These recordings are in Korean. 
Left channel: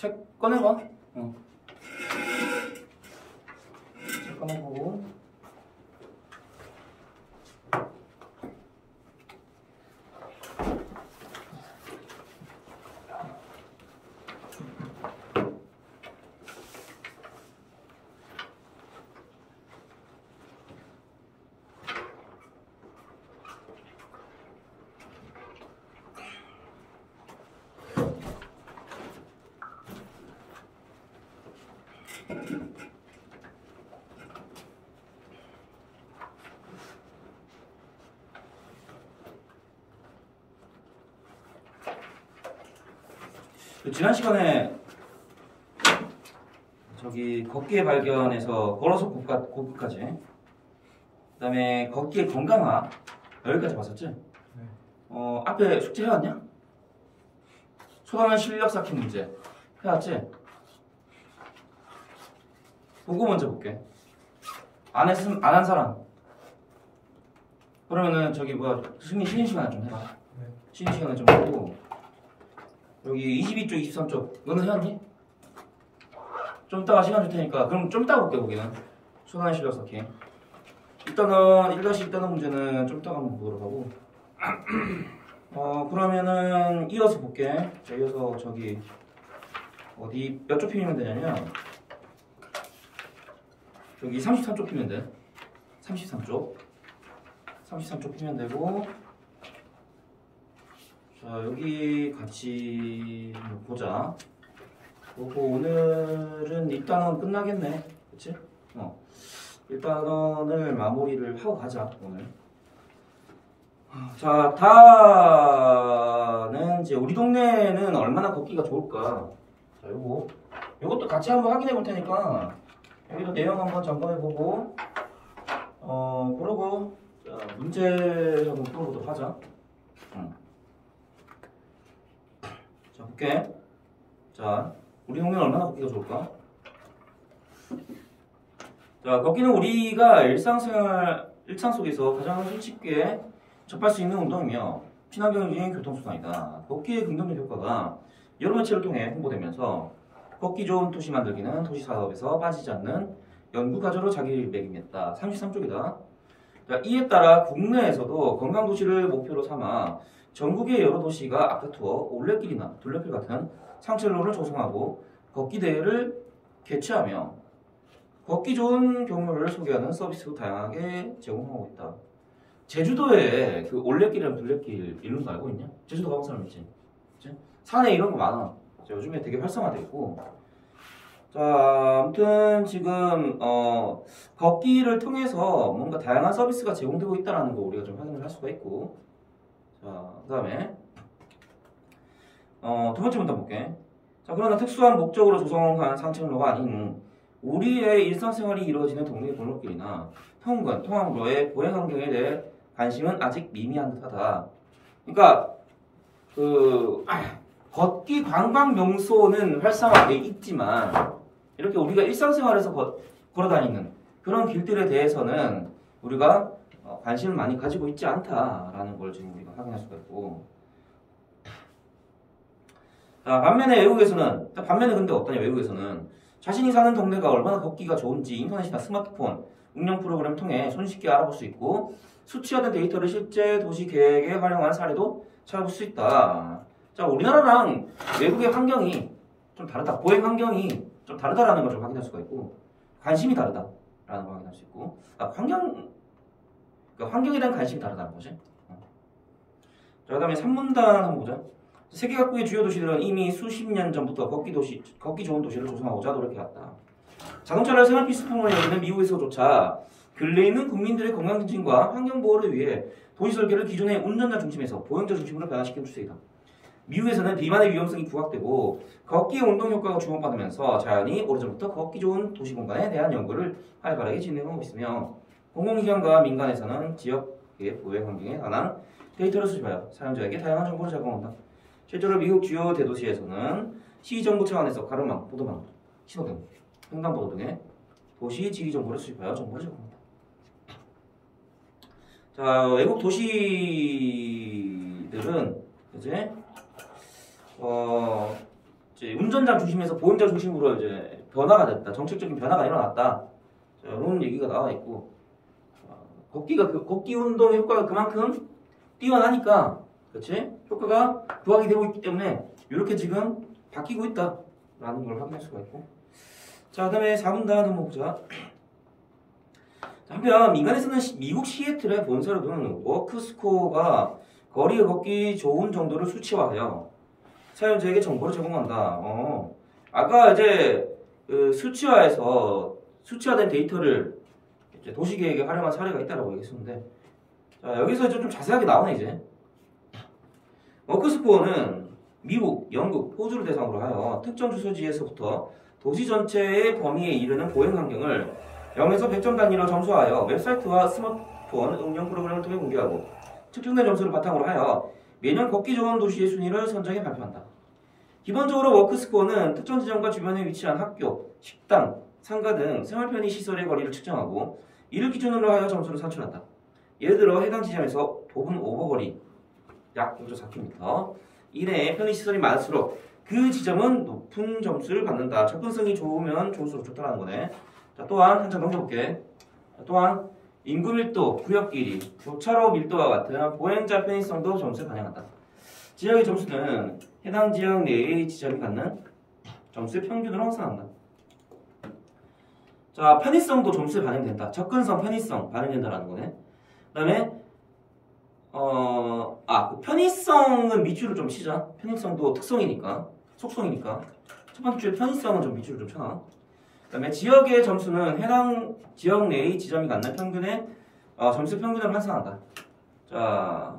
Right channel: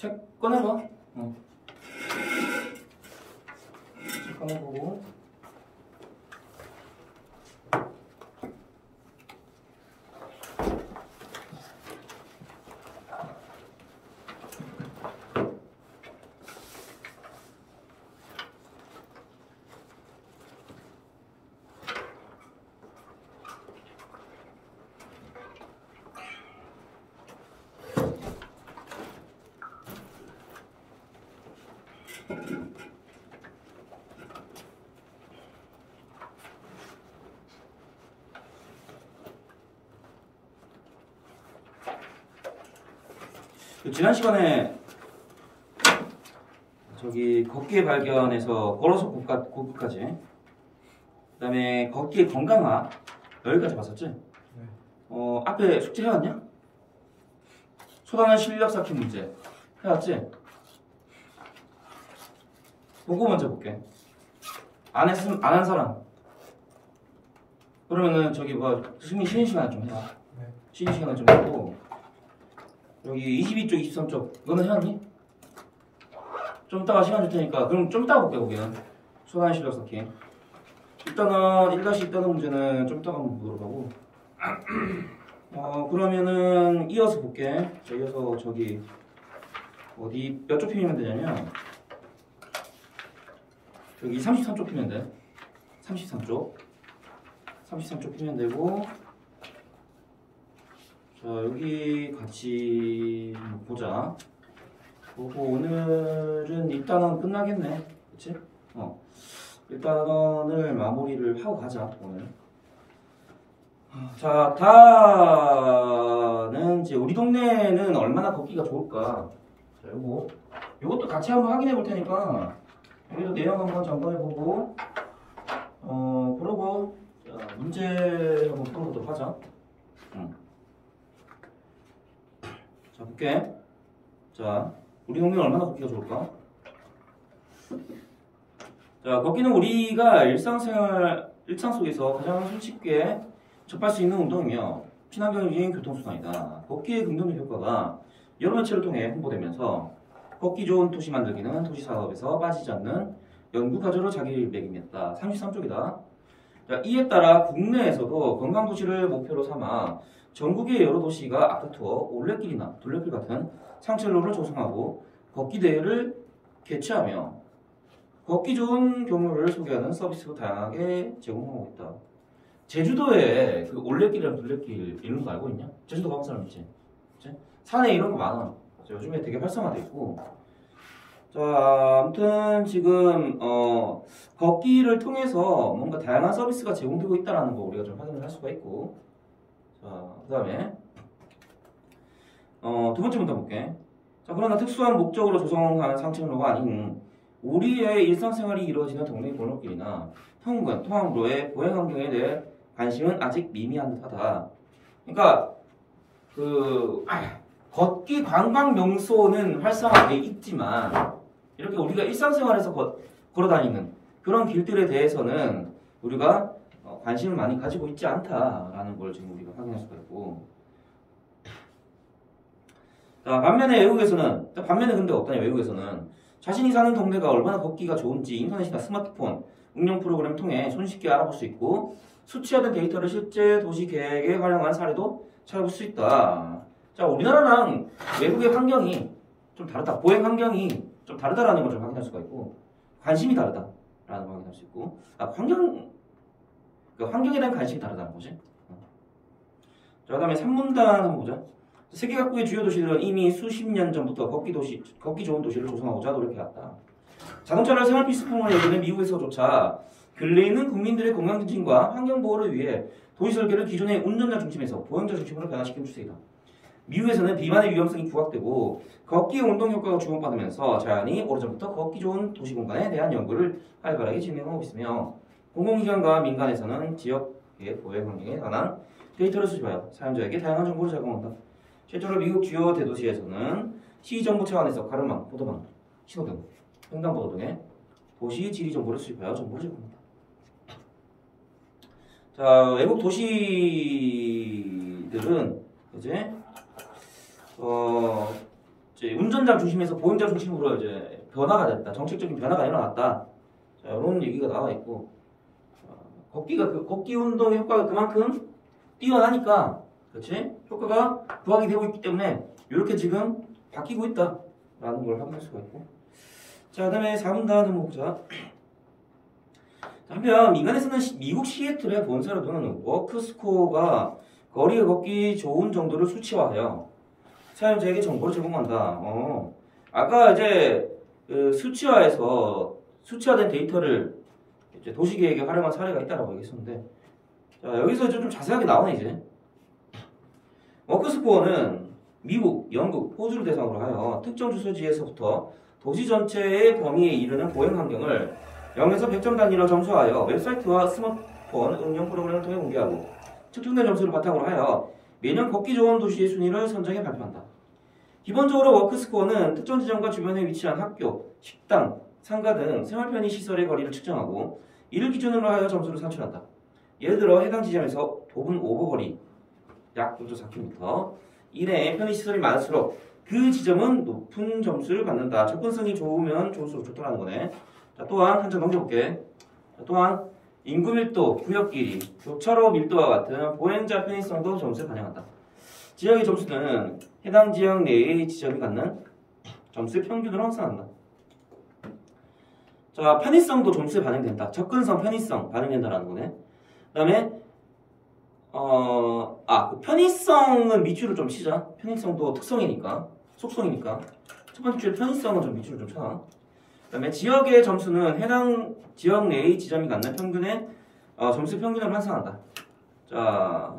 책 꺼내봐. 책 꺼내보고. 지난 시간에 저기 걷기의 발견에서 걸어서 걷기까지, 그 다음에 걷기의 건강화 여기까지 봤었지? 네. 앞에 숙제 해왔냐? 소단한 실력 쌓기 문제 해왔지? 그거 먼저 볼게. 안 한 사람. 그러면은 저기 쉬는 시간에 좀 해라. 쉬는 시간에 좀 하고. 여기 22쪽, 23쪽 너는 해왔니? 좀 이따가 시간 줄 테니까 그럼 좀 이따가 볼게. 거기는 소단의 실력 쌓기. 일단은 1-2 문제는 좀 이따가 한번 보도록 하고 그러면은 이어서 볼게. 자, 이어서 저기 어디 몇 쪽 피면 되냐면 여기 33쪽 피면 돼. 33쪽 피면 되고, 자 여기 같이 보자. 그리고 오늘은 일단은 끝나겠네, 그치? 일단은 마무리를 하고 가자 오늘. 자, 다는 이제 우리 동네는 얼마나 걷기가 좋을까. 자, 요것도 같이 한번 확인해 볼 테니까 여기도 내용 한번 점검해 보고, 그러고 자, 문제 한번 풀어보도록 하자. 자, 볼게. 자, 우리 동네는 얼마나 걷기가 좋을까? 자, 걷기는 우리가 일상 속에서 가장 쉽게 접할 수 있는 운동이며 친환경적인 교통수단이다. 걷기의 긍정적 효과가 여러 매체를 통해 홍보되면서 걷기 좋은 도시 만들기는 도시 사업에서 빠지지 않는 연구 과제로 자기매김했다. 33쪽이다. 자, 이에 따라 국내에서도 건강 도시를 목표로 삼아 전국의 여러 도시가 아파트와 올레길이나 둘레길 같은 상책로를 조성하고 걷기 대회를 개최하며 걷기 좋은 경로를 소개하는 서비스도 다양하게 제공하고 있다. 제주도에 그 올레길이랑 둘레길 이런 거 알고 있냐? 제주도 가본 사람 있지? 그치? 산에 이런 거 많아. 요즘에 되게 활성화돼 있고. 자, 아무튼 지금 걷기를 통해서 뭔가 다양한 서비스가 제공되고 있다는 거 우리가 좀 확인을 할 수가 있고. 자, 그 다음에 두 번째 문단 볼게. 자, 그러나 특수한 목적으로 조성한 상책로가 아닌 우리의 일상생활이 이루어지는 동네 골목길이나 통근, 통학로의 보행 환경에 대해 관심은 아직 미미한 듯하다. 그러니까 그 걷기 관광 명소는 활성화되어 있지만 이렇게 우리가 일상생활에서 걸어다니는 그런 길들에 대해서는 우리가 관심을 많이 가지고 있지 않다라는 걸 지금 우리가 확인할 수가 있고. 자, 반면에 근데 어떠냐? 외국에서는 자신이 사는 동네가 얼마나 걷기가 좋은지 인터넷이나 스마트폰 응용 프로그램 통해 손쉽게 알아볼 수 있고 수치화된 데이터를 실제 도시 계획에 활용한 사례도 찾아볼 수 있다. 자, 우리나라랑 외국의 환경이 좀 다르다. 보행 환경이 좀 다르다라는 걸 좀 확인할 수가 있고, 관심이 다르다라는 걸 확인할 수 있고, 환경에 대한 관심이 다르다는 거지. 자, 그다음에 3문단 한번 보자. 세계 각국의 주요 도시들은 이미 수십 년 전부터 걷기 좋은 도시를 조성하고자 노력해왔다. 자동차를 생활 필수품으로 여기는 미국에서조차 근래에는 국민들의 건강 증진과 환경 보호를 위해 도시 설계를 기존의 운전자 중심에서 보행자 중심으로 변화시키는 추세이다. 미국에서는 비만의 위험성이 부각되고 걷기 운동 효과가 주목받으면서 자연히 오래전부터 걷기 좋은 도시 공간에 대한 연구를 활발하게 진행하고 있으며 공공기관과 민간에서는 지역의 보행 환경에 관한 데이터를 수집하여 사용자에게 다양한 정보를 제공한다. 실제로 미국 주요 대도시에서는 시정부 차원에서 가로망, 보도망, 신호등, 횡단보도 등의 도시 지리 정보를 수집하여 정보를 제공합니다. 자, 외국 도시들은 이제 이제 운전자 중심에서 보행자 중심으로 이제 변화가 됐다. 정책적인 변화가 일어났다. 자, 이런 얘기가 나와 있고, 걷기 운동 효과가 그만큼 뛰어나니까, 그렇지? 효과가 부각이 되고 있기 때문에 이렇게 지금 바뀌고 있다라는 걸 확인할 수가 있고. 자, 그다음에 4분단 한번 보자. 한편 민간에서는 미국 시애틀의 본사로는 워크스코어가 거리 걷기 좋은 정도를 수치화하여 사용자에게 정보를 제공한다. 아까 이제 그 수치화된 데이터를 이제 도시계획에 활용한 사례가 있다라고 얘기했었는데, 자, 여기서 이제 좀 자세하게 나오네 이제. 워크스코어는 미국, 영국, 호주를 대상으로 하여 특정 주소지에서부터 도시 전체의 범위에 이르는 보행 환경을 0에서 100점 단위로 점수하여 웹사이트와 스마트폰 응용 프로그램을 통해 공개하고 측정된 점수를 바탕으로 하여 매년 걷기 좋은 도시의 순위를 선정해 발표한다. 기본적으로 워크스코어는 특정 지점과 주변에 위치한 학교, 식당, 상가 등 생활 편의 시설의 거리를 측정하고 이를 기준으로 하여 점수를 산출한다. 예를 들어 해당 지점에서 도분 오버거리 약 0.4km 이내에 편의시설이 많을수록 그 지점은 높은 점수를 받는다. 접근성이 좋으면 좋을수록 좋다는 거네. 자, 또한 한 장 넘겨볼게. 자, 또한 인구 밀도, 구역 길이, 교차로 밀도와 같은 보행자 편의성도 점수에 반영한다. 지역의 점수는 해당 지역 내의 지점이 갖는 점수의 평균으로 환산한다. 자, 편의성도 점수에 반영된다. 접근성, 편의성 반영된다라는 거네. 그 다음에 그 편의성은 밑줄을 좀 치자. 편의성도 특성이니까, 속성이니까. 첫 번째 줄 편의성은 좀 밑줄을 좀 쳐놔. 그 다음에 지역의 점수는 해당 지역 내의 지점이 갖는 평균의 점수 평균을 환산한다. 자,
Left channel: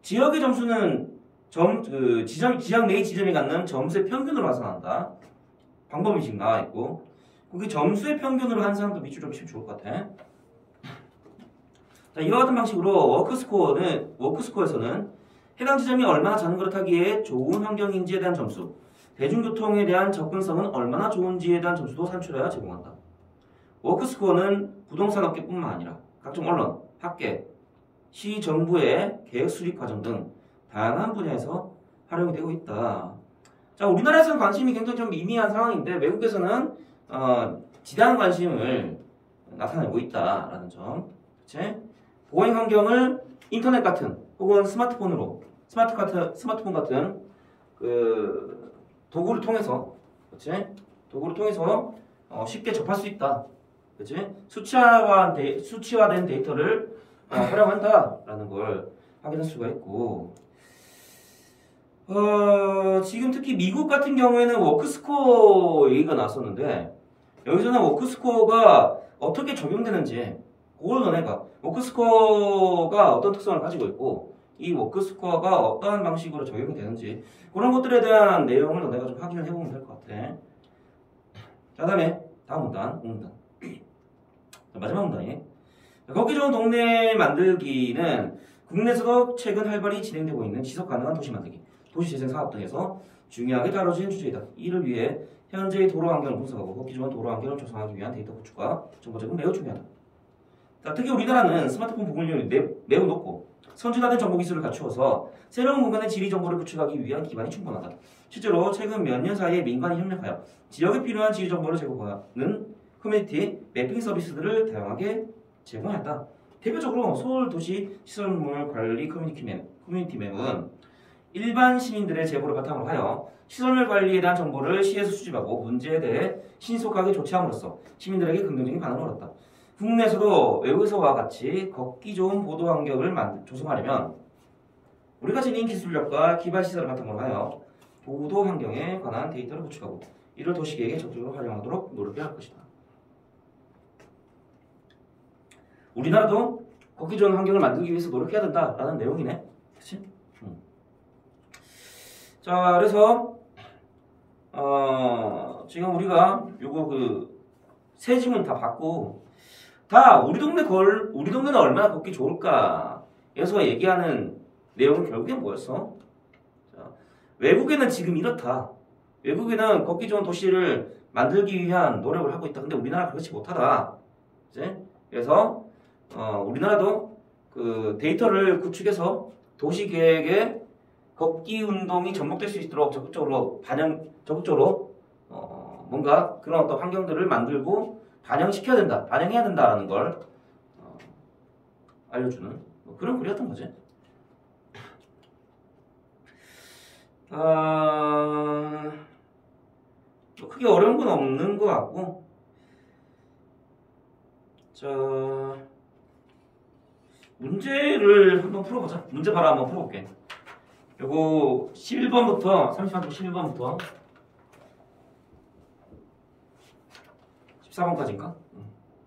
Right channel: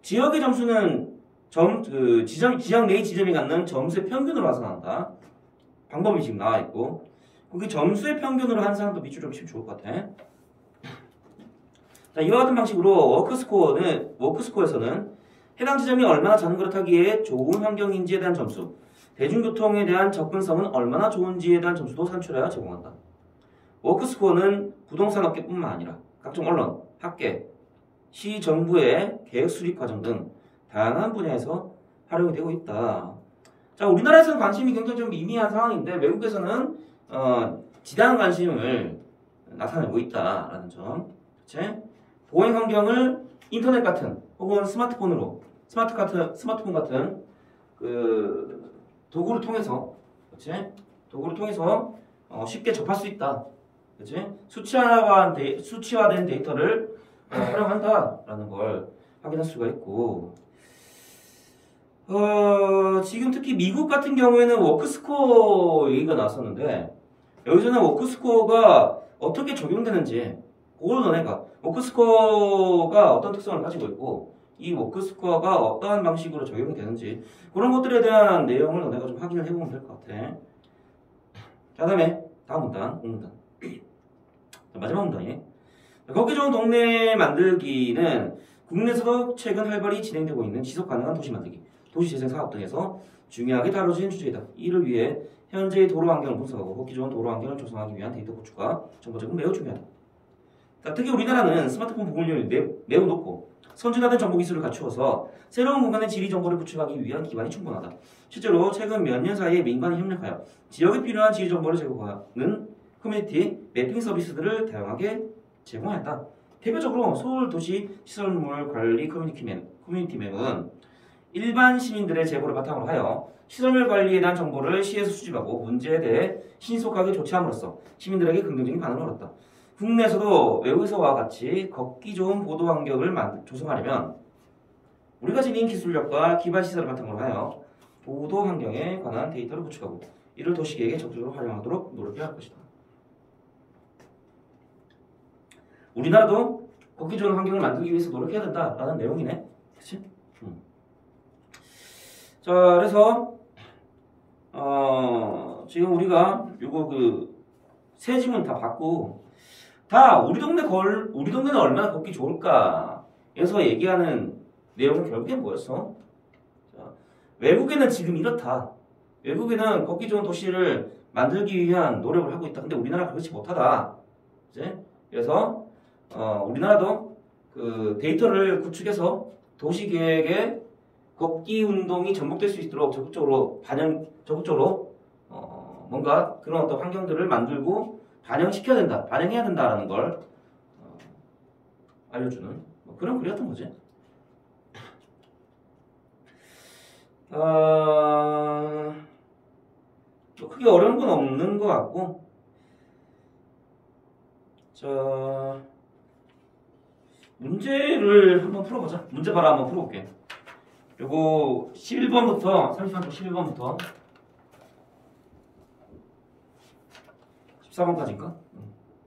지역의 점수는 지역 내의 지점이 갖는 점수의 평균으로 환산한다. 방법이 지금 나와 있고, 거기 점수의 평균으로 환산도 밑줄 좀 치면 좋을 것 같아. 자, 이와 같은 방식으로 워크스코어에서는 해당 지점이 얼마나 자전거를 좋은 환경인지에 대한 점수, 대중교통에 대한 접근성은 얼마나 좋은지에 대한 점수도 산출하여 제공한다. 워크스코어는 부동산 업계뿐만 아니라 각종 언론, 학계, 시 정부의 계획 수립 과정 등 다양한 분야에서 활용이 되고 있다. 자, 우리나라에서는 관심이 굉장히 좀 미미한 상황인데 외국에서는 지대한 관심을 나타내고 있다라는 점. 그치? 보행 환경을 인터넷 같은 혹은 스마트폰 같은 그 도구를 통해서, 그치? 도구를 통해서 쉽게 접할 수 있다. 그치? 수치화된 데이터를 활용한다라는 걸 확인할 수가 있고, 지금 특히 미국 같은 경우에는 워크스코어 얘기가 나왔었는데, 여기서는 워크스코어가 어떻게 적용되는지, 그걸 너네가 워크스코어가 어떤 특성을 가지고 있고, 이 워크스코어가 어떤 방식으로 적용이 되는지, 그런 것들에 대한 내용을 너네가 좀 확인을 해보면 될 것 같아. 자, 다음에 다음 문단, 5문단. 마지막 문단이 걷기 좋은 동네 만들기는 국내에서도 최근 활발히 진행되고 있는 지속 가능한 도시 만들기, 도시 재생 사업 등에서 중요하게 다뤄진 주제이다. 이를 위해 현재의 도로 환경을 분석하고 걷기 좋은 도로 환경을 조성하기 위한 데이터 구축과 정보 제공 매우 중요하다. 자, 특히 우리나라는 스마트폰 보급률이 매우 높고 선진화된 정보 기술을 갖추어서 새로운 공간의 지리 정보를 구축하기 위한 기반이 충분하다. 실제로 최근 몇 년 사이에 민간이 협력하여 지역에 필요한 지리 정보를 제공하는 커뮤니티 매핑 서비스들을 다양하게 제공했다. 대표적으로 서울도시 시설물 관리 커뮤니티 맵은 일반 시민들의 제보를 바탕으로 하여 시설물 관리에 대한 정보를 시에서 수집하고 문제에 대해 신속하게 조치함으로써 시민들에게 긍정적인 반응을 얻었다. 국내에서도 외국에서와 같이 걷기 좋은 보도 환경을 조성하려면 우리가 지닌 기술력과 기반 시설을 바탕으로 하여 보도 환경에 관한 데이터를 구축하고 이를 도시계획에 적극적으로 활용하도록 노력해야 할 것이다. 우리나라도 걷기 좋은 환경을 만들기 위해서 노력해야 된다라는 내용이네. 그치? 자, 그래서 지금 우리가 요거 세 지문 다 받고 다 우리 동네는 얼마나 걷기 좋을까에서 얘기하는 내용은 결국에 뭐였어? 자, 외국에는 지금 이렇다. 외국에는 걷기 좋은 도시를 만들기 위한 노력을 하고 있다. 근데 우리나라 그렇지 못하다. 그치? 그래서 우리나라도 그 데이터를 구축해서 도시 계획에 걷기 운동이 접목될 수 있도록 적극적으로 뭔가 그런 어떤 환경들을 만들고 반영시켜야 된다, 반영해야 된다라는 걸 알려주는 그런 글이었던 거지. 뭐 크게 어려운 건 없는 것 같고, 자, 문제를 한번 풀어보자. 문제 바로 한번 풀어볼게. 요거 11번부터 33쪽 11번부터 14번까지인가?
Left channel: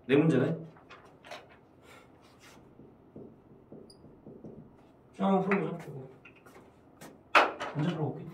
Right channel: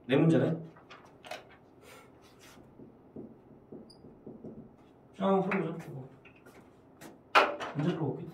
네 문제네. 자, 한번 풀어보자. 문제 풀어볼게.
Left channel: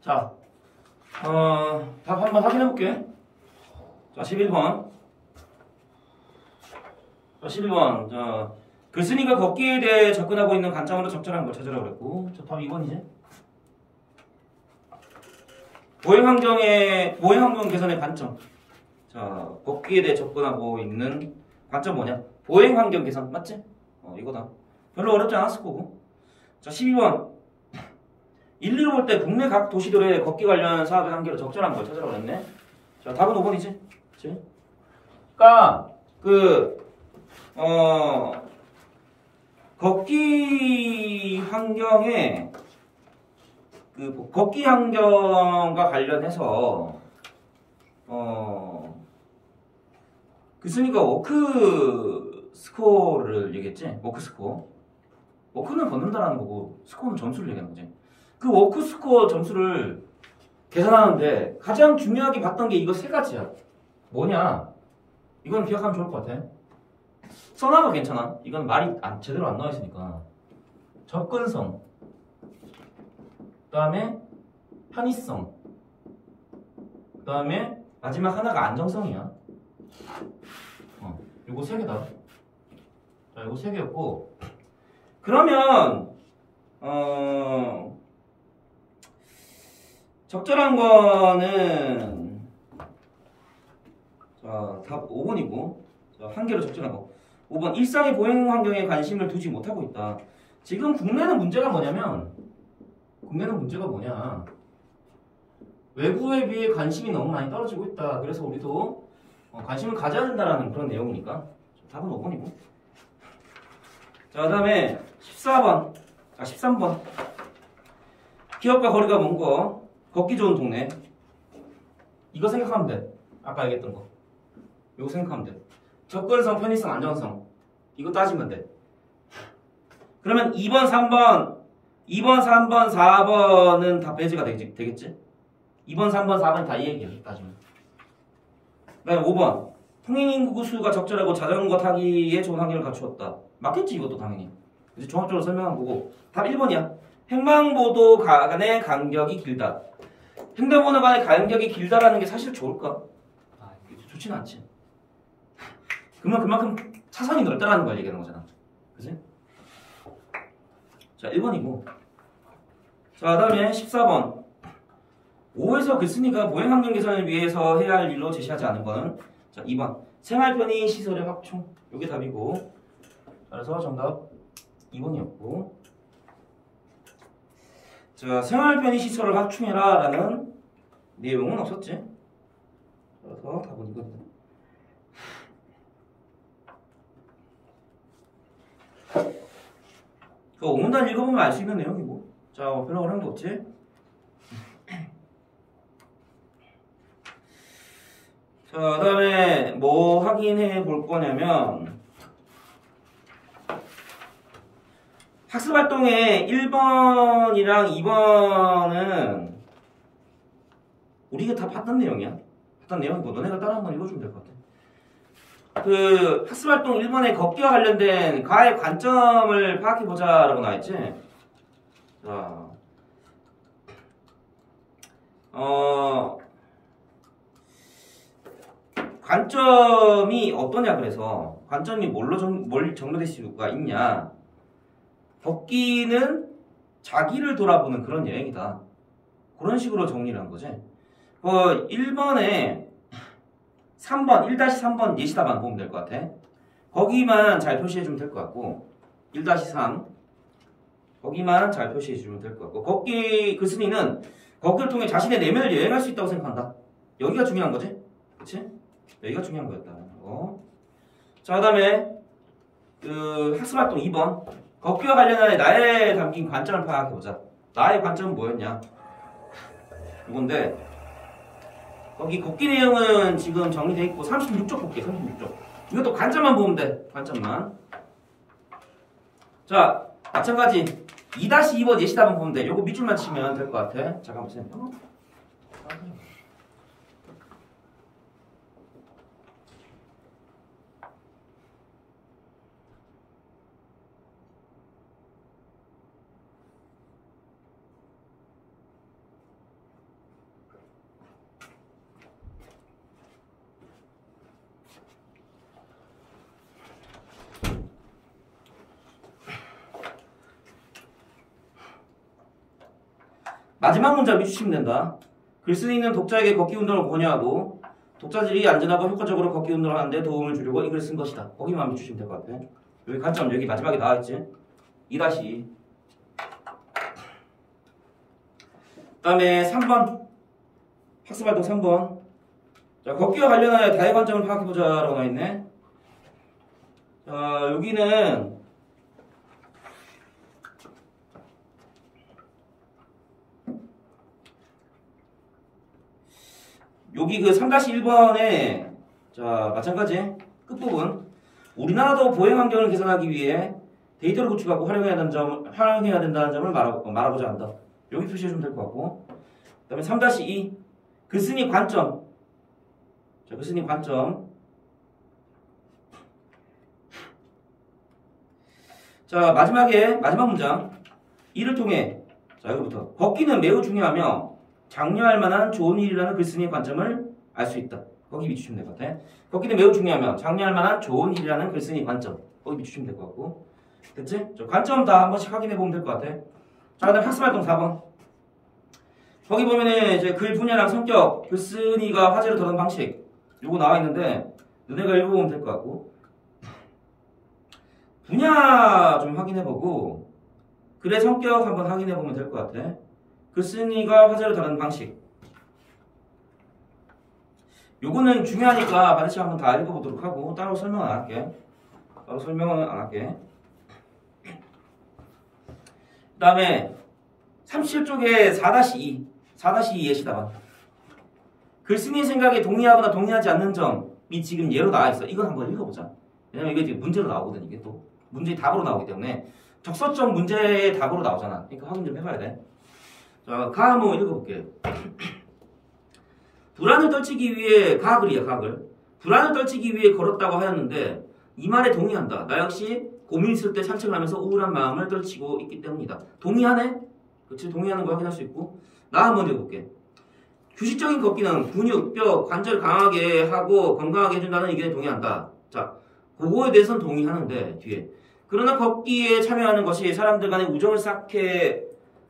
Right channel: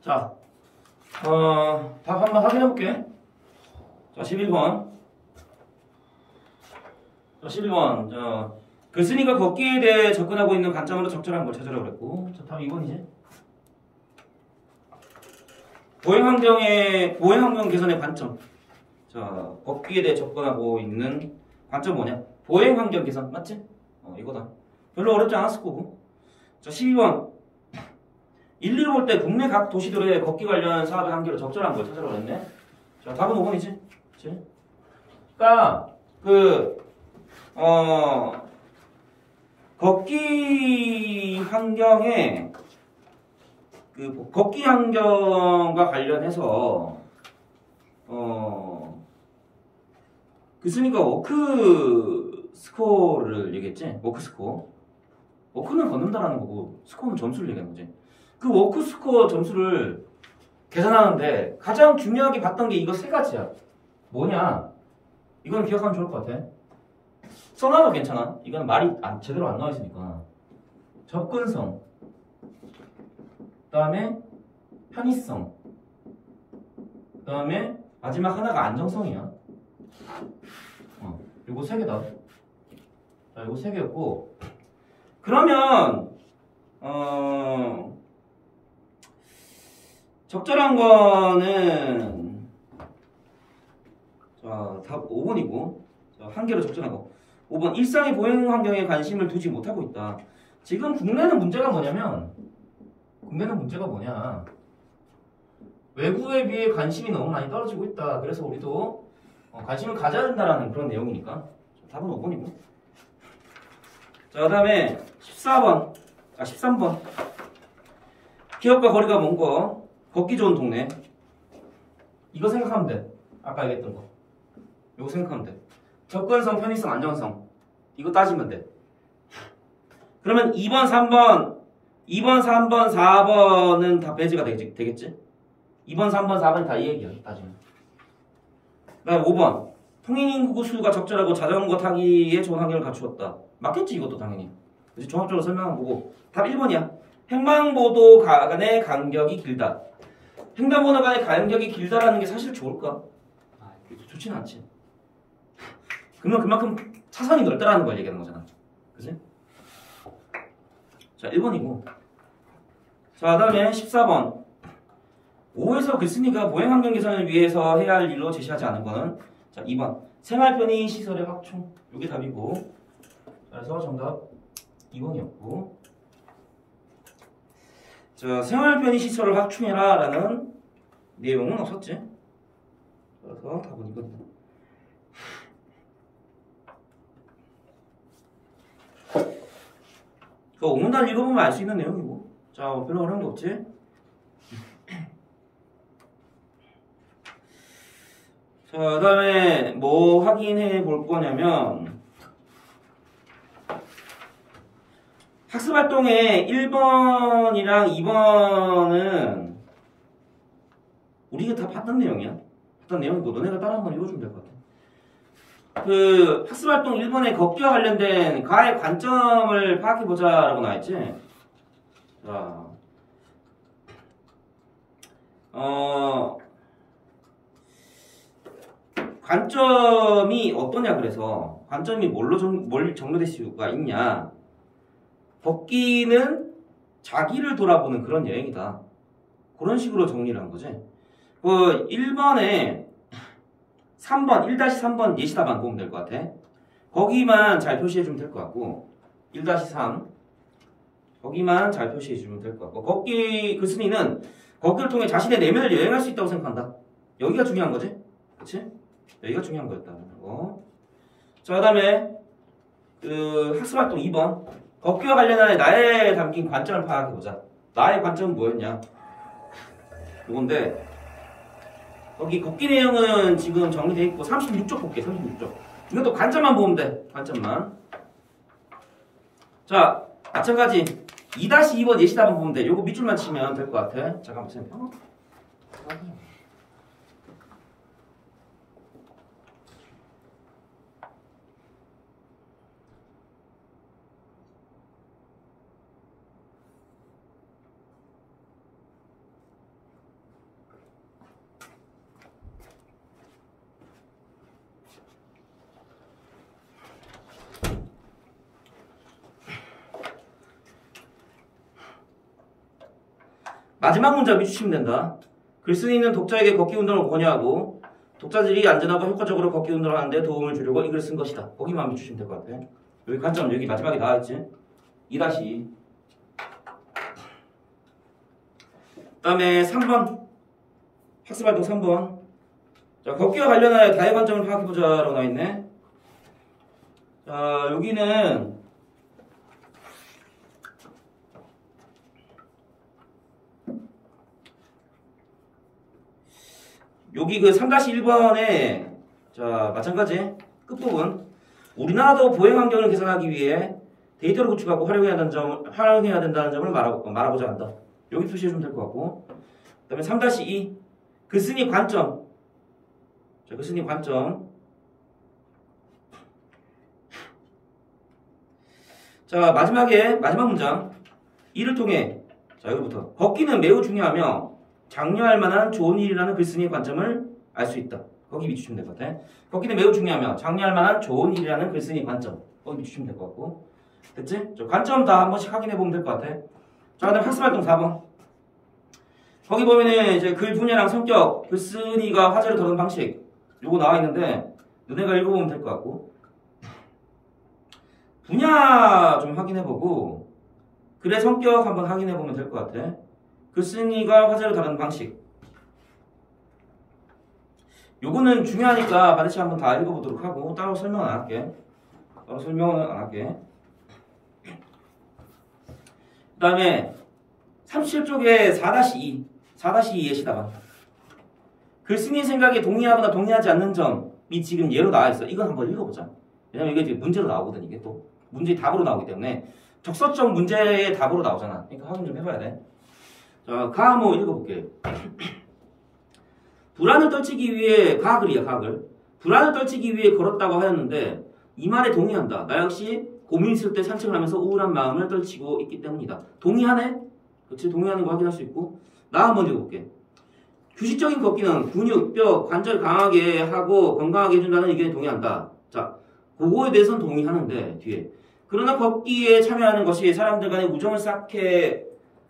자, 답 한번 확인해 볼게. 자, 11번. 자, 11번. 자, 글쓴이가 걷기에 대해 접근하고 있는 관점으로 적절한 걸 찾으라고 그랬고. 자, 답 2번이지. 보행환경 개선의 관점. 자, 걷기에 대해 접근하고 있는 관점 뭐냐? 보행환경 개선. 맞지? 이거다. 별로 어렵지 않았을 거고. 자, 12번. 1, 2로 볼 때 국내 각 도시들의 걷기 관련 사업의 한계로 적절한 걸 찾으라고 했네. 자, 답은 5번이지. 그치? 그니까, 걷기 환경에, 걷기 환경과 관련해서, 글쓴이가 워크 스코어를 얘기했지? 워크 스코어. 워크는 걷는다라는 거고, 스코어는 점수를 얘기하는 거지. 그 워크 스코어 점수를 계산하는데 가장 중요하게 봤던 게 이거 세 가지야. 뭐냐? 이건 기억하면 좋을 것 같아. 써놔도 괜찮아. 이건 말이 제대로 안 나와 있으니까. 접근성, 그 다음에 편의성, 그 다음에 마지막 하나가 안정성이야. 요거 세 개다. 자, 요거 세 개였고, 그러면 적절한 거는 자, 답 5번이고, 자, 한계로 적절한 거 5번. 일상의 보행 환경에 관심을 두지 못하고 있다. 지금 국내는 문제가 뭐냐, 외부에 비해 관심이 너무 많이 떨어지고 있다. 그래서 우리도 관심을 가져야 된다는 그런 내용이니까 답은 5번이고. 자, 그 다음에 14번. 자, 13번. 기업과 거리가 먼 거, 걷기 좋은 동네. 이거 생각하면 돼. 아까 얘기했던 거. 이거 생각하면 돼. 접근성, 편의성, 안전성. 이거 따지면 돼. 그러면 2번, 3번, 4번은 다 배제가 되겠지? 2번, 3번, 4번이 다 이 얘기야. 따지면. 그다음에 5번. 통행인구 수가 적절하고 자전거 타기에 좋은 환경을 갖추었다. 맞겠지 이것도 당연히. 그래서 종합적으로 설명한 거고. 답 1번이야. 횡단보도 간의 간격이 길다. 횡단보도 간의 간격이 길다라는 게 사실 좋을까? 좋지는 않지. 그러면 그만큼 차선이 넓다라는 걸 얘기하는 거잖아. 그지? 자, 1번이고. 자, 다음에 14번. 5에서 글쓴이가 보행환경 개선을 위해서 해야 할 일로 제시하지 않은 거는 자, 2번. 생활편의 시설의 확충. 이게 답이고. 그래서 정답 2번이었고. 자, 생활편의 시설을 확충해라 라는 내용은 없었지. 그래서 답은 이거입니다. 그 오문단 읽어보면 알 수 있는 내용이고. 자, 별로 어려운 거 없지? 자, 그 다음에 뭐 확인해 볼 거냐면 학습활동의 1번이랑 2번은 우리가 다 봤던 내용이야. 봤던 내용이고 너네가 따라 한번 읽어주면 될 것 같아. 그 학습활동 1번에 걷기와 관련된 가의 관점을 파악해보자 라고 나와있지. 자, 관점이 어떠냐. 그래서 관점이 뭘 정리될 수가 있냐. 걷기는 자기를 돌아보는 그런 여행이다. 그런 식으로 정리를 한 거지. 그 1번에 3번 1-3번 예시답안 보면 될 것 같아. 거기만 잘 표시해주면 될 것 같고 1-3 거기만 잘 표시해주면 될 것 같고 걷기 글쓴이는 걷기를 통해 자신의 내면을 여행할 수 있다고 생각한다. 여기가 중요한 거지. 그치? 여기가 중요한 거였다는 거. 자, 그 다음에 그 학습활동 2번 걷기와 관련하여 나의 담긴 관점을 파악해보자. 나의 관점은 뭐였냐. 이건데 거기 걷기 내용은 지금 정리되어 있고 36쪽 볼게. 36쪽 이것도 관점만 보면 돼. 관점만. 자, 마찬가지 2-2번 예시답안 보면 돼. 요거 밑줄만 치면 될 것 같아. 잠깐만 보세요. 마지막 문장 밑주시면 된다. 글쓴이는 독자에게 걷기 운동을 권유하고 독자들이 안전하고 효과적으로 걷기 운동을 하는데 도움을 주려고 이 글을 쓴 것이다. 거기만 밑주시면 될 것 같아. 여기 관점 여기 마지막에 나와있지. 2-2. 그 다음에 3번 학습활동 3번. 자, 걷기와 관련하여 다의 관점을 파악해보자 라고 나와있네. 자, 여기는 여기 그 3-1번에 자, 마찬가지 끝부분 우리나라도 보행 환경을 개선하기 위해 데이터를 구축하고 활용해야 된다는 점을 말하고자 한다. 여기 표시해주면 될 것 같고 그 다음에 3-2 글쓴이 관점. 자, 글쓴이 관점. 자, 마지막 문장 이를 통해 자, 여기부터 걷기는 매우 중요하며 장려할 만한 좋은 일이라는 글쓴이의 관점을 알 수 있다. 거기 밑주시면 될 것 같아. 걷기는 매우 중요하며 장려할 만한 좋은 일이라는 글쓴이 관점. 거기 밑주시면 될 것 같고. 됐지? 저 관점 다 한 번씩 확인해 보면 될 것 같아. 자, 그 다음 학습활동 4번. 거기 보면은 이제 글 분야랑 성격, 글쓴이가 화제를 다루는 방식 요거 나와 있는데 너네가 읽어보면 될 것 같고. 분야 좀 확인해 보고 글의 성격 한번 확인해 보면 될 것 같아. 글쓴이가 화제를 다루는 방식. 요거는 중요하니까 반드시 한번 다 읽어보도록 하고 따로 설명은 안 할게. 그 다음에 37쪽에 4-2 예시답안. 글쓴이 생각에 동의하거나 동의하지 않는 점이 지금 예로 나와 있어. 이건 한번 읽어보자. 왜냐면 이게 지금 문제로 나오거든. 이게 또 문제의 답으로 나오기 때문에 적서적 문제의 답으로 나오잖아. 그러니까 확인 좀 해봐야 돼. 자, 가모 읽어볼게. 불안을 떨치기 위해 가글이야, 가글. 불안을 떨치기 위해 걸었다고 하였는데 이 말에 동의한다. 나 역시 고민 있을 때 산책을 하면서 우울한 마음을 떨치고 있기 때문이다. 동의하네? 그렇지? 동의하는 거 확인할 수 있고. 나 한번 읽어볼게. 규칙적인 걷기는 근육, 뼈, 관절 강하게 하고 건강하게 해준다는 의견에 동의한다. 자, 그거에 대해서는 동의하는데 뒤에. 그러나 걷기에 참여하는 것이 사람들 간의 우정을 쌓게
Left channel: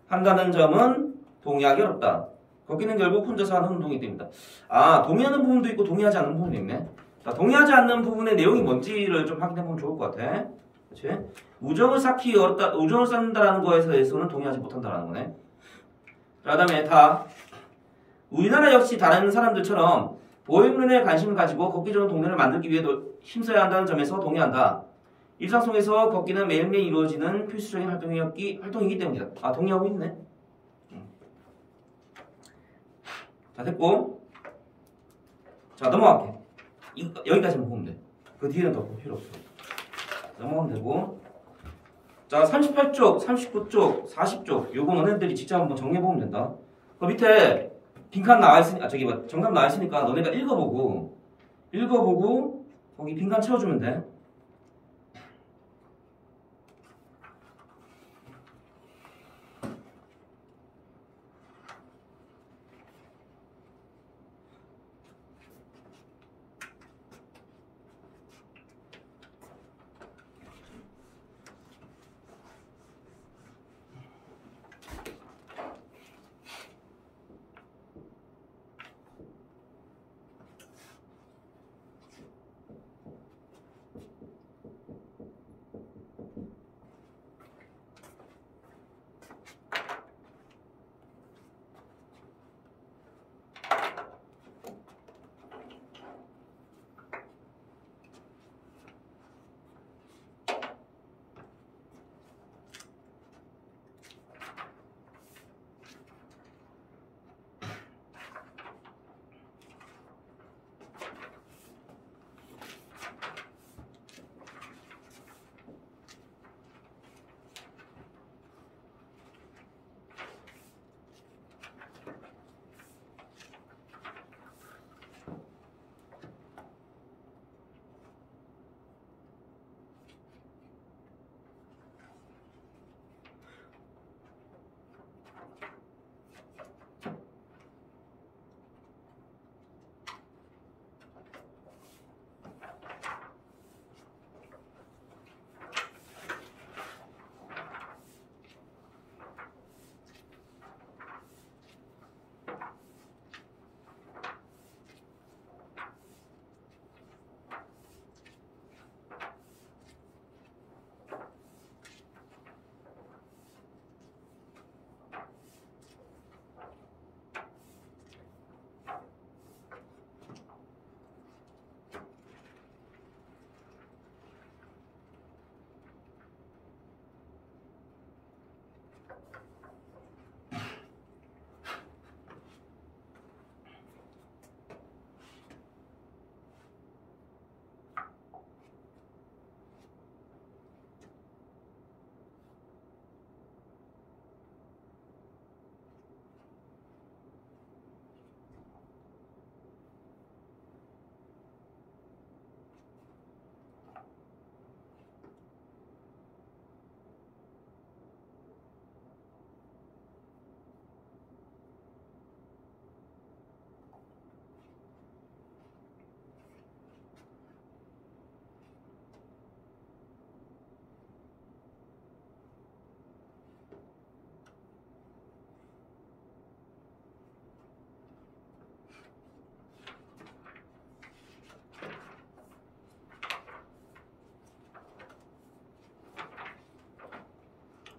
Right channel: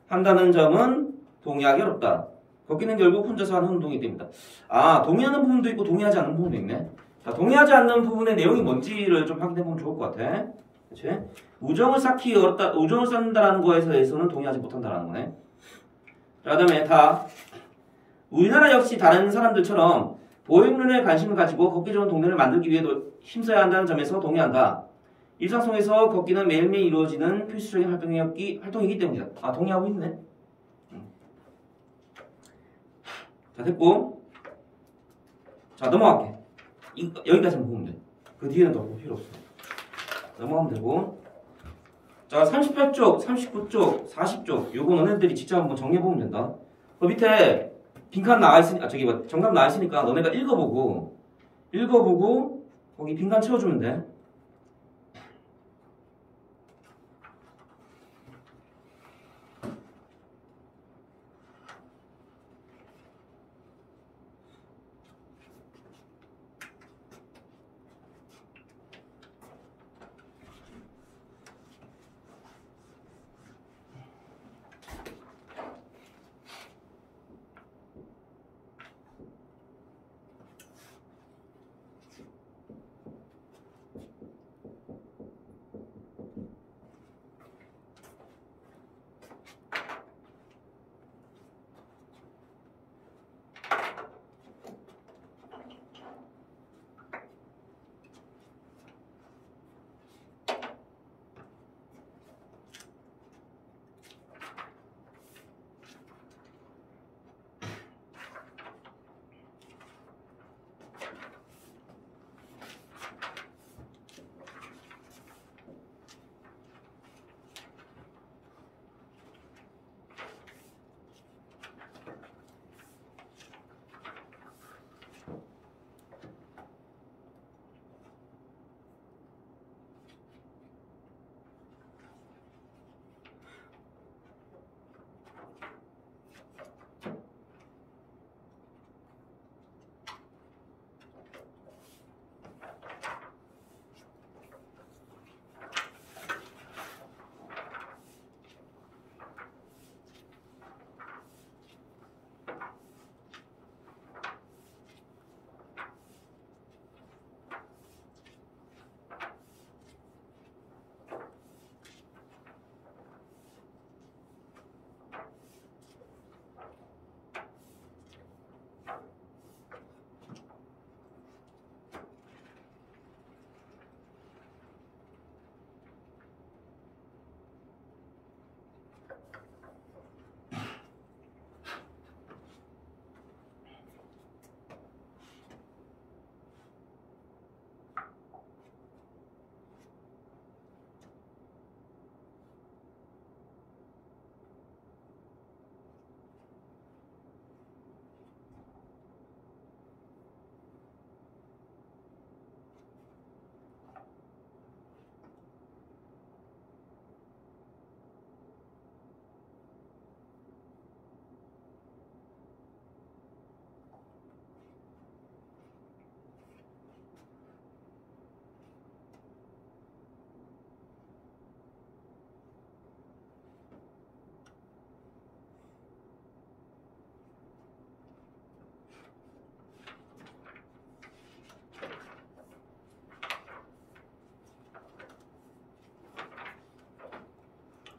한다는 점은 동의하기 어렵다. 걷기는 결국 혼자서 하는 운동이기 때문이다. 아, 동의하는 부분도 있고 동의하지 않는 부분도 있네. 자, 동의하지 않는 부분의 내용이 뭔지를 좀 확인해보면 좋을 것 같아. 그치? 우정을 쌓기 어렵다, 우정을 쌓는다라는 거에 대해서는 동의하지 못한다라는 거네. 자, 그 다음에 다. 우리나라 역시 다른 사람들처럼 보행론에 관심을 가지고 걷기 좋은 동네를 만들기 위해도 힘써야 한다는 점에서 동의한다. 일상 속에서 걷기는 매일매일 이루어지는 필수적인 활동이기 때문이다. 아, 동의하고 있네. 자, 됐고. 자, 넘어갈게. 여기까지만 보면 돼. 그 뒤에는 더 볼 필요 없어. 넘어가면 되고. 자, 38쪽, 39쪽, 40쪽. 요거 너네들이 직접 한번 정리해보면 된다. 그 밑에 빈칸 나와있으니까, 정답 나와있으니까 너네가 읽어보고, 거기 빈칸 채워주면 돼.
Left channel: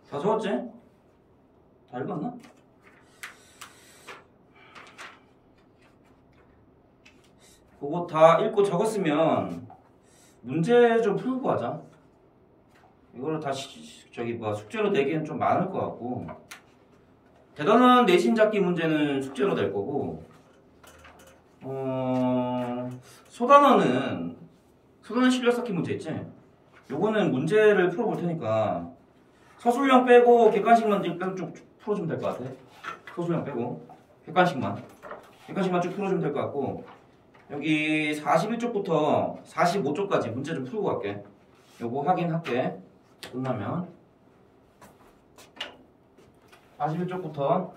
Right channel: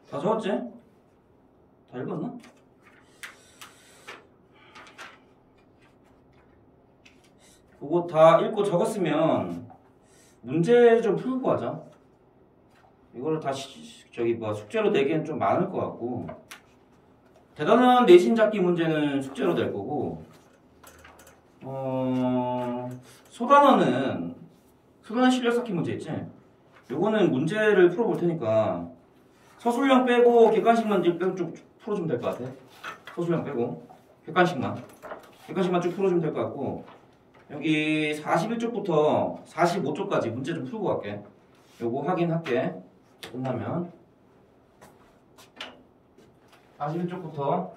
다 적었지? 다 읽었나? 그거 다 읽고 적었으면 문제 좀 풀고 하자. 이거를 다시 숙제로 내기엔 좀 많을 것 같고, 대단한 내신 잡기 문제는 숙제로 낼 거고, 소단어는 실력 쌓기 문제 있지? 요거는 문제를 풀어볼 테니까 서술형 빼고 객관식만 쭉 풀어주면 될 것 같아. 서술형 빼고 객관식만 여기까지만 쭉 풀어주면 될 것 같고 여기 41쪽부터 45쪽까지 문제 좀 풀고 갈게. 요거 확인할게. 끝나면 41쪽부터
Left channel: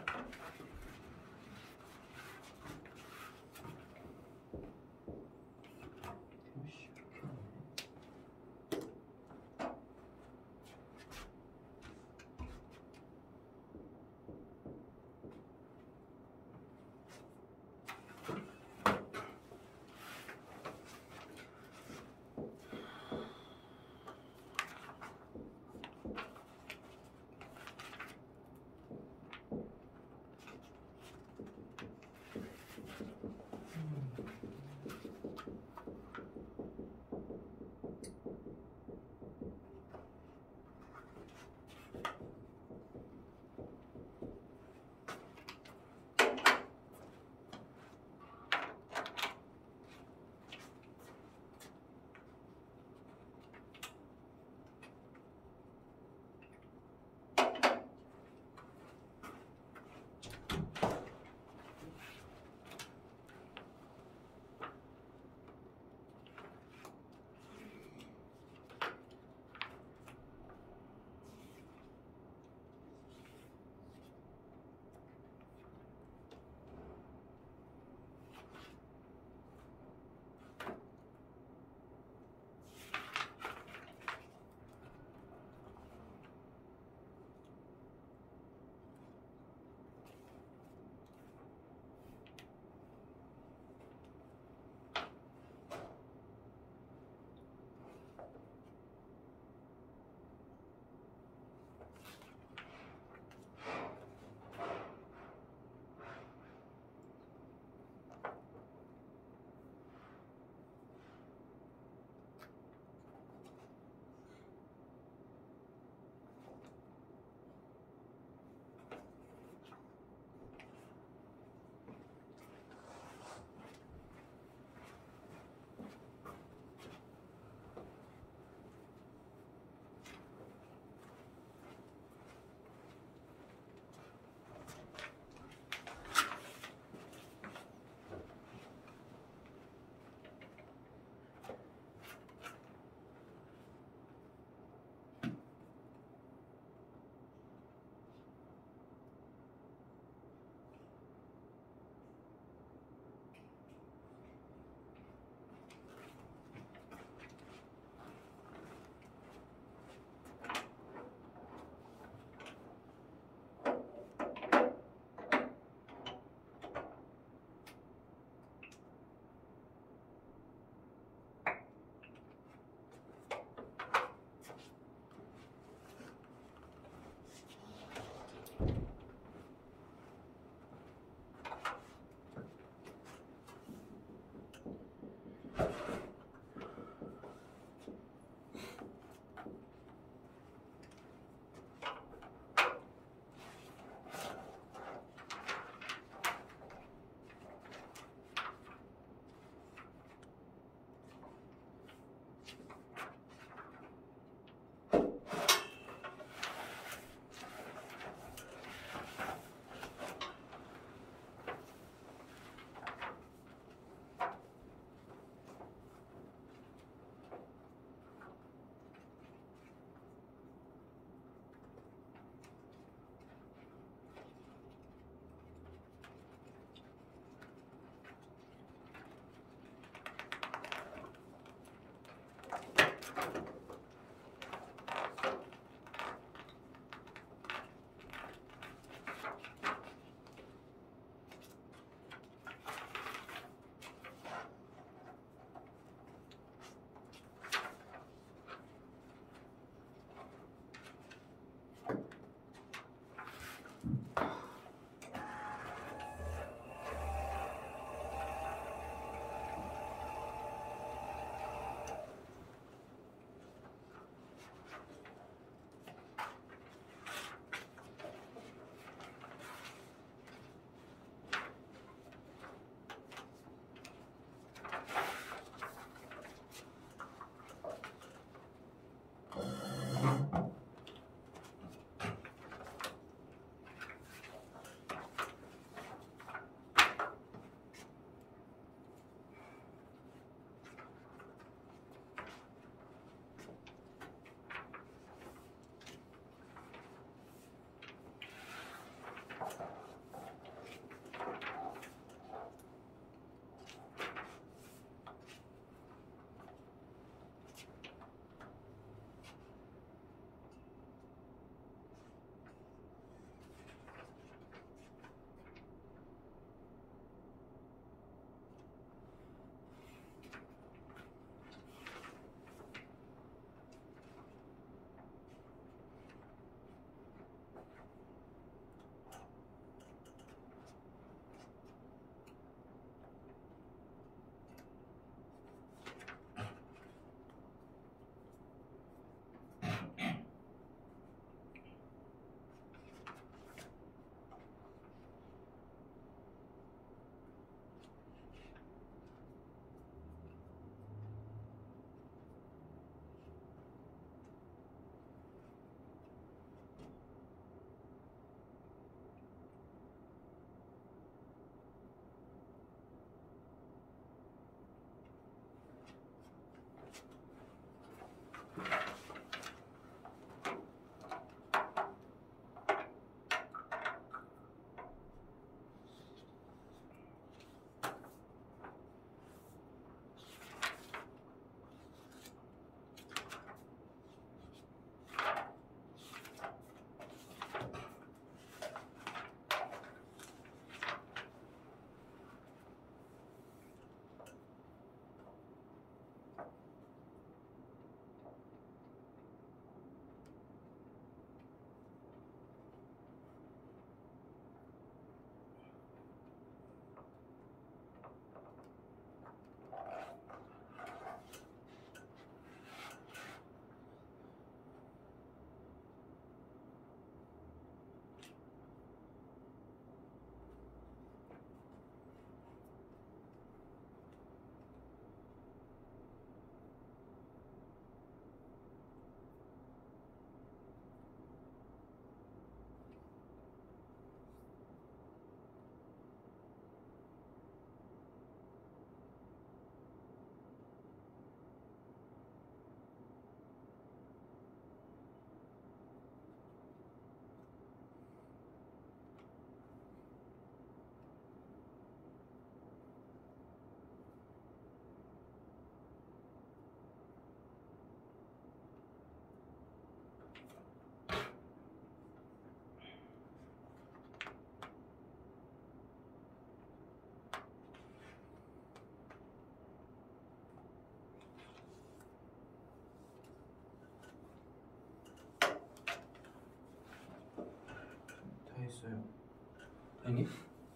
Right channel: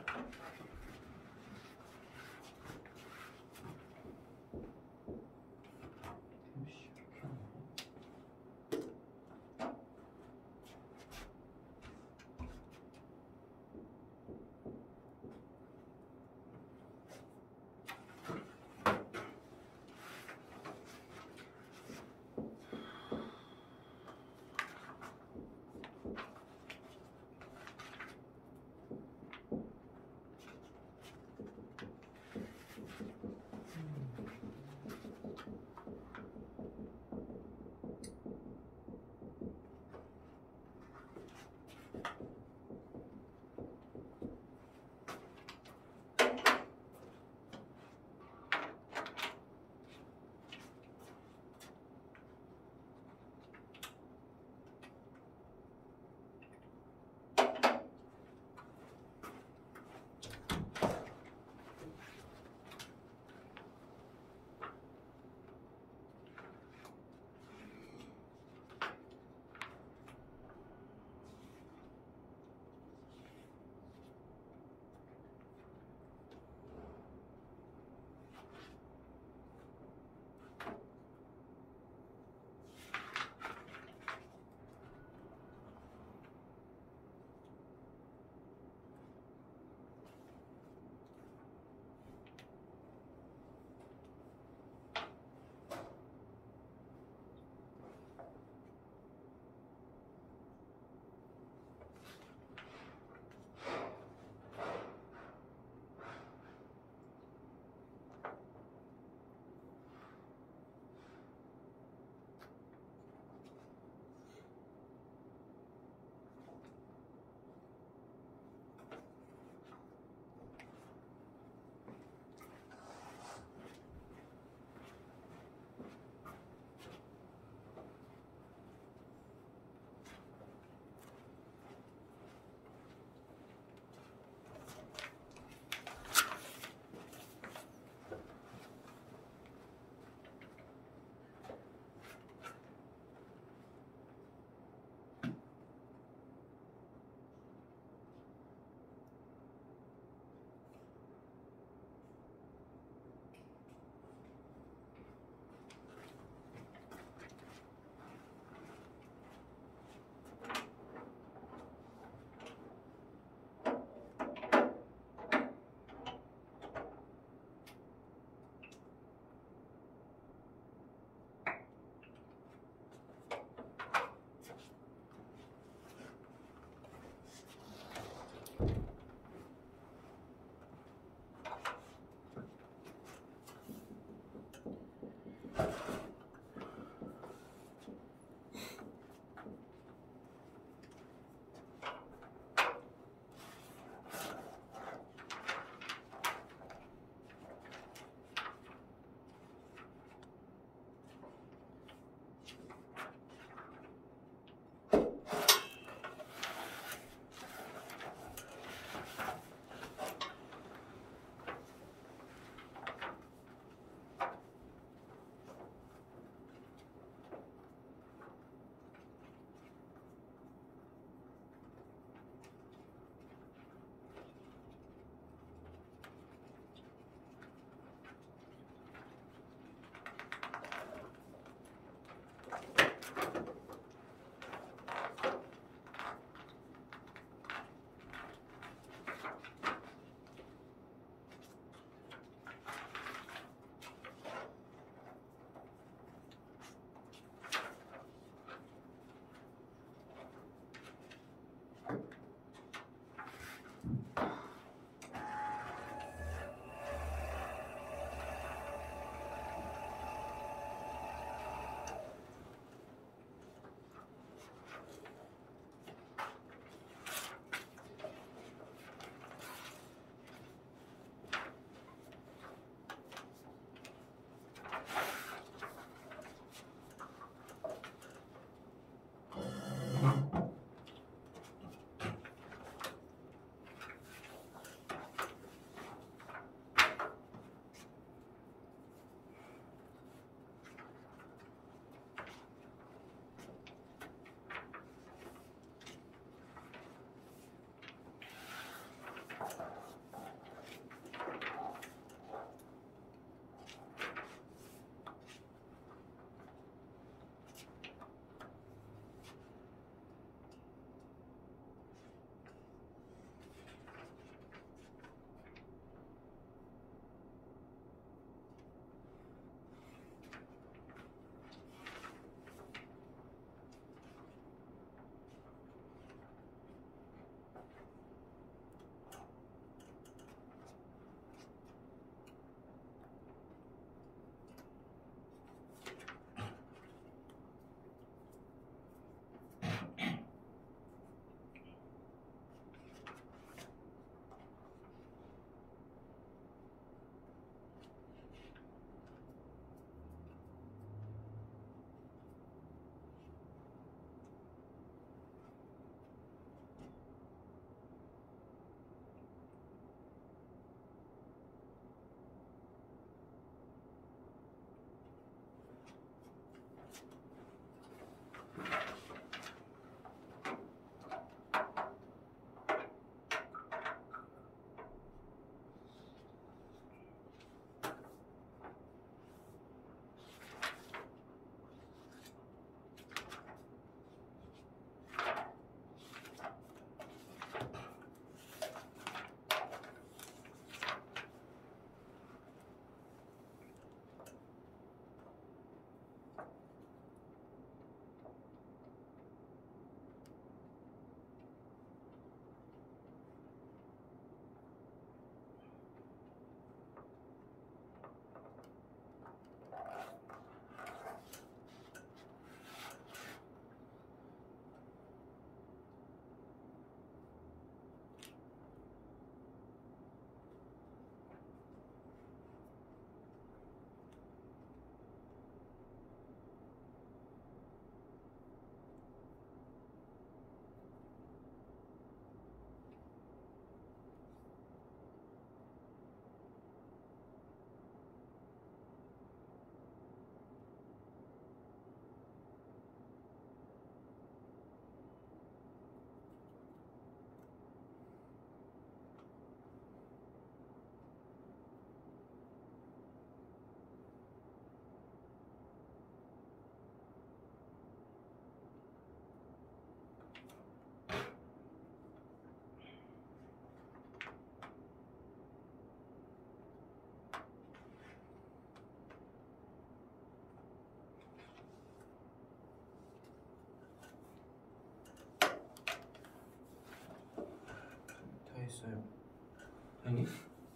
아니?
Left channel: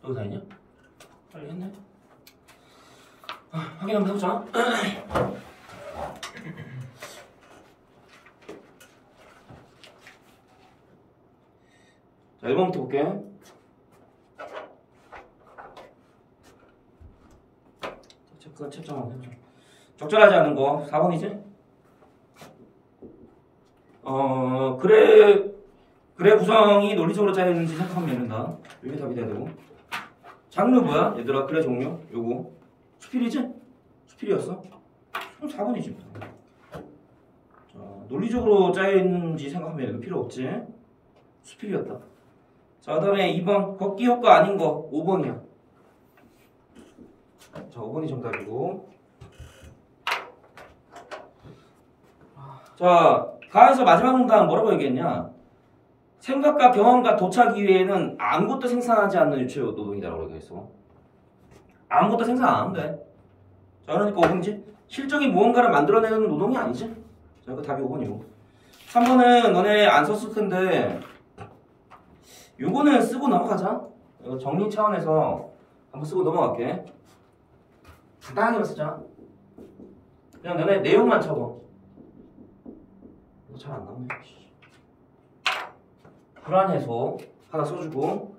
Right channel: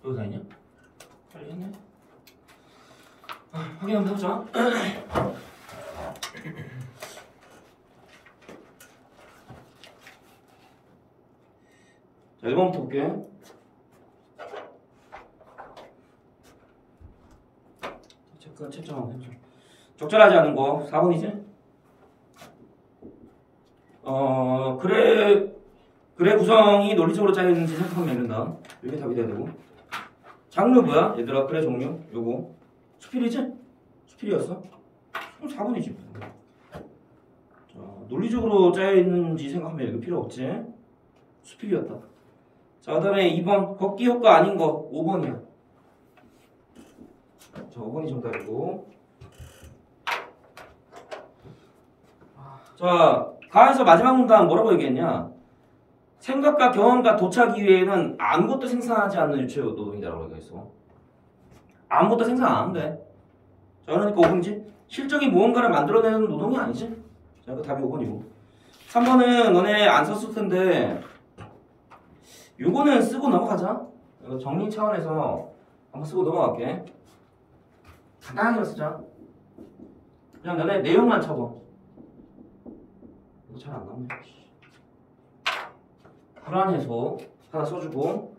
여기 다 있냐? 빨리 했네. 확인 한번 해보자. 자, 1번부터 볼게. 체크, 채점 한번 해보자. 적절하지 않은 거 4번이지? 그래 구성이 논리적으로 짜여있는지 생각하면 되는다. 이게 답이 돼야 되고. 장르 뭐야? 얘들아, 그래 종류? 요거. 수필이지? 수필이었어? 그럼 4번이지. 자, 논리적으로 짜여있는지 생각하면 이거 필요 없지? 수필이었다. 자, 그 다음에 2번. 걷기 효과 아닌 거 5번이야. 자, 5번이 정답이고. 자, 가에서 마지막 문단 뭐라고 얘기했냐? 생각과 경험과 도착 이외에는 아무것도 생산하지 않는 유체 노동이라고 얘기했어. 아무것도 생산 안 하는데. 자, 그러니까 5번이지? 실적인 무언가를 만들어내는 노동이 아니지? 자, 그 답이 5번이고. 3번은 너네 안 썼을 텐데 요거는 쓰고 넘어가자. 정리 차원에서 한번 쓰고 넘어갈게. 간단하게 쓰자. 그냥 너네 내용만 적어. 이거 잘 안 나오네. 불안해서 하나 써주고,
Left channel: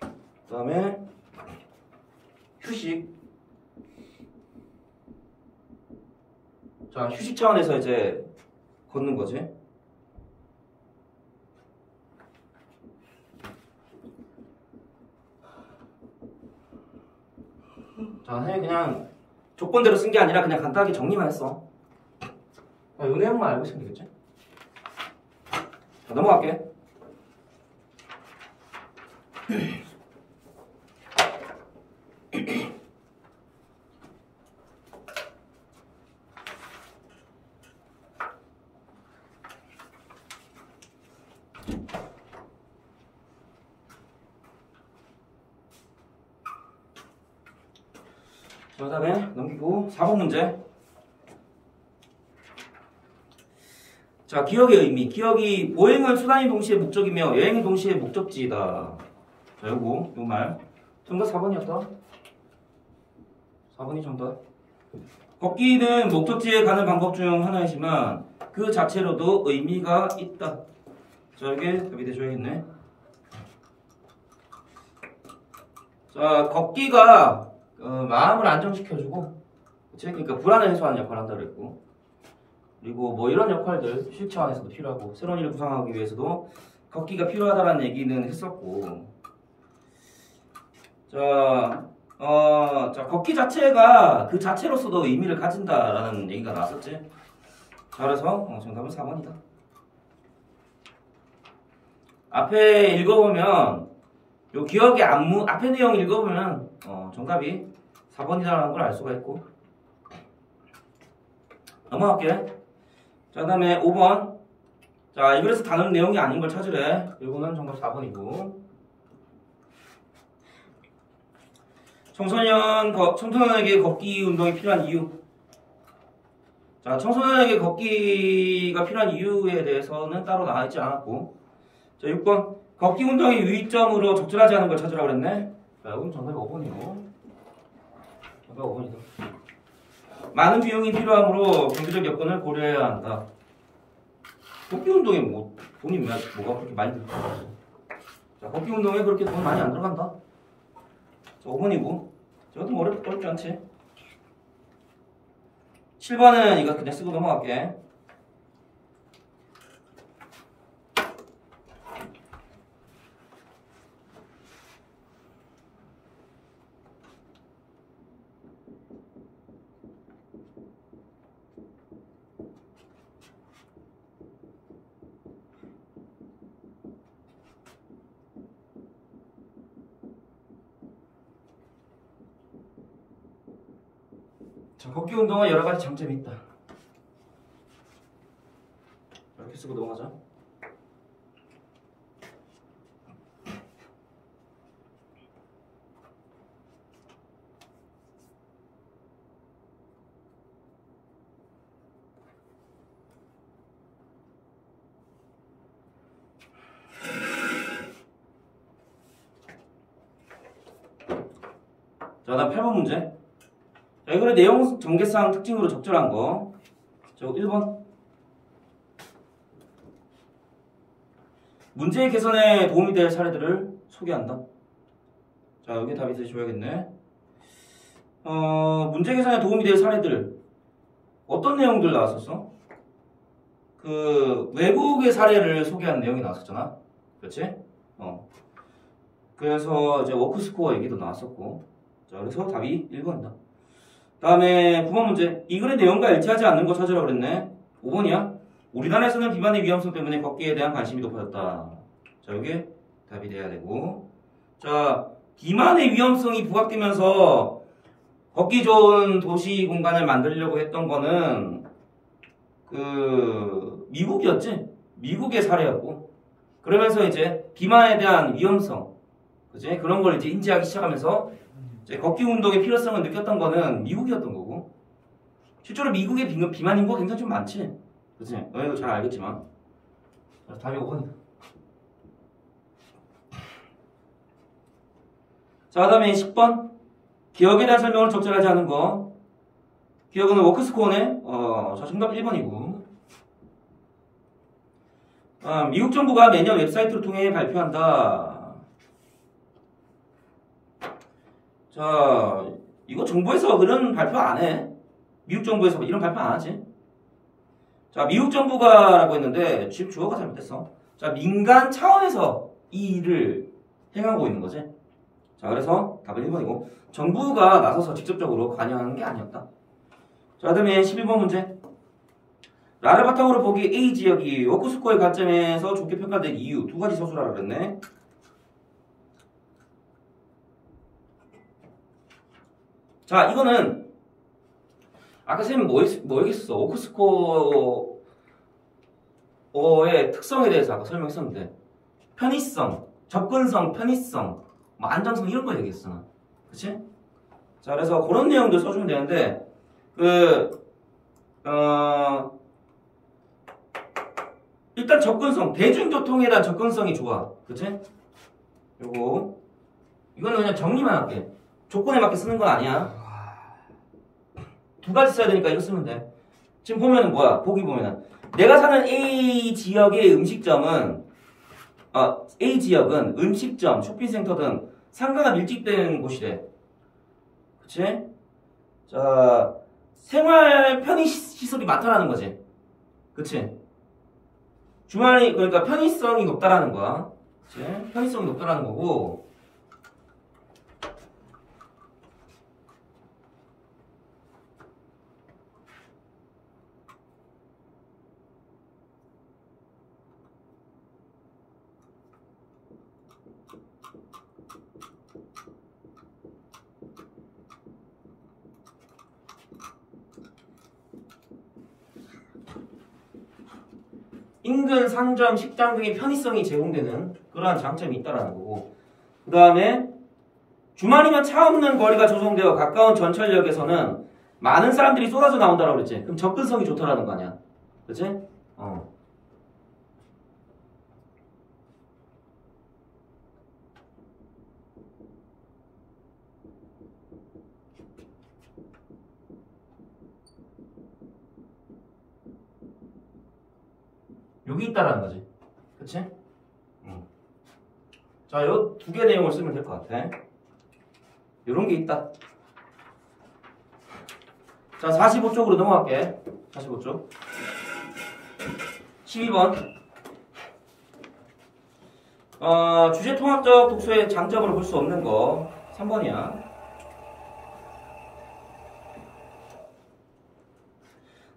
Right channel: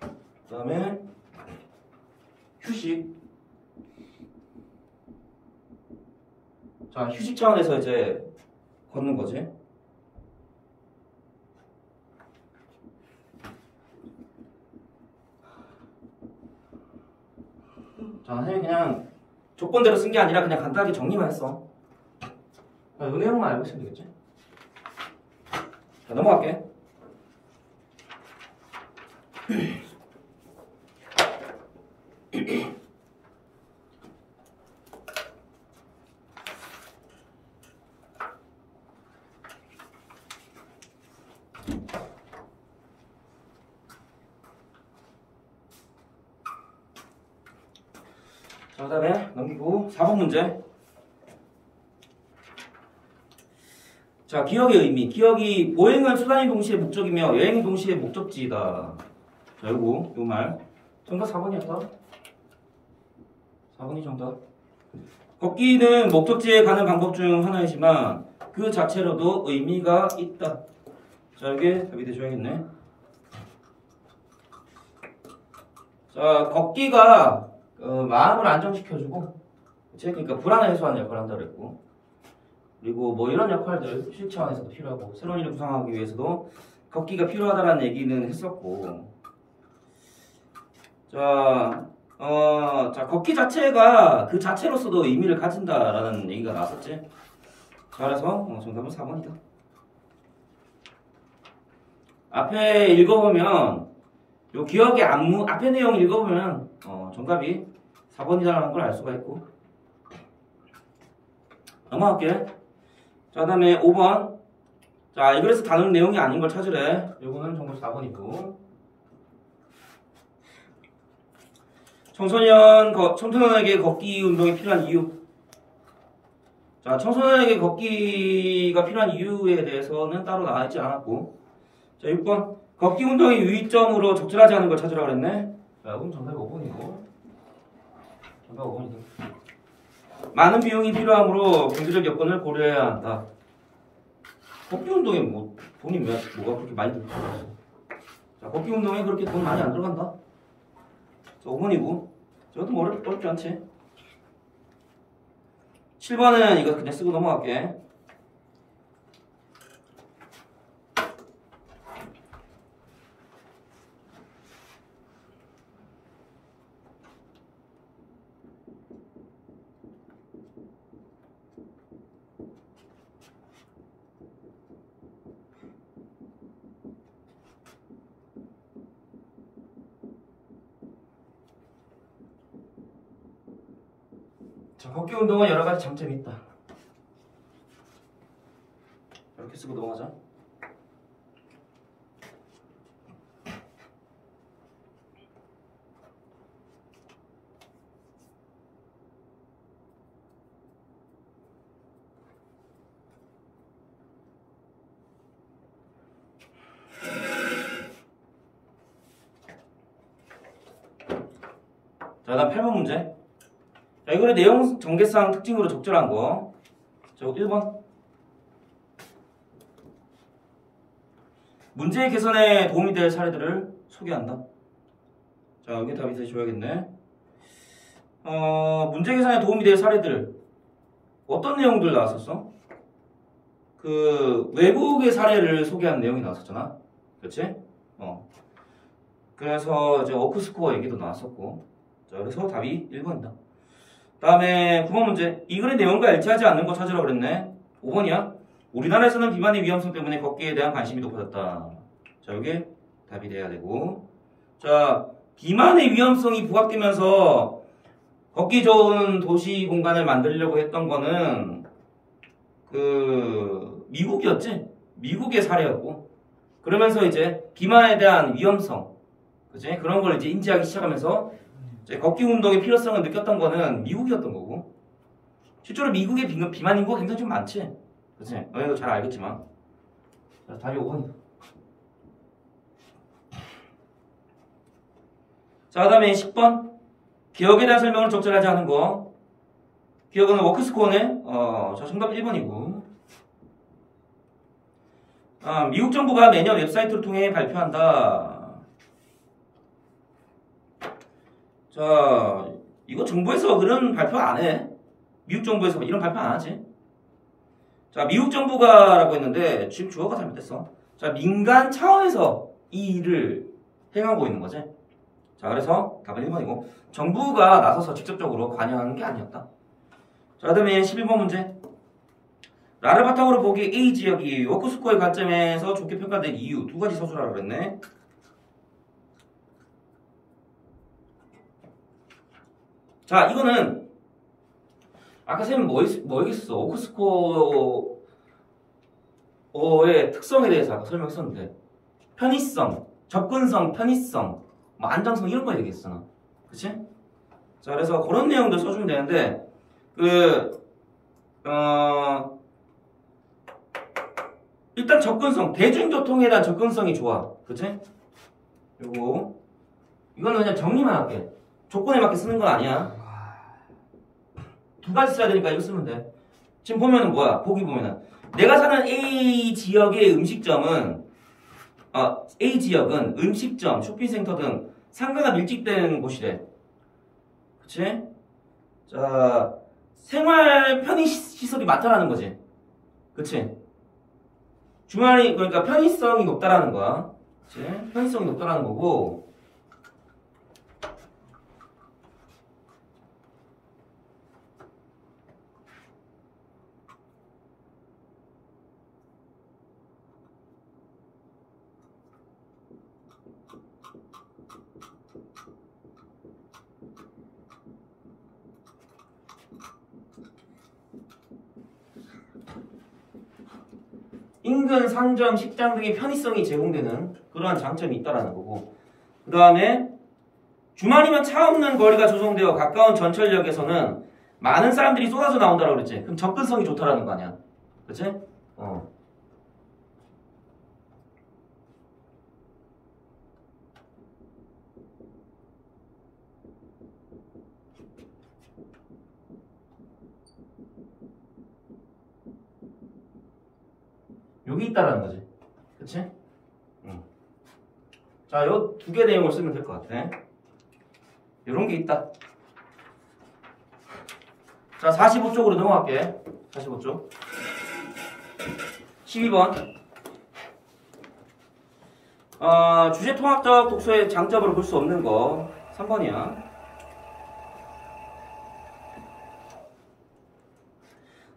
그 다음에 휴식. 자, 휴식 차원에서 이제 걷는 거지. 자, 그냥 조건대로 쓴 게 아니라 그냥 간단하게 정리만 했어. 이 내용만 알고 있으면 되겠지? 자, 넘어갈게. 자, 그 다음에 넘기고 4번 문제. 자, 기억의 의미. 기억이 보행은 수단이 동시에 목적이며 여행이 동시에 목적지이다. 자, 요거 말. 정답 4번이었다. 4번이 정답. 걷기는 목적지에 가는 방법 중 하나이지만 그 자체로도 의미가 있다. 자, 이게 답이 되셔야겠네. 자, 걷기가 마음을 안정시켜주고, 그치? 그러니까 불안을 해소하는 역할을 한다고 그랬고, 그리고 뭐 이런 역할들 휴식 차원에서도 필요하고, 새로운 일을 구상하기 위해서도 걷기가 필요하다는 얘기는 했었고, 자, 걷기 자체가 그 자체로서도 의미를 가진다라는 얘기가 나왔었지. 자, 그래서 정답은 4번이다. 앞에 읽어보면, 요 기억의 안무, 앞에 내용 읽어보면 정답이 4번이라는 걸 알 수가 있고. 넘어갈게. 자, 그 다음에 5번. 자, 이 글에서 다루는 내용이 아닌 걸 찾으래. 이거는 정답 4번이고. 청소년에게 걷기 운동이 필요한 이유. 자, 청소년에게 걷기가 필요한 이유에 대해서는 따로 나와 있지 않았고. 자, 6번. 걷기 운동의 유의점으로 적절하지 않은 걸 찾으라고 그랬네. 자, 그럼 정답이 5번이고. 정답 5번이다. 많은 비용이 필요하므로 경제적 여건을 고려해야 한다. 걷기 운동에 뭐 돈이 뭐가 그렇게 많이 들어? 자, 걷기 운동에 그렇게 돈 많이 안 들어간다. 자, 5번이고. 저것도 뭐 어렵지 않지? 7번은 이거 그냥 쓰고 넘어갈게. 자, 걷기 운동은 여러 가지 장점이 있다. 이렇게 쓰고 넘어가자. 자, 다음 8번 문제. 자, 이거는 내용 전개상 특징으로 적절한 거. 자, 1번. 문제 개선에 도움이 될 사례들을 소개한다. 자, 여기 답이 다시 줘야겠네. 문제 개선에 도움이 될 사례들. 어떤 내용들 나왔었어? 그 외국의 사례를 소개하는 내용이 나왔었잖아. 그렇지? 그래서 이제 워크스코어 얘기도 나왔었고. 자, 그래서 답이 1번이다. 다음에 9번 문제. 이 글의 내용과 일치하지 않는 거 찾으라 그랬네. 5번이야. 우리나라에서는 비만의 위험성 때문에 걷기에 대한 관심이 높아졌다. 자, 이게 답이 돼야 되고. 자, 비만의 위험성이 부각되면서 걷기 좋은 도시 공간을 만들려고 했던 거는 그 미국이었지? 미국의 사례였고. 그러면서 이제 비만에 대한 위험성, 그치? 그런 걸 이제 인지하기 시작하면서 이제 걷기 운동의 필요성을 느꼈던 거는 미국이었던 거고. 실제로 미국의 비만 인구가 굉장히 좀 많지? 그치? 너희도 잘 알겠지만. 자, 답이 5번이다. 자, 그 다음에 10번. 기억에 대한 설명을 적절하지 않은 거. 기억은 워크스코어네. 자, 정답 1번이고. 미국 정부가 매년 웹사이트를 통해 발표한다. 자, 이거 정부에서 그런 발표 안 해. 미국 정부에서 이런 발표 안 하지. 자, 미국 정부가 라고 했는데 지금 주어가 잘못됐어. 자, 민간 차원에서 이 일을 행하고 있는 거지. 자, 그래서 답은 1번이고 정부가 나서서 직접적으로 관여하는 게 아니었다. 자, 그 다음에 11번 문제. 나를 바탕으로 보기 A 지역이 워크스코어의 관점에서 좋게 평가된 이유 두 가지 서술하라 그랬네. 자, 이거는 아까 쌤 뭐 얘기했어? 워크스코어의 특성에 대해서 아까 설명했었는데 편의성, 접근성, 편의성, 뭐 안정성 이런 거 얘기했잖아. 그치? 자, 그래서 그런 내용들 써주면 되는데 일단 접근성, 대중교통에 대한 접근성이 좋아. 그치? 이거는 그냥 정리만 할게. 조건에 맞게 쓰는 건 아니야. 두 가지 써야 되니까 이거 쓰면 돼. 지금 보면은 뭐야? 보기 보면은 내가 사는 A 지역의 A 지역은 음식점, 쇼핑센터 등 상가가 밀집된 곳이래. 그치? 자, 생활 편의시설이 많다라는 거지. 그치? 주말이, 그러니까 편의성이 높다라는 거야. 그치? 편의성이 높다라는 거고. 인근 상점, 식당 등의 편의성이 제공되는 그러한 장점이 있다라는 거고. 그 다음에 주말이면 차 없는 거리가 조성되어 가까운 전철역에서는 많은 사람들이 쏟아져 나온다라고 그랬지. 그럼 접근성이 좋다라는 거 아니야. 그치? 여기 있다라는 거지. 그치? 자, 요 두 개 내용을 쓰면 될 것 같아. 요런 게 있다. 자, 45쪽으로 넘어갈게. 45쪽. 12번. 주제 통합적 독서의 장점으로 볼 수 없는 거. 3번이야.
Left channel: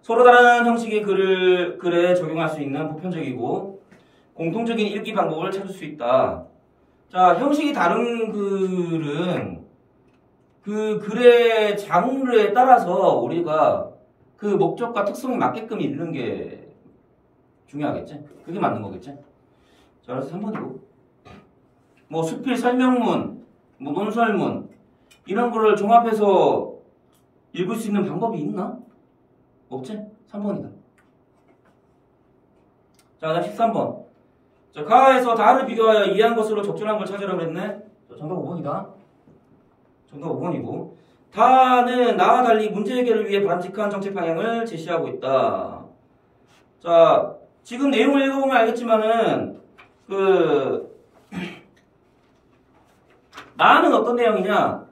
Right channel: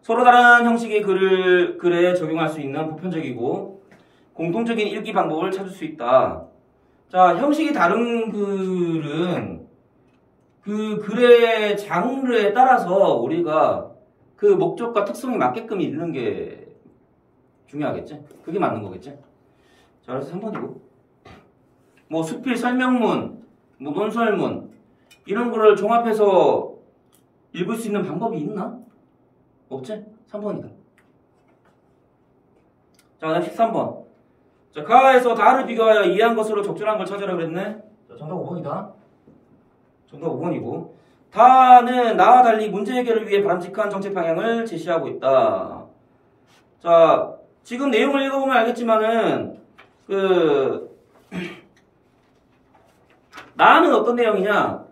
서로 다른 형식의 글에 적용할 수 있는 보편적이고 공통적인 읽기 방법을 찾을 수 있다. 자, 형식이 다른 글은 그 글의 장르에 따라서 우리가 그 목적과 특성에 맞게끔 읽는 게 중요하겠지? 그게 맞는 거겠지? 자, 그래서 3번이고. 뭐 수필 설명문, 뭐 논설문 이런 거를 종합해서 읽을 수 있는 방법이 있나? 없지? 3번이다. 자, 다음 13번. 자, 가에서 다를 비교하여 이해한 것으로 적절한 걸 찾으라고 그랬네. 자, 정답 5번이다. 정답 5번이고 다는 나와 달리 문제 해결을 위해 바람직한 정책 방향을 제시하고 있다. 자, 지금 내용을 읽어보면 알겠지만은 나는 어떤 내용이냐?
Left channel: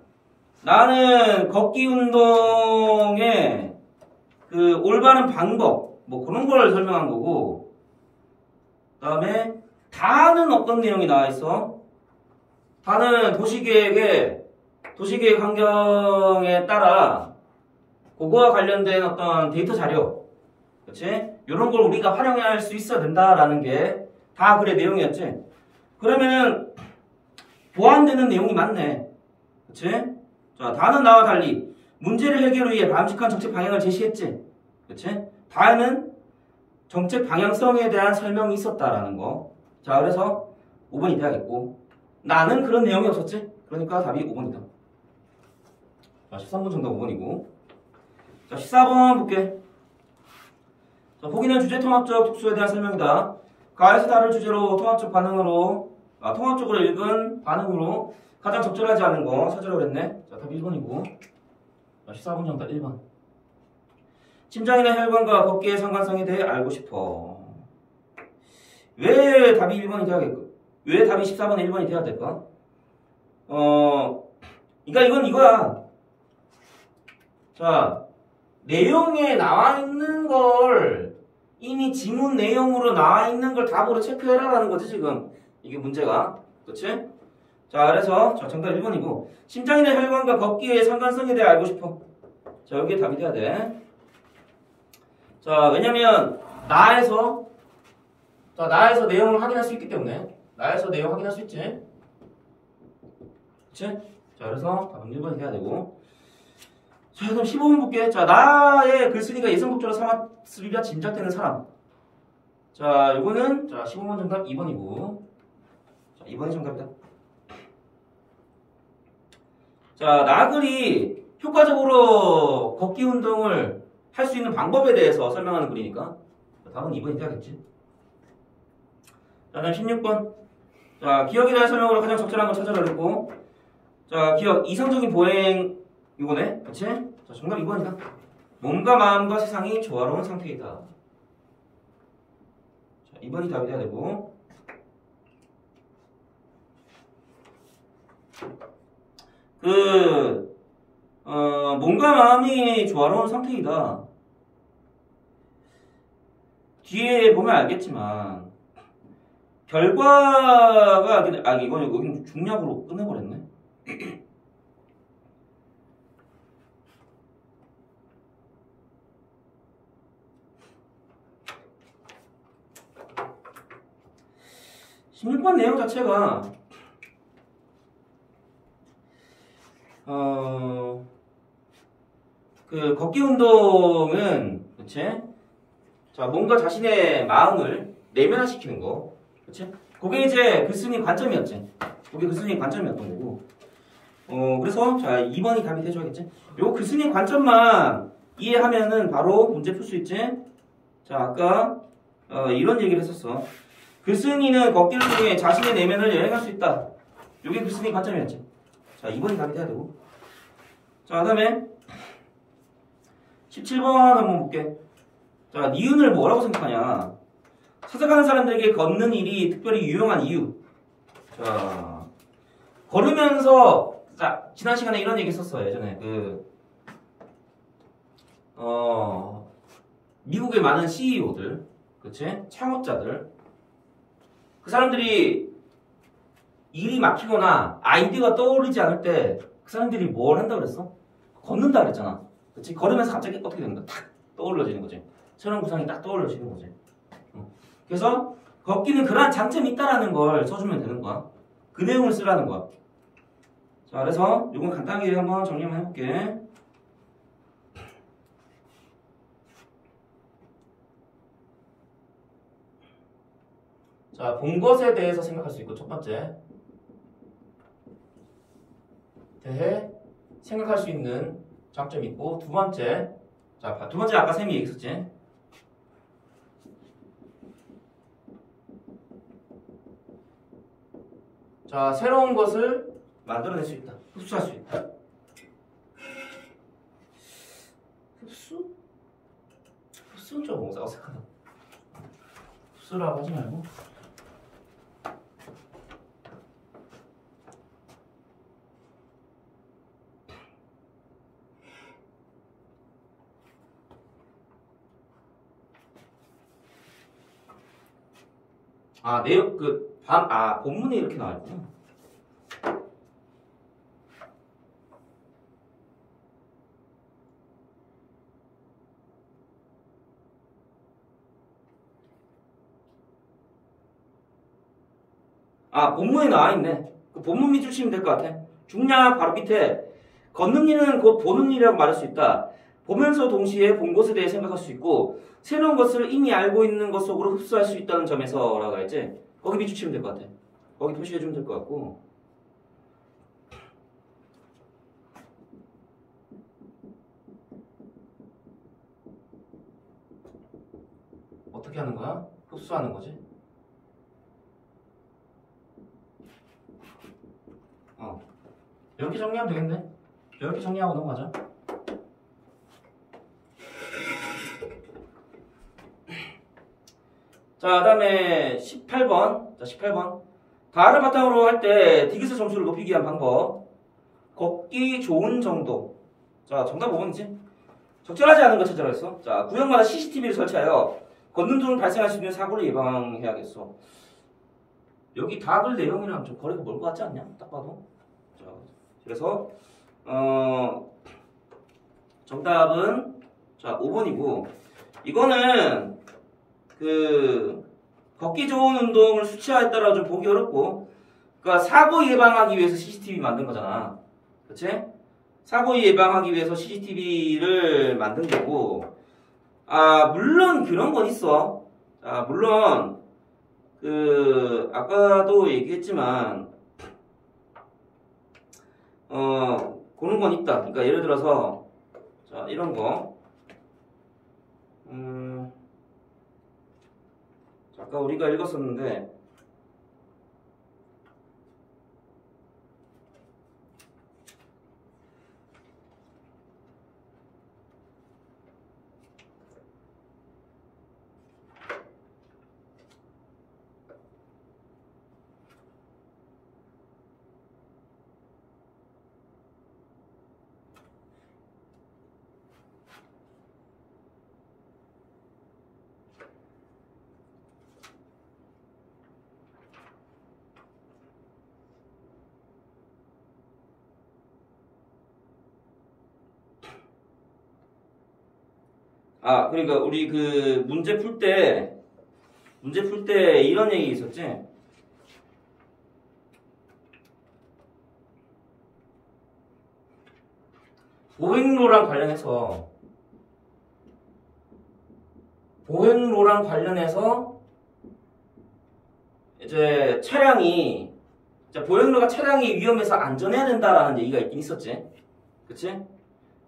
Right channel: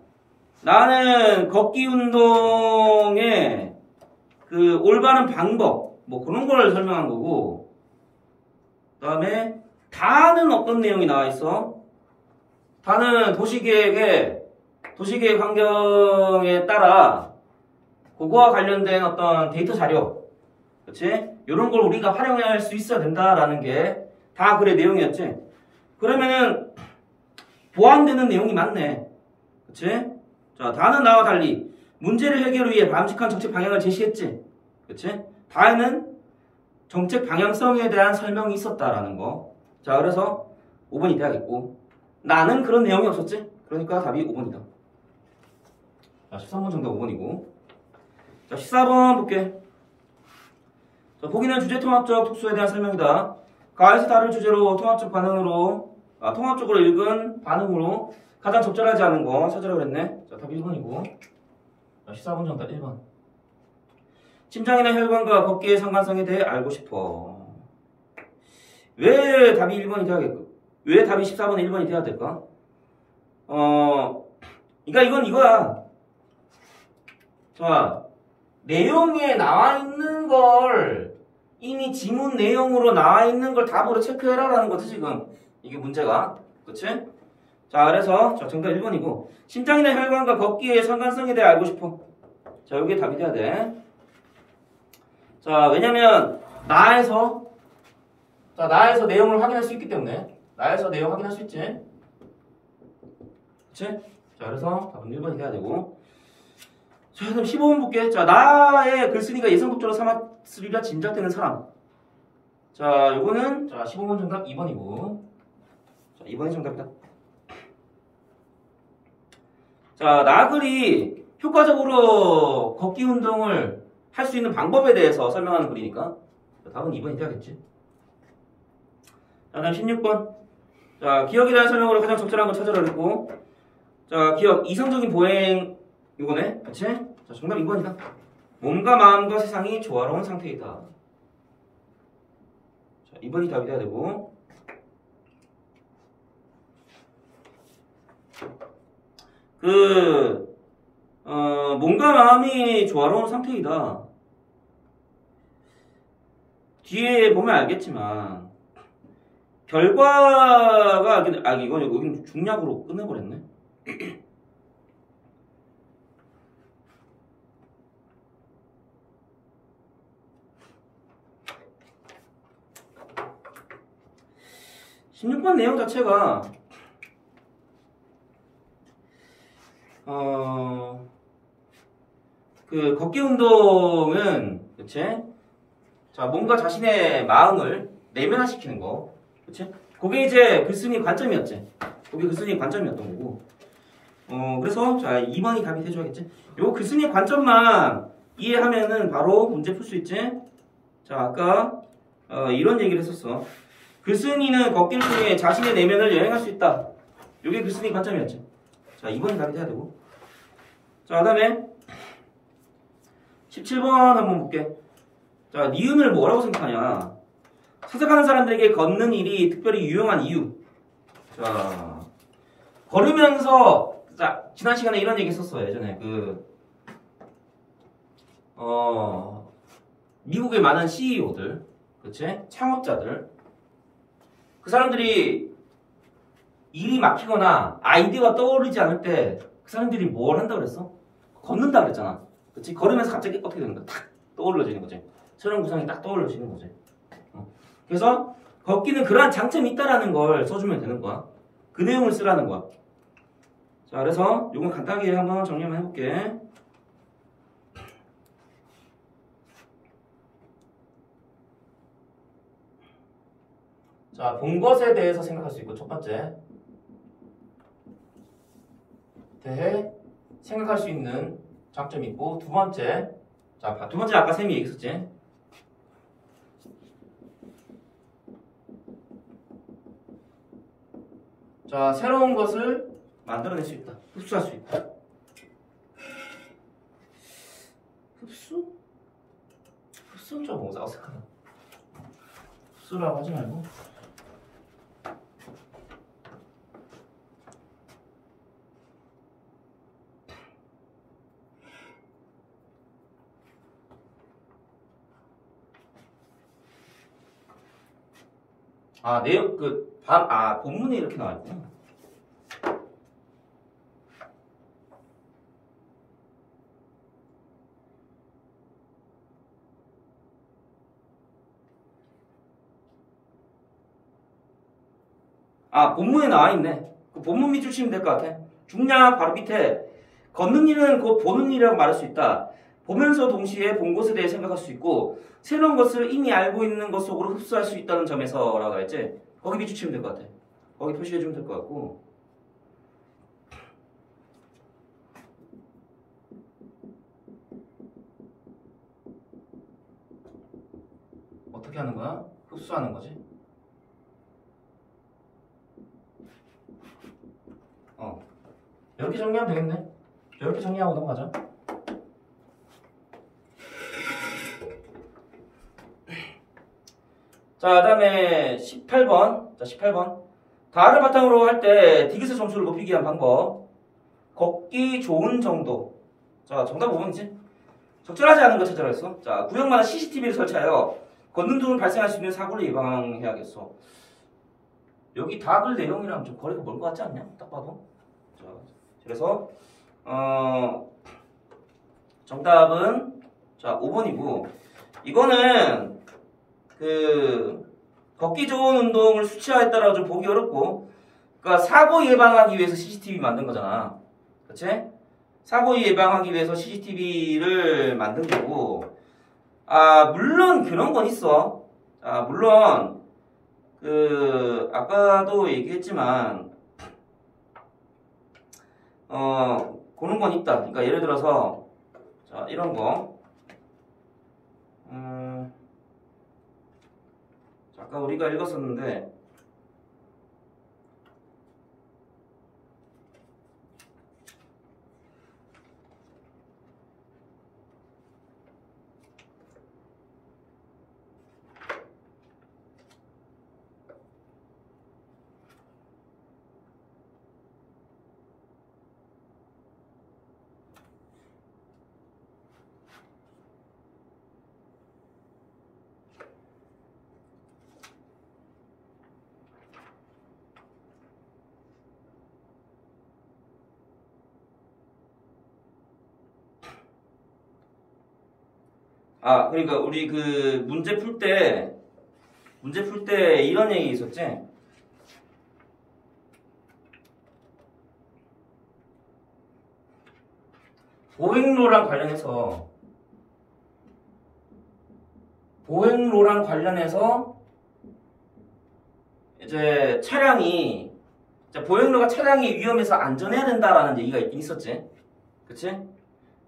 나는 걷기 운동의 올바른 방법 뭐 그런 걸 설명한 거고, 그다음에 다는 어떤 내용이 나와 있어? 다는 도시계획 환경에 따라 그거와 관련된 어떤 데이터 자료, 그렇지? 이런 걸 우리가 활용할 수 있어야 된다라는 게 다 글의 내용이었지. 그러면은 보완되는 내용이 많네, 그렇지? 자, 다는 나와 달리 문제를 해결을 위해 바람직한 정책 방향을 제시했지, 그렇지? 다에는 정책 방향성에 대한 설명이 있었다라는 거. 자, 그래서 5번이 돼야겠고, 나는 그런 내용이 없었지? 그러니까 답이 5번이다. 자, 13번 정답 5번이고. 자, 14번 볼게. 자, 보기는 주제 통합적 특수에 대한 설명이다. 가에서 다를 주제로 통합적으로 읽은 반응으로 가장 적절하지 않은 거 찾으라고 그랬네. 자, 답 1번이고. 자, 14번 정답 1번. 심장이나 혈관과 걷기의 상관성에 대해 알고 싶어. 왜 답이 1번이 돼야겠고? 왜 답이 14번에 1번이 돼야 될까? 그러니까 이건 이거야. 자, 내용에 나와 있는 걸 이미 지문 내용으로 나와 있는 걸 답으로 체크해라라는 거지 지금 이게 문제가, 그치? 자, 그래서 자, 정답 1번이고 심장이나 혈관과 걷기의 상관성에 대해 알고 싶어. 자, 여기에 답이 돼야 돼. 자, 왜냐면 나에서 내용을 확인할 수 있기 때문에. 나에서 내용 확인할 수 있지, 그치? 자, 그래서 답은 1번이 돼야 되고. 자, 그럼 15번 볼게. 자, 나의 글쓴이가 예상독자로 삼았으리라 짐작되는 사람. 자, 이거는 자 15번 정답 2번이고. 자, 2번이 정답이다. 자, 나글이 효과적으로 걷기 운동을 할 수 있는 방법에 대해서 설명하는 글이니까 자, 답은 2번이 돼야겠지. 자, 다음 16번. 자, 기억에 대한 설명으로 가장 적절한 걸 찾으라 그랬고, 자, 기억 이성적인 보행 이거네, 그치? 자, 정답 2번이다. 몸과 마음과 세상이 조화로운 상태이다. 자, 2번이 답이 돼야 되고. 몸과 마음이 조화로운 상태이다. 뒤에 보면 알겠지만 결과가 이거 여기 중략으로 끝내버렸네. (16번) 내용 자체가 걷기 운동은, 그치? 자, 몸과 자신의 마음을 내면화시키는 거, 그치? 그게 이제 글쓴이 관점이었지. 그게 글쓴이 관점이었던 거고. 그래서 자, 2번이 답이 돼줘야겠지. 요 글쓴이 관점만 이해하면은 바로 문제 풀 수 있지. 자, 아까 이런 얘기를 했었어. 글쓴이는 걷기를 통해 자신의 내면을 여행할 수 있다. 요게 글쓴이 관점이었지. 자, 2번이 답이 돼야 되고. 자, 그 다음에 17번 한번 볼게. 자, 니은을 뭐라고 생각하냐? 찾아가는 사람들에게 걷는 일이 특별히 유용한 이유. 자, 걸으면서, 자, 지난 시간에 이런 얘기 했었어요. 예전에 미국의 많은 CEO들, 그치? 창업자들, 그 사람들이 일이 막히거나 아이디어가 떠오르지 않을 때 그 사람들이 뭘 한다고 그랬어? 걷는다 그랬잖아. 그치? 걸으면서 갑자기 어떻게 되는 거야? 탁 떠올려지는 거지. 새로운 구상이 딱 떠올려지는 거지. 그래서 걷기는 그러한 장점이 있다라는 걸 써주면 되는 거야. 그 내용을 쓰라는 거야. 자, 그래서 이건 간단하게 한번 정리 한번 해볼게. 자, 본 것에 대해서 생각할 수 있고, 첫 번째. 대해 생각할 수 있는 장점이 있고, 두 번째. 자, 두 번째 아까 쌤이 얘기했었지. 자, 새로운 것을 만들어낼 수 있다. 흡수할 수 있다. 어색하다. 흡수라고 하지 말고. 아, 내용 본문에 이렇게 나왔구나. 아, 본문에 나와 있네. 그 본문 밑줄 치면 될 것 같아. 중략 바로 밑에 걷는 일은 곧 보는 일이라고 말할 수 있다. 보면서 동시에 본 것에 대해 생각할 수 있고 새로운 것을 이미 알고 있는 것 속으로 흡수할 수 있다는 점에서라고 했지. 거기 밑줄 치면 될 것 같아. 거기 표시해주면 될 것 같고. 어떻게 하는 거야? 흡수하는 거지. 이렇게 정리하면 되겠네. 이렇게 정리하고 넘어가자. 자, 그 다음에 18번. 자, 18번. 다를 바탕으로 할 때 디귿의 점수를 높이기 위한 방법. 걷기 좋은 정도. 자, 정답 5번이지. 적절하지 않은 걸 찾아라 했어. 자, 구역마다 CCTV를 설치하여 걷는 중 발생할 수 있는 사고를 예방해야겠어. 여기 답을 내용이랑 좀 거리가 멀 것 같지 않냐? 딱 봐도. 자, 그래서 정답은 자 5번이고 이거는 그 걷기 좋은 운동을 수치화했다라 좀 보기 어렵고 그러니까 사고 예방하기 위해서 CCTV 만든 거잖아. 그치? 사고 예방하기 위해서 CCTV를 만든 거고 물론 그런 건 있어. 물론 그 아까도 얘기했지만 그런 건 있다. 그러니까 예를 들어서 자 이런 거 아까 우리가 읽었었는데 그러니까 우리 그 문제 풀 때 이런 얘기 있었지? 보행로랑 관련해서 이제 보행로가 차량이 위험해서 안전해야 된다라는 얘기가 있긴 있었지. 그치?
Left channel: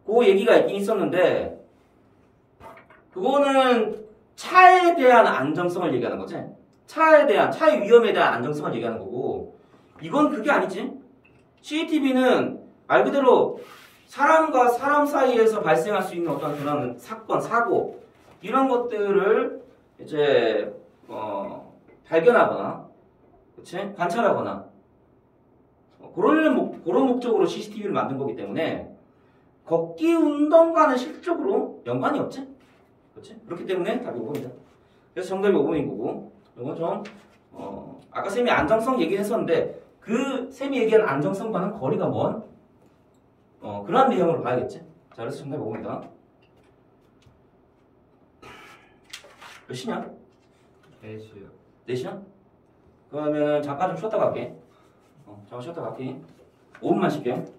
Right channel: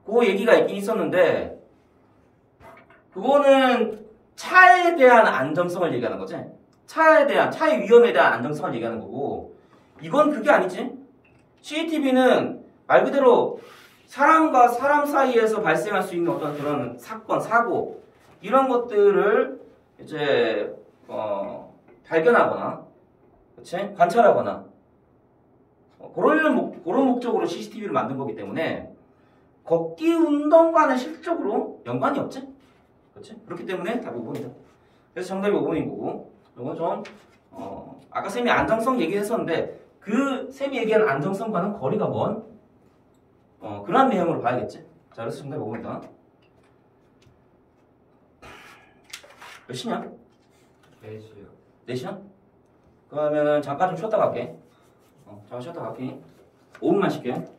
그 얘기가 있긴 있었는데 그거는 차에 대한 안정성을 얘기하는 거지. 차의 위험에 대한 안정성을 얘기하는 거고 이건 그게 아니지. CCTV는 말 그대로 사람과 사람 사이에서 발생할 수 있는 어떤 그런 사건, 사고 이런 것들을 이제 발견하거나 그치? 관찰하거나 그런 목적으로 CCTV를 만든 거기 때문에 걷기 운동과는 실질적으로 연관이 없지? 그렇지? 그렇기 때문에 답이 5번이다. 그래서 정답이 5번인 거고 이건 좀 아까 쌤이 안정성 얘기했었는데 그 쌤이 얘기한 안정성과는 거리가 먼 그런 내용으로 봐야겠지. 자, 그래서 정답이 5번이다. 몇 시냐? 4시요. 4시야? 그러면은 잠깐 좀 쉬었다 갈게. 잠깐 쉬었다 갈게. 5분만 쉴게.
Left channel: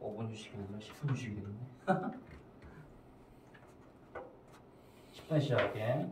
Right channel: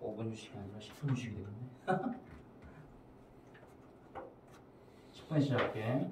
5분 휴식이 아니라 10분 휴식이 되겠네. 10분 시작할게.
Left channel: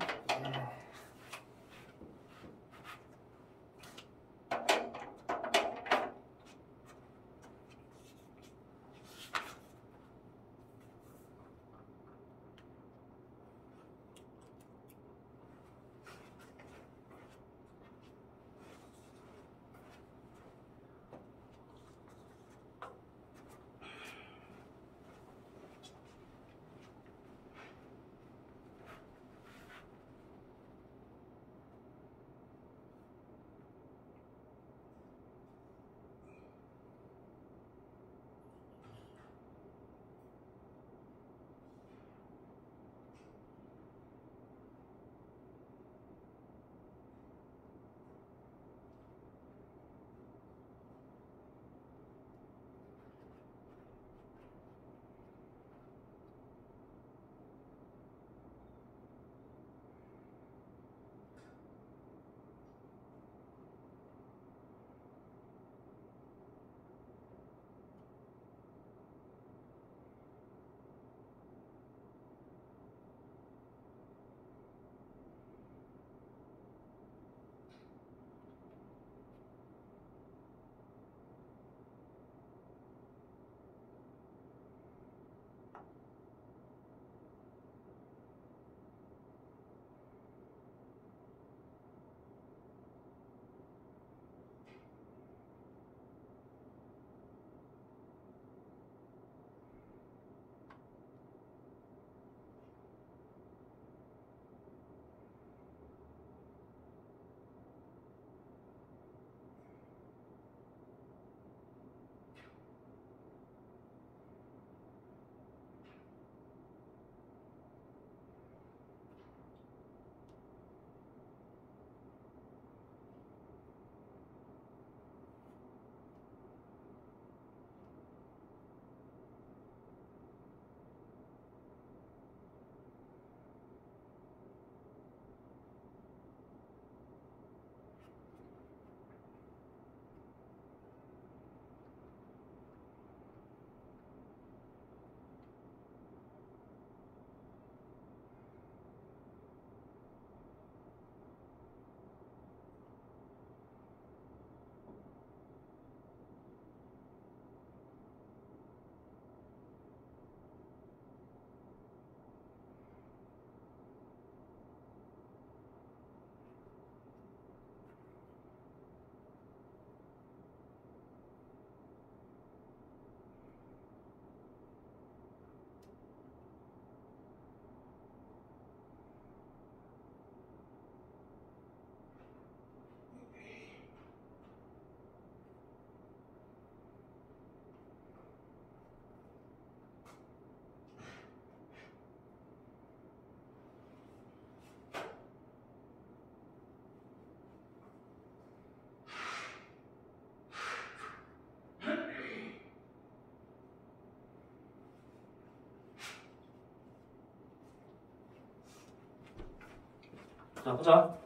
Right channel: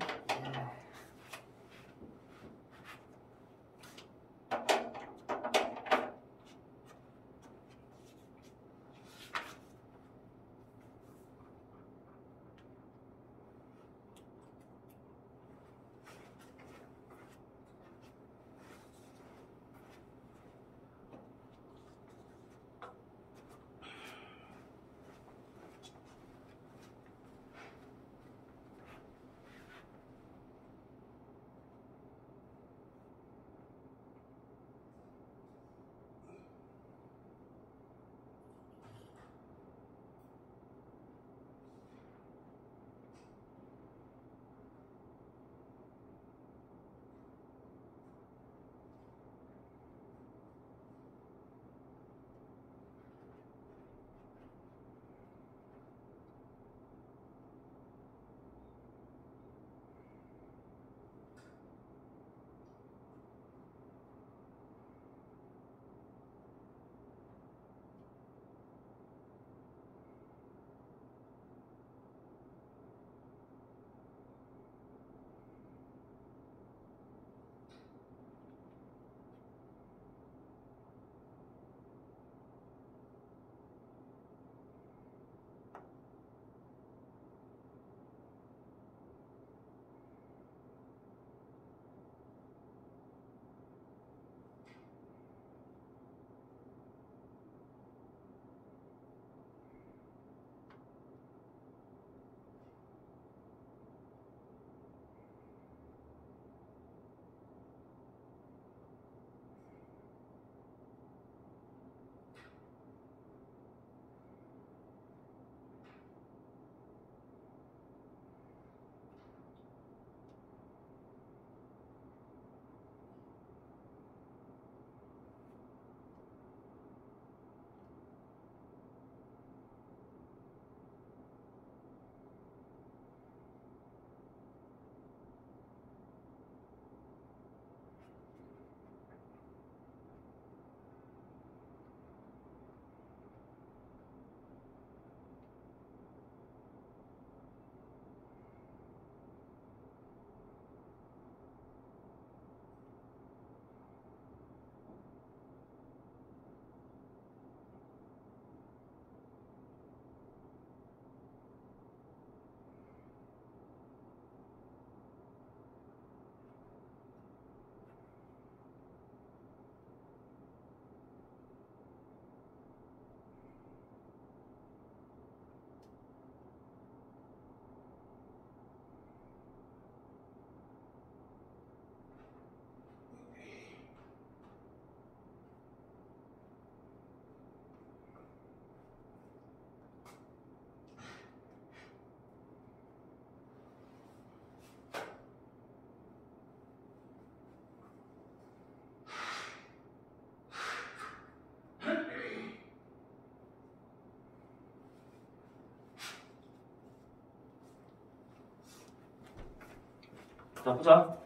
자, 보자.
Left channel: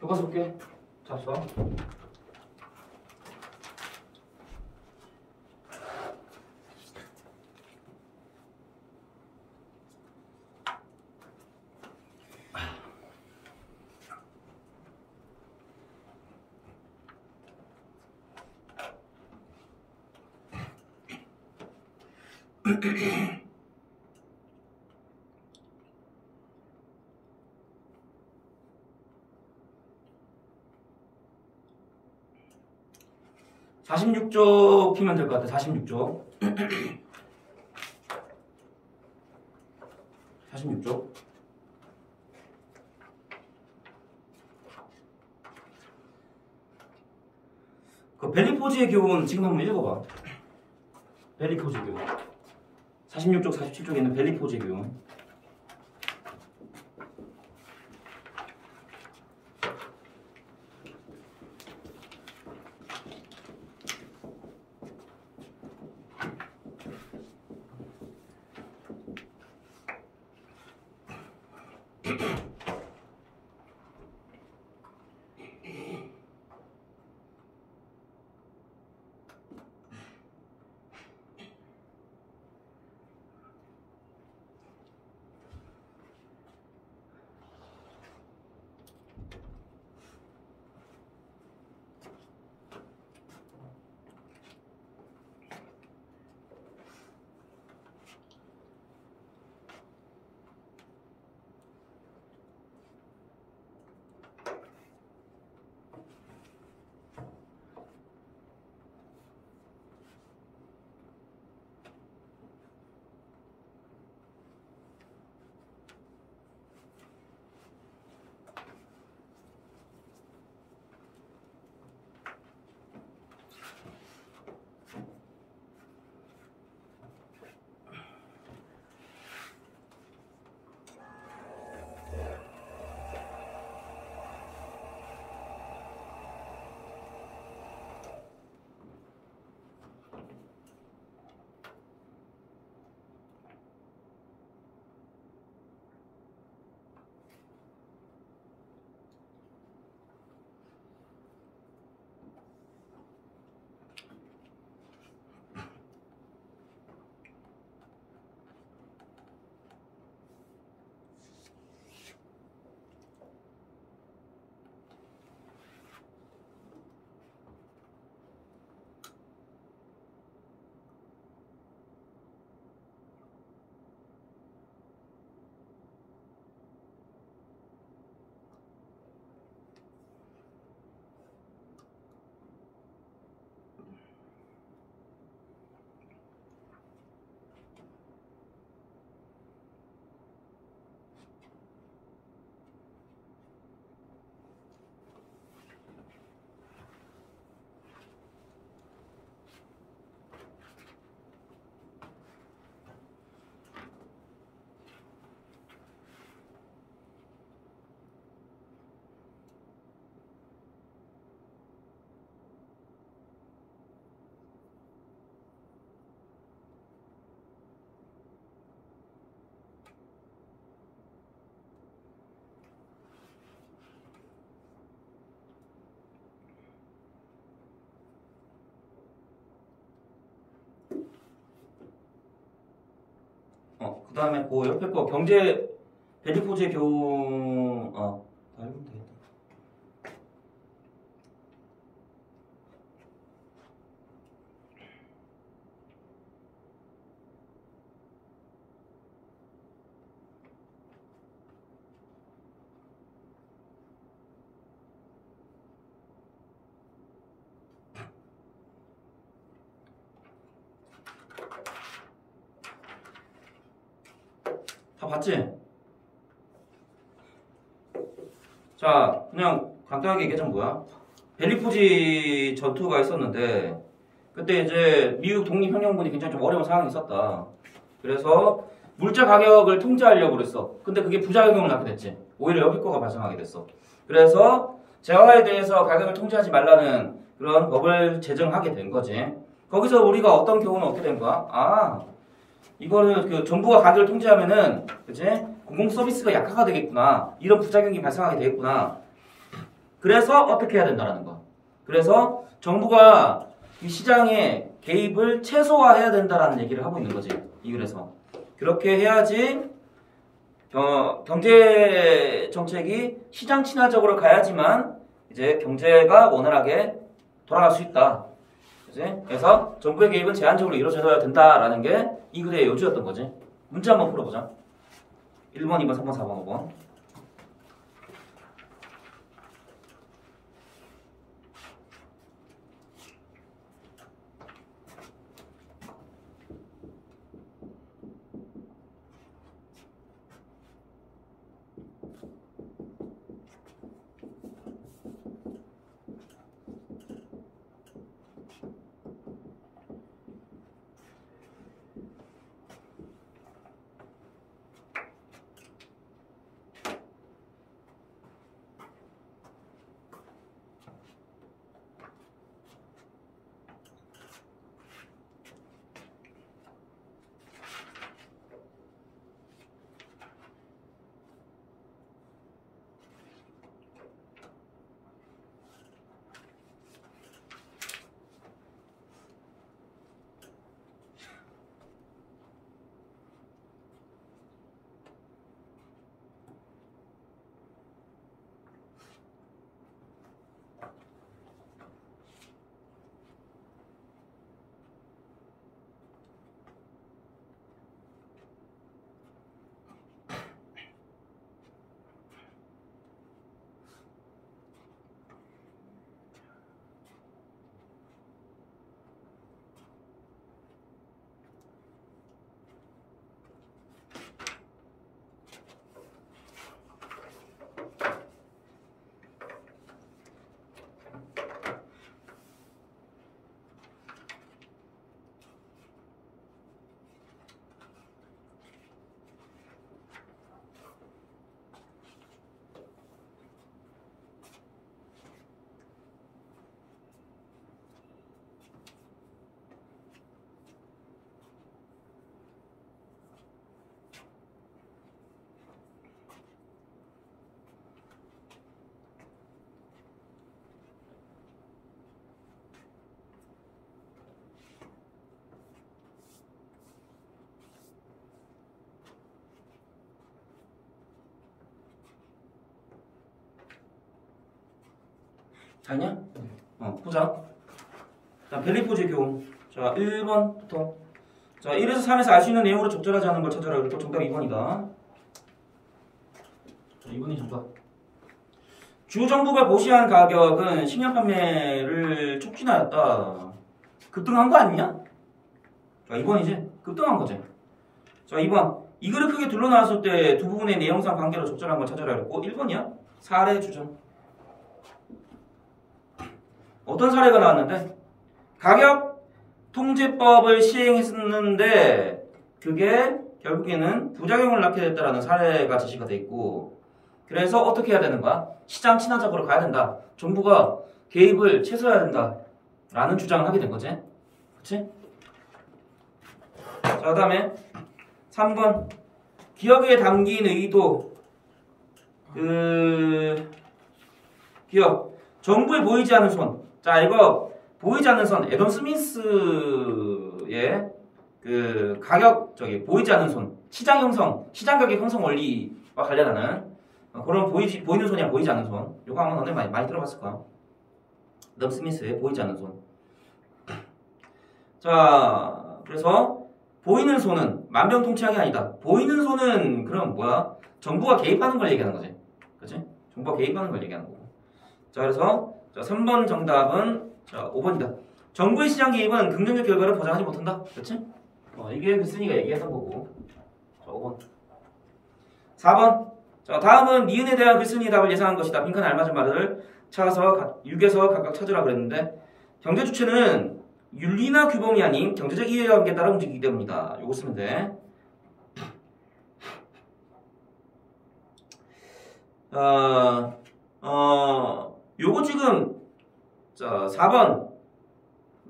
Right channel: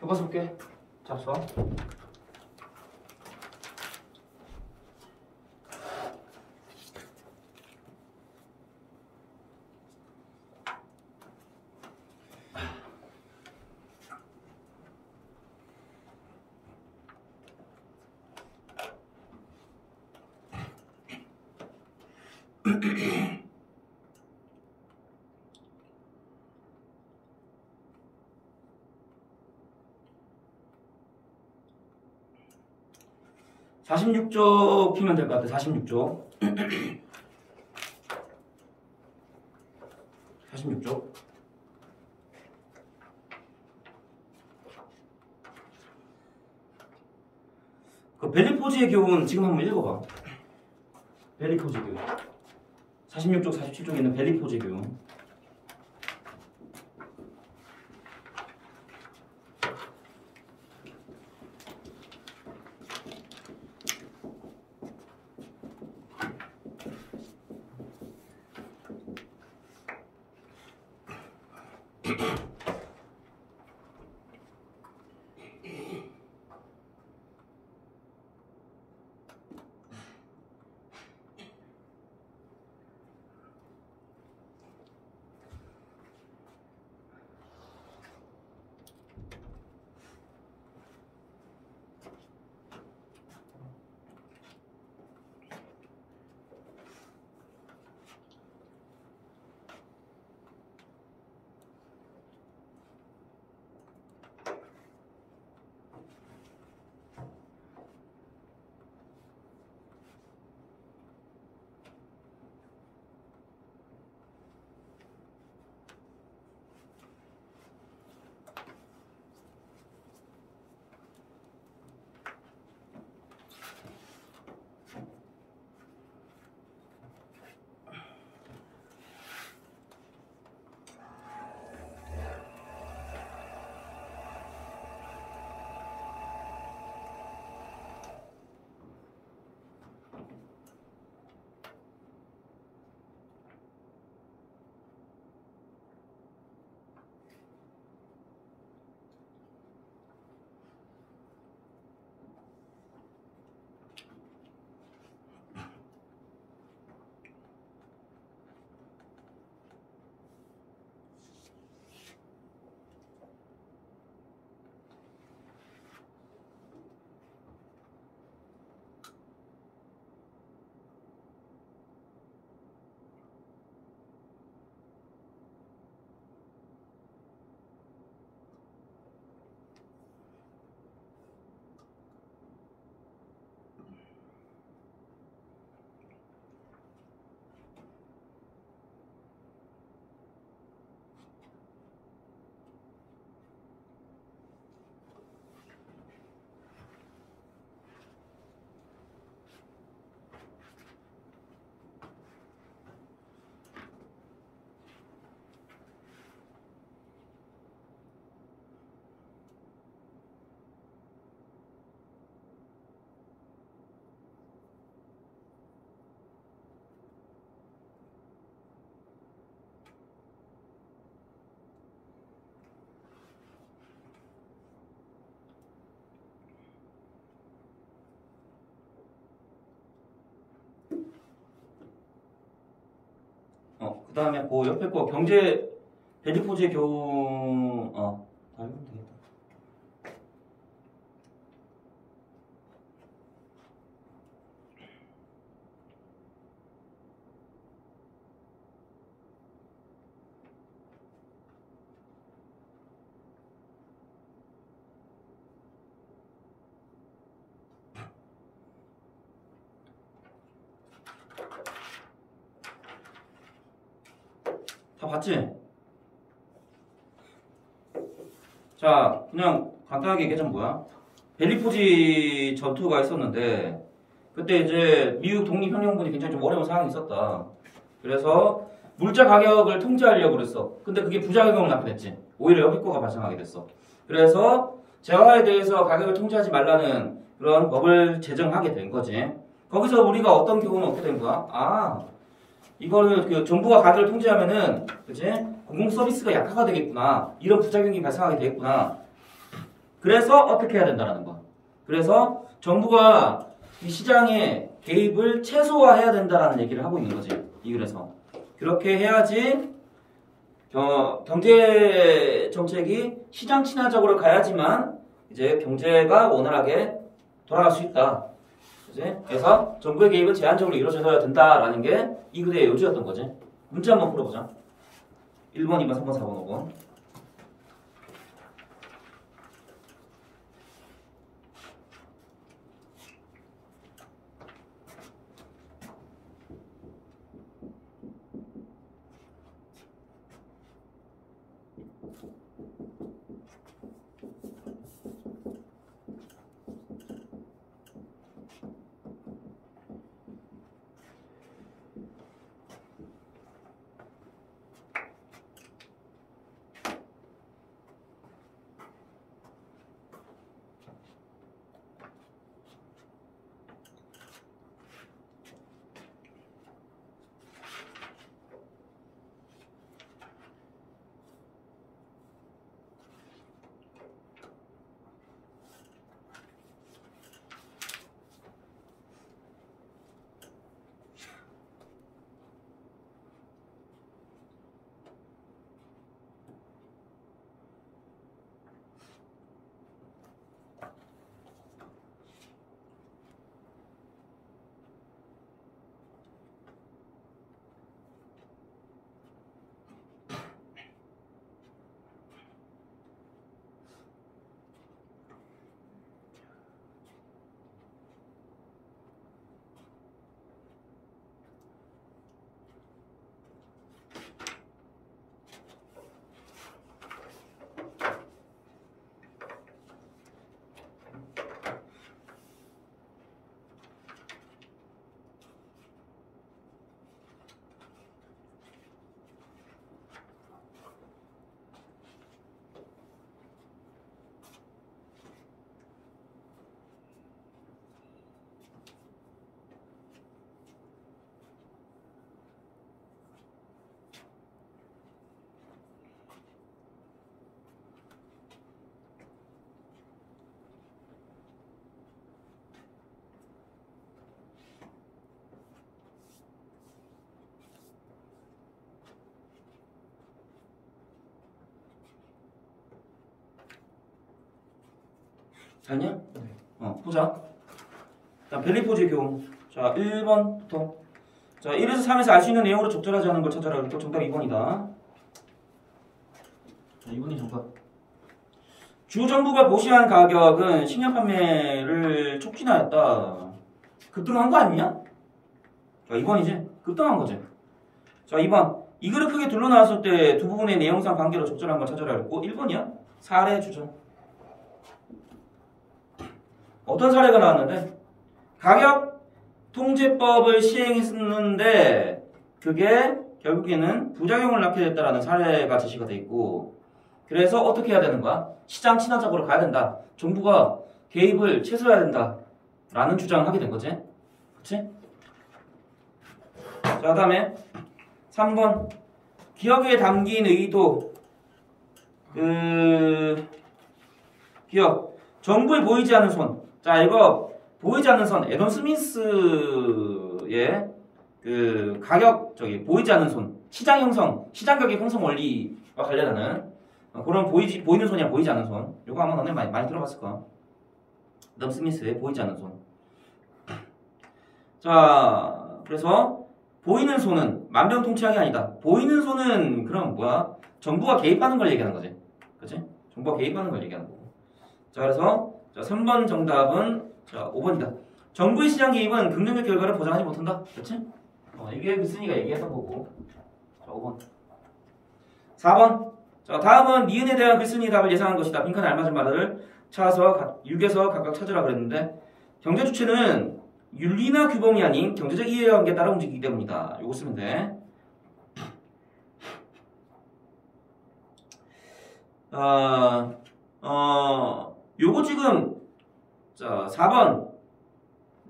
교과서 볼게. 잡서. (46쪽) 피면 될 것 같아. 46쪽. 46쪽. 그 벨리포즈의 교훈 지금 한번 읽어봐. 벨리포즈의 교훈. 46쪽, 47쪽에 있는 벨리포즈의 교훈. 그 다음에 그 옆에 거 경제 벨리포즈의 교훈 다 읽으면 되겠다. 다 봤지? 자, 그냥 간단하게 얘기하자면 뭐야? 벨리포지 전투가 있었는데 그때 이제 미국 독립혁명군이 굉장히 좀 어려운 상황이 있었다. 그래서 물자 가격을 통제하려고 그랬어. 근데 그게 부작용을 낳게 됐지. 오히려 역효과가 발생하게 됐어. 그래서 재화에 대해서 가격을 통제하지 말라는 그런 법을 제정하게 된 거지. 거기서 우리가 어떤 교훈은 어떻게 된 거야? 이거는 그 정부가 가격을 통제하면은 그치? 공공 서비스가 약화가 되겠구나. 이런 부작용이 발생하게 되겠구나. 그래서 어떻게 해야 된다라는 거. 그래서 정부가 이 시장의 개입을 최소화해야 된다라는 얘기를 하고 있는 거지. 이 글에서. 그렇게 해야지 경제 정책이 시장 친화적으로 가야지만 이제 경제가 원활하게 돌아갈 수 있다. 그치? 그래서 정부의 개입은 제한적으로 이루어져야 된다라는 게 이 글의 요지였던 거지. 문제 한번 풀어보자. 1번, 2번, 3번, 4번, 5번. 알냐? 보자. 자, 벨리포즈의 교훈. 자, 1번부터. 자, 1에서 3에서 알 수 있는 내용으로 적절하지 않은 걸 찾아라. 그리고 정답 2번이다. 자, 2번이 정답. 주 정부가 보시한 가격은 식량 판매를 촉진하였다. 급등한 거 아니냐? 자, 2번이지? 급등한 거지. 자, 2번. 이 글을 크게 둘러 나왔을 때 두 부분의 내용상 관계로 적절한 걸 찾아라. 그랬고 1번이야? 사례 주장. 어떤 사례가 나왔는데 가격 통제법을 시행했었는데 그게 결국에는 부작용을 낳게 됐다라는 사례가 제시가 돼 있고 그래서 어떻게 해야 되는 거야? 시장 친화적으로 가야 된다. 정부가 개입을 최소화해야 된다. 라는 주장을 하게 된 거지. 그치? 자, 그 다음에 3번 기억에 담긴 의도 기억 정부에 보이지 않는 손. 자, 이거 보이지 않는 선 애덤 스미스의 가격 보이지 않는 손 시장 형성 시장 가격 형성 원리와 관련하는 그런 보이는 손이야 보이지 않는 손. 이거 아마 너네 많이 들어봤을 거야. 애덤 스미스의 보이지 않는 손. 자, 그래서 보이는 손은 만병통치약이 아니다. 보이는 손은 그럼 뭐야? 정부가 개입하는 걸 얘기하는 거지. 그치? 정부가 개입하는 걸 얘기하는 거고. 자, 그래서 자, 3번 정답은 자, 5번이다. 정부의 시장 개입은 긍정적 결과를 보장하지 못한다. 그치? 이게 글쓴이가 얘기했던 거고. 자, 5번. 4번. 자, 다음은 니은에 대한 글쓴이 답을 예상한 것이다. 빈칸에 알맞은 말을 찾아서 6에서 각각 찾으라 그랬는데 경제 주체는 윤리나 규범이 아닌 경제적 이해관계에 따라 움직이기 때문이다. 요거 쓰면 돼. 요거 지금 자 4번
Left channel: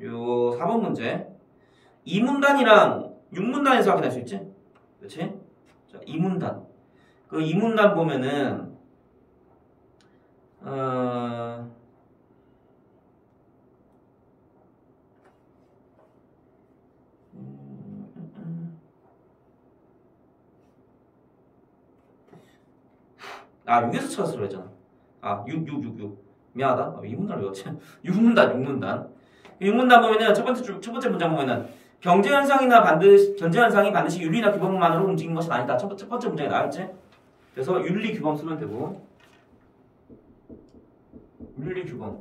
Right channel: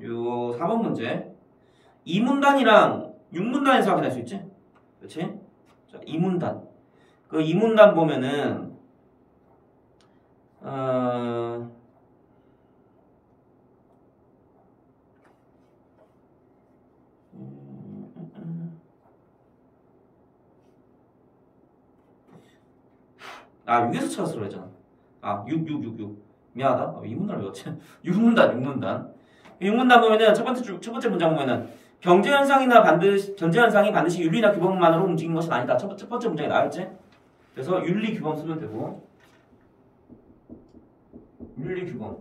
요 4번 문제 2문단이랑 6문단에서 확인할 수 있지? 그렇지? 자 2문단 그 2문단 보면은 아 6에서 찾았어 그랬잖아. 아 6 미안하다. 2문단을 외웠지. 6문단 6문단 보면은 첫 번째 문장 보면은 경제 현상이 반드시 윤리나 규범만으로 움직이는 것이 아니다. 첫 번째 문장에 나와있지. 그래서 윤리 규범 쓰면 되고 윤리 규범.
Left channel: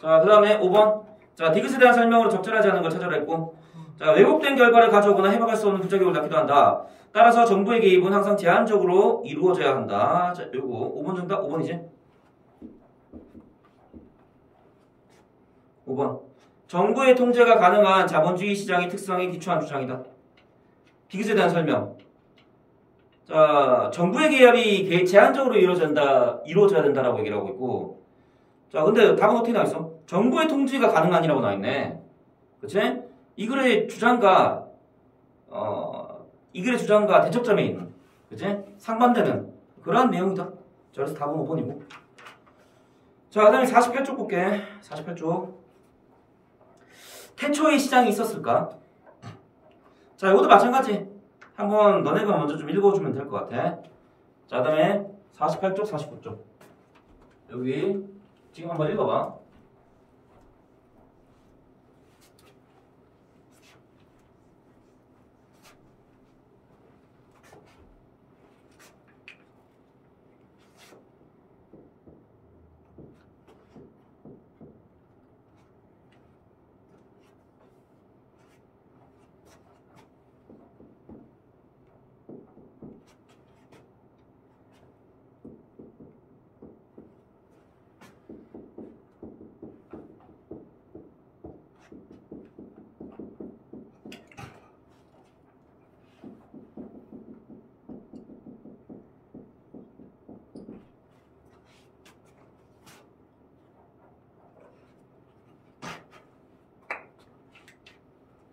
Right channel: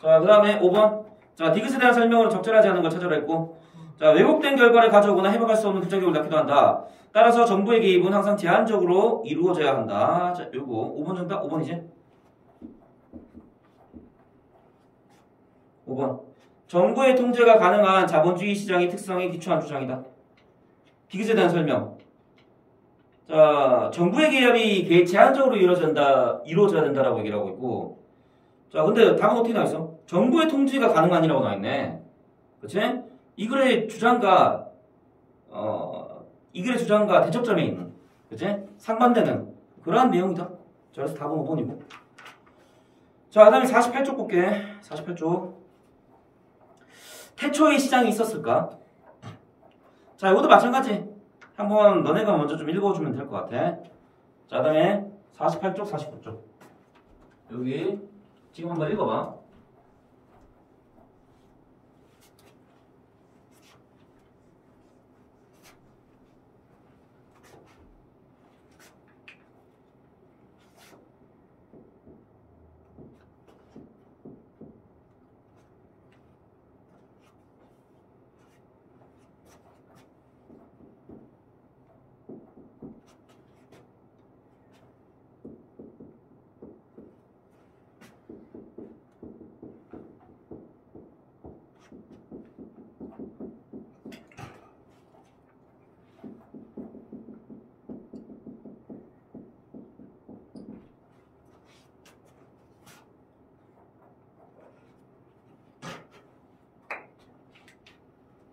자, 그 다음에 5번. 자, 디귿에 대한 설명으로 적절하지 않은 걸 찾아라 했고 자, 왜곡된 결과를 가져오거나 해박할 수 없는 부작용을 낳기도 한다. 따라서 정부의 개입은 항상 제한적으로 이루어져야 한다. 자, 요거 5번 정답 5번이지? 5번. 정부의 통제가 가능한 자본주의 시장의 특성에 기초한 주장이다. 디귿에 대한 설명. 자, 정부의 개입이 제한적으로 이루어져야 된다라고 얘기를 하고 있고 자, 근데 답은 어떻게 나와있어? 정부의 통제가 가능한이라고 나와있네. 그치? 이 글의 주장과 대척점에 있는 그치? 상반되는 그러한 내용이다. 자, 그래서 답은 5번이고 자, 그 다음에 48쪽 볼게. 48쪽 태초에 시장이 있었을까? 자, 이것도 마찬가지. 한번 너네가 먼저 좀 읽어주면 될 것 같아. 자, 그 다음에 48쪽 49쪽 여기 지금 한번 읽어봐.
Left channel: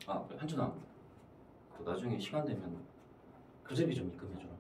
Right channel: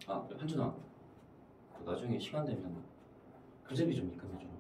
아, 현준아, 나중에 시간 되면 교재비 좀 입금해줘.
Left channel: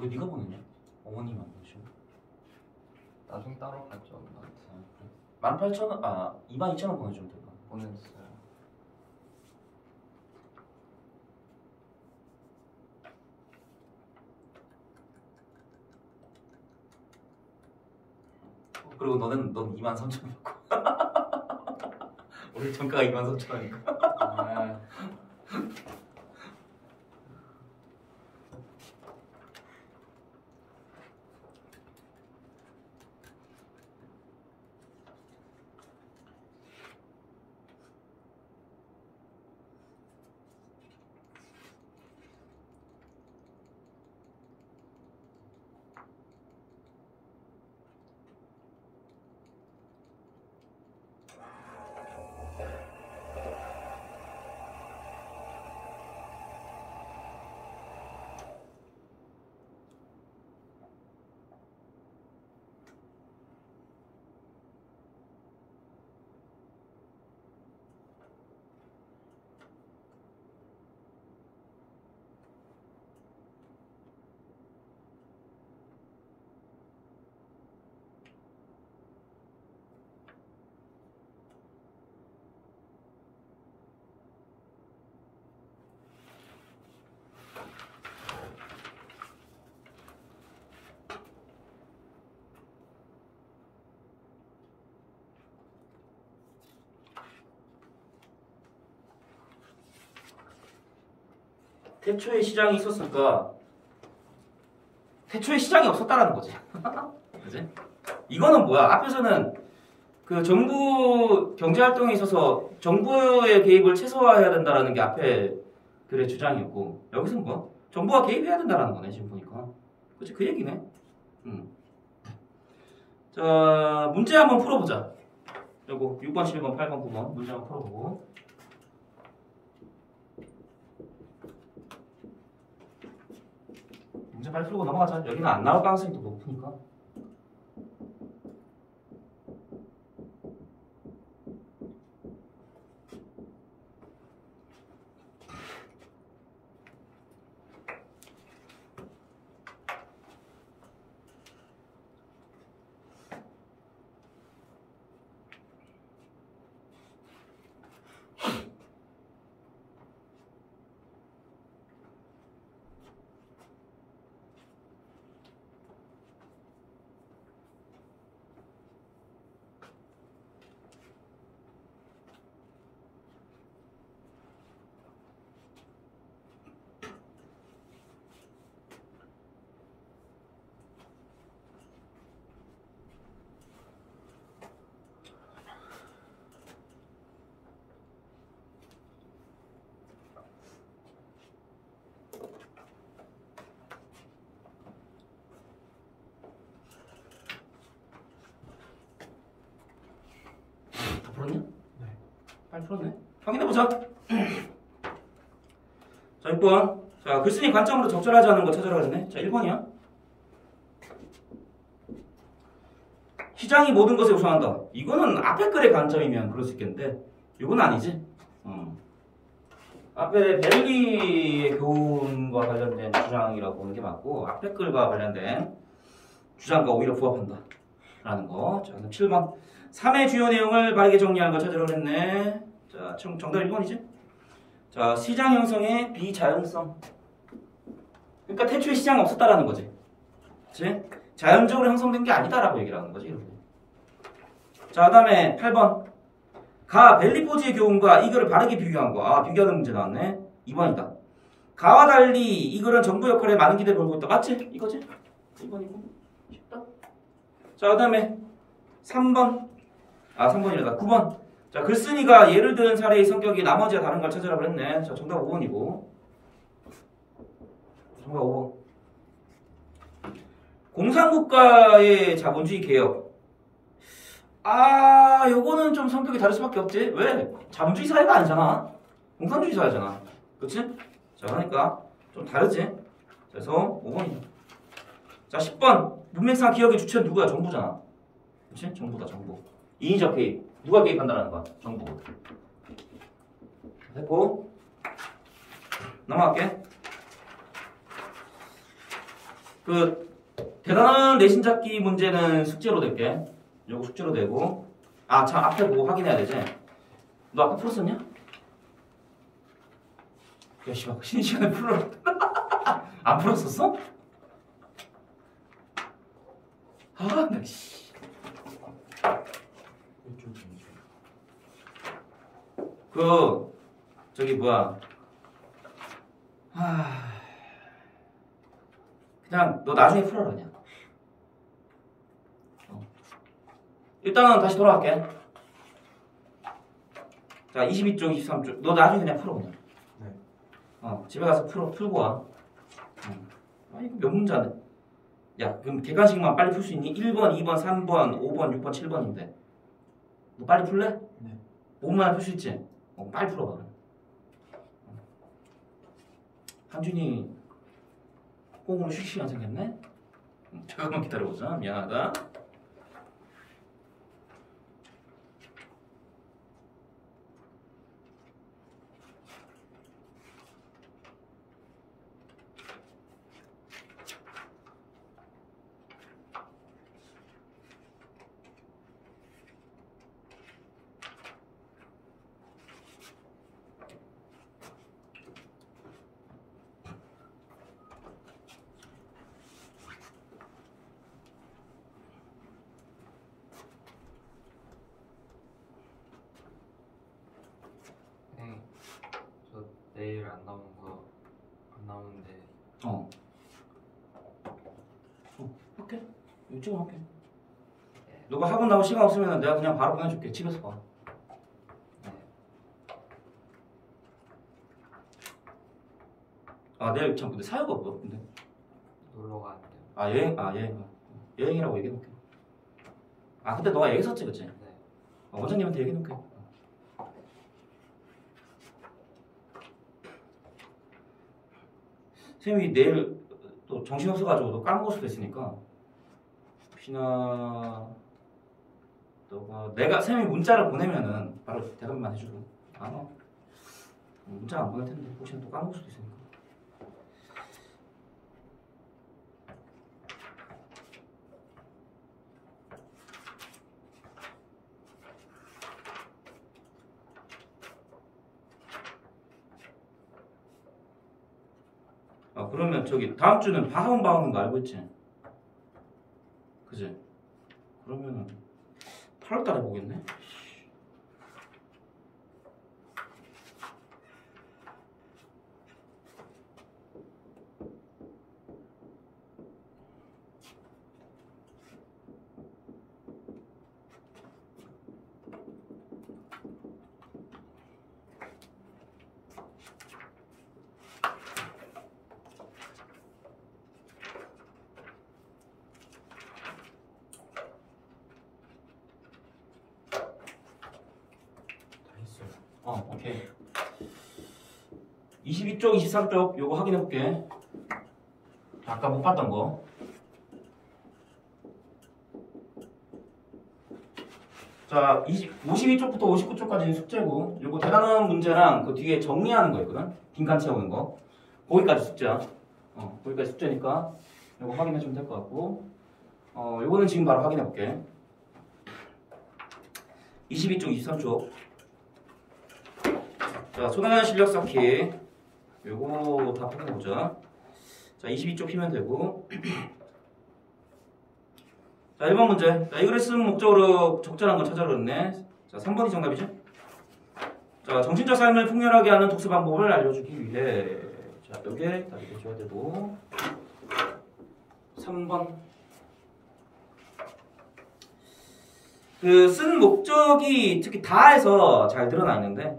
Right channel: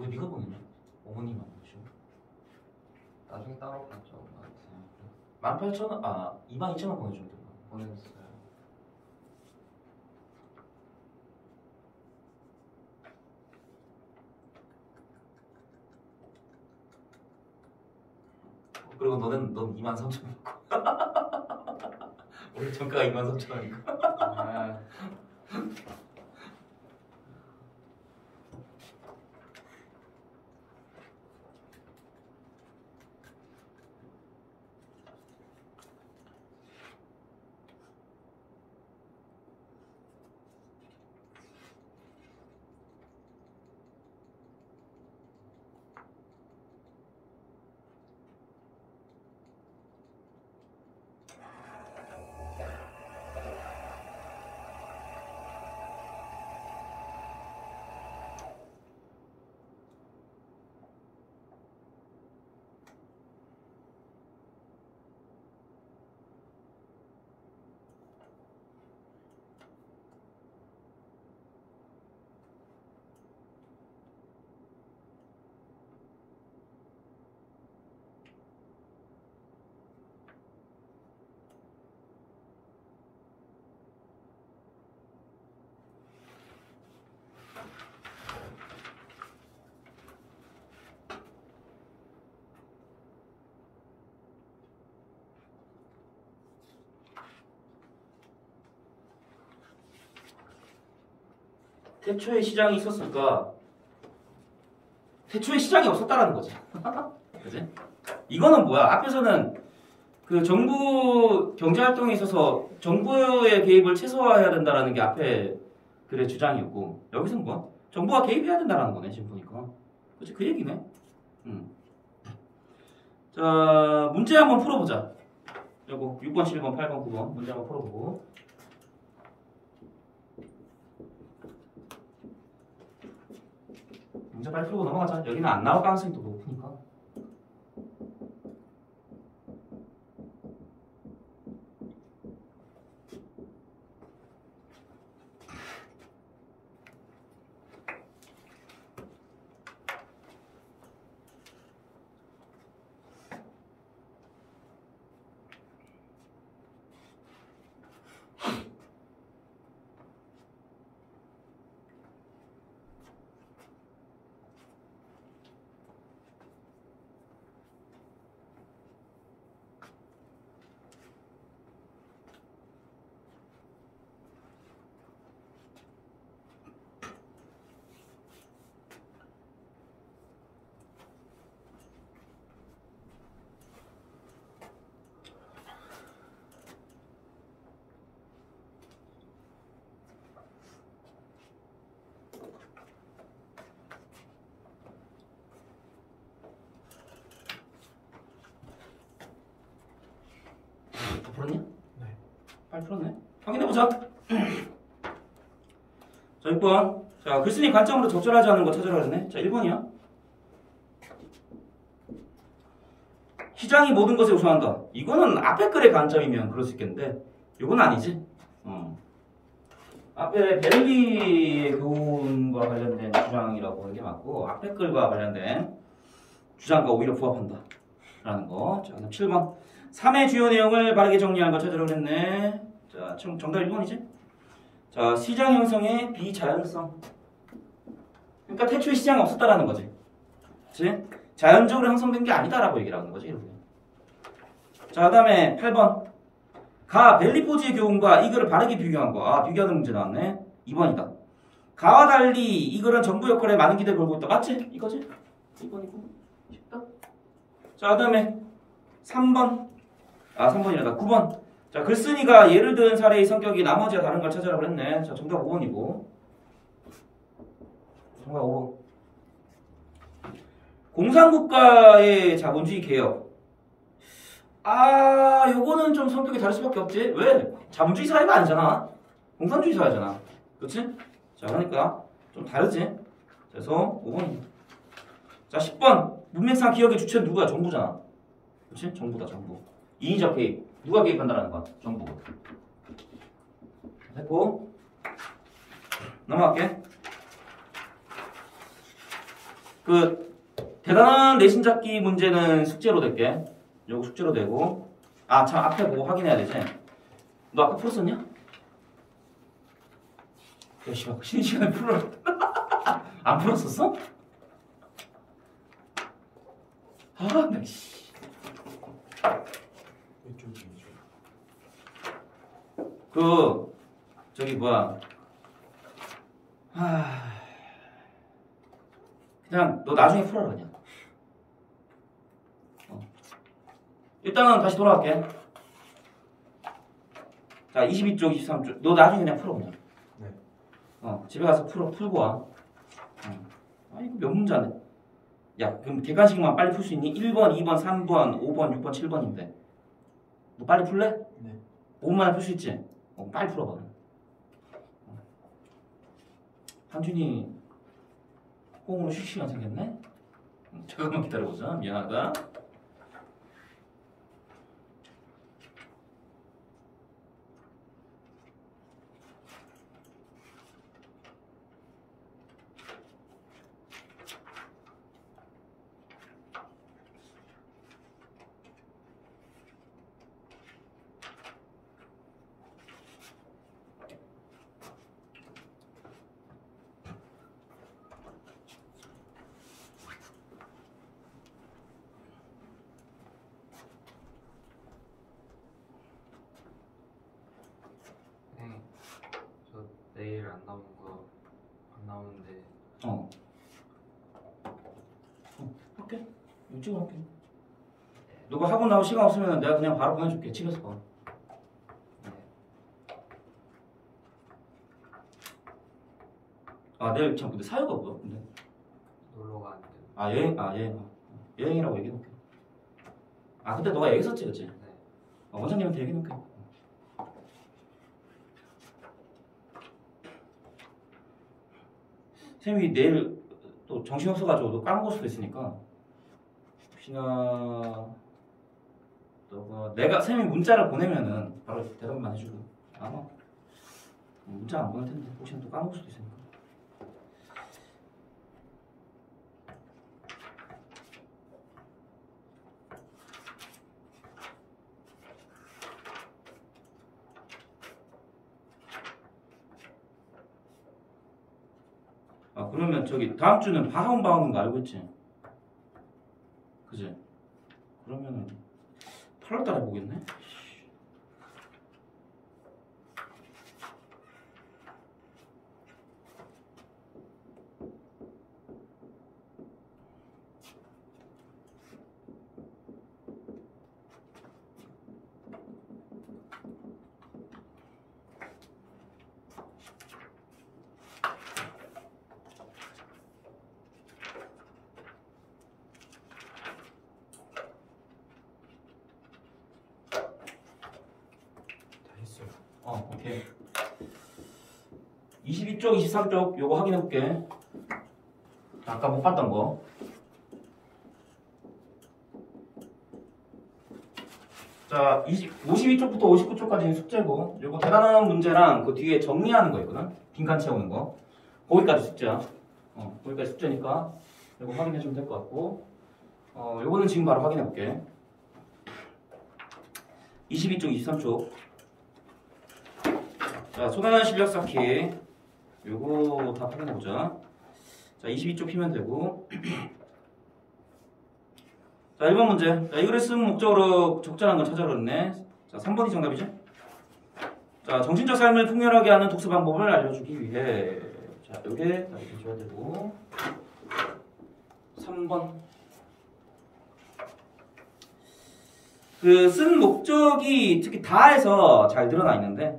왜 네가 보냈냐? 어머님 아니죠? 나중에 따로 봤죠. 18,000원, 22,000원 보내주면 돼요. 보냈어요. 그리고 넌 23,000원이고 우리 정가가 23,000원이고 아, 태초에 시장이 있었을까? 태초에 시장이 없었다라는 거지. 그지? 이거는 뭐야? 앞에서는 그 정부 경제 활동에 있어서 정부의 개입을 최소화해야 된다라는 게 앞에 글의 주장이었고, 여기서는 뭐? 정부가 개입해야 된다라는 거네, 지금 보니까. 그치? 그 얘기네. 자, 문제 한번 풀어보자. 요거 6번, 11번, 8번, 9번 문제 한번 풀어보고. 문제 빨리 풀고 넘어가자. 여기는 안 나올 가능성이 더 높으니까. 다 풀었냐? 네. 빨리 풀었네. 확인해보자. 자, 6번. 자, 글쓴이 관점으로 적절하지 않은 거 찾으라 그랬네. 자, 1번이야. 시장이 모든 것에 우선한다. 이거는 앞에 글의 관점이면 그럴 수 있겠는데, 이건 아니지. 앞에 벨리의 교훈과 관련된 주장이라고 보는 게 맞고, 앞에 글과 관련된 주장과 오히려 부합한다. 라는 거. 자, 그다음 7번. 3의 주요 내용을 바르게 정리하는 걸 찾으라고 그랬네. 자, 정답 1번이지? 자, 시장 형성의 비자연성. 그러니까 태초에 시장이 없었다라는 거지. 그치? 자연적으로 형성된 게 아니다라고 얘기를 하는 거지. 이렇게. 자, 그 다음에 8번. 가 벨리포즈의 교훈과 이 글을 바르게 비교한 거. 비교하는 문제 나왔네. 2번이다. 가와 달리 이 글은 정부 역할에 많은 기대를 걸고 있다. 맞지? 이거지? 2번이고. 쉽다. 자, 그 다음에 3번. 3번이라다. 9번. 자, 글쓴이가 예를 든 사례의 성격이 나머지와 다른 걸 찾으라 그랬네. 자, 정답 5번이고. 정답 5번. 공산국가의 자본주의 개혁. 요거는 좀 성격이 다를 수밖에 없지. 왜? 자본주의 사회가 아니잖아. 공산주의 사회잖아. 그치? 자, 그러니까 좀 다르지. 그래서 5번이다. 자, 10번. 문맥상 기억의 주체는 누구야? 정부잖아. 그치? 정부다, 정부. 인위적 개입. 누가 개입한다는 거야? 정부. 됐고. 넘어갈게. 그 대단한 내신 잡기 문제는 숙제로 될게. 요거 숙제로 되고. 아, 참 앞에 보고 확인해야 되지. 너 아까 풀었었냐? 야, 씨발, 쉬는 시간에 풀어. 안 풀었었어? 아, 나 씨. 그 저기 뭐야? 그냥 너 나중에 풀어라 그냥. 일단은 다시 돌아갈게. 자, 22쪽, 23쪽. 너 나중에 그냥 풀어 그냥. 네. 집에 가서 풀고 와. 아니 이거 몇 문제 안 돼. 야, 그럼 객관식만 빨리 풀 수 있니? 1번, 2번, 3번, 5번, 6번, 7번인데. 너 빨리 풀래? 네. 5분 만에 풀 수 있지? 빨리 풀어봐 그럼. 한준이 꽁으로 쉬 시간 생겼네? 잠깐만 기다려보자. 미안하다. 네. 저 내일 안 나오는 거 안 나오는데 할게. 이쪽으로 할게. 너가 학원 나올 시간 없으면 내가 그냥 바로 보내줄게. 집에서 봐. 아, 내일 참 근데 사유가 뭐야? 근데 놀러 가는데요. 아, 여행이라고 얘기해놓게. 아, 근데 너가 여기 있었지, 그치? 네. 원장님한테 얘기해놓게. 쌤이 내일 또 정신없어가지고 너 까먹을 수도 있으니까 혹시나 너가 내가 쌤이 문자를 보내면은 바로 대답만 해주고 아마 문자 안 보낼 텐데 혹시나 또 까먹을 수도 있으니까. 아, 그러면 저기 다음 주는 학원 방학인 거 알고 있지? 그지? 그러면은 8월 달에 보겠네? 오케이. 22쪽, 23쪽 요거 확인해 볼게. 아까 못 봤던 거. 자, 52쪽부터 59쪽까지는 숙제고 요거 대단한 문제랑 그 뒤에 정리하는 거 있거든? 빈칸 채우는 거. 거기까지 숙제야. 거기까지 숙제니까 요거 확인해 주면 될 것 같고 요거는 지금 바로 확인해 볼게. 22쪽, 23쪽. 자, 손하나 실력 쌓기 요거 다 확인해보자. 자, 22쪽 피면 되고 자, 1번 문제. 자, 이거를 쓴 목적으로 적절한 건 찾아라 그랬네. 자, 3번이 정답이죠? 자, 정신적 삶을 풍요하게 하는 독서 방법을 알려주기 위해 자, 요게 답이 돼줘야 되고 3번 그 쓴 목적이 특히 다에서 잘 드러나 있는데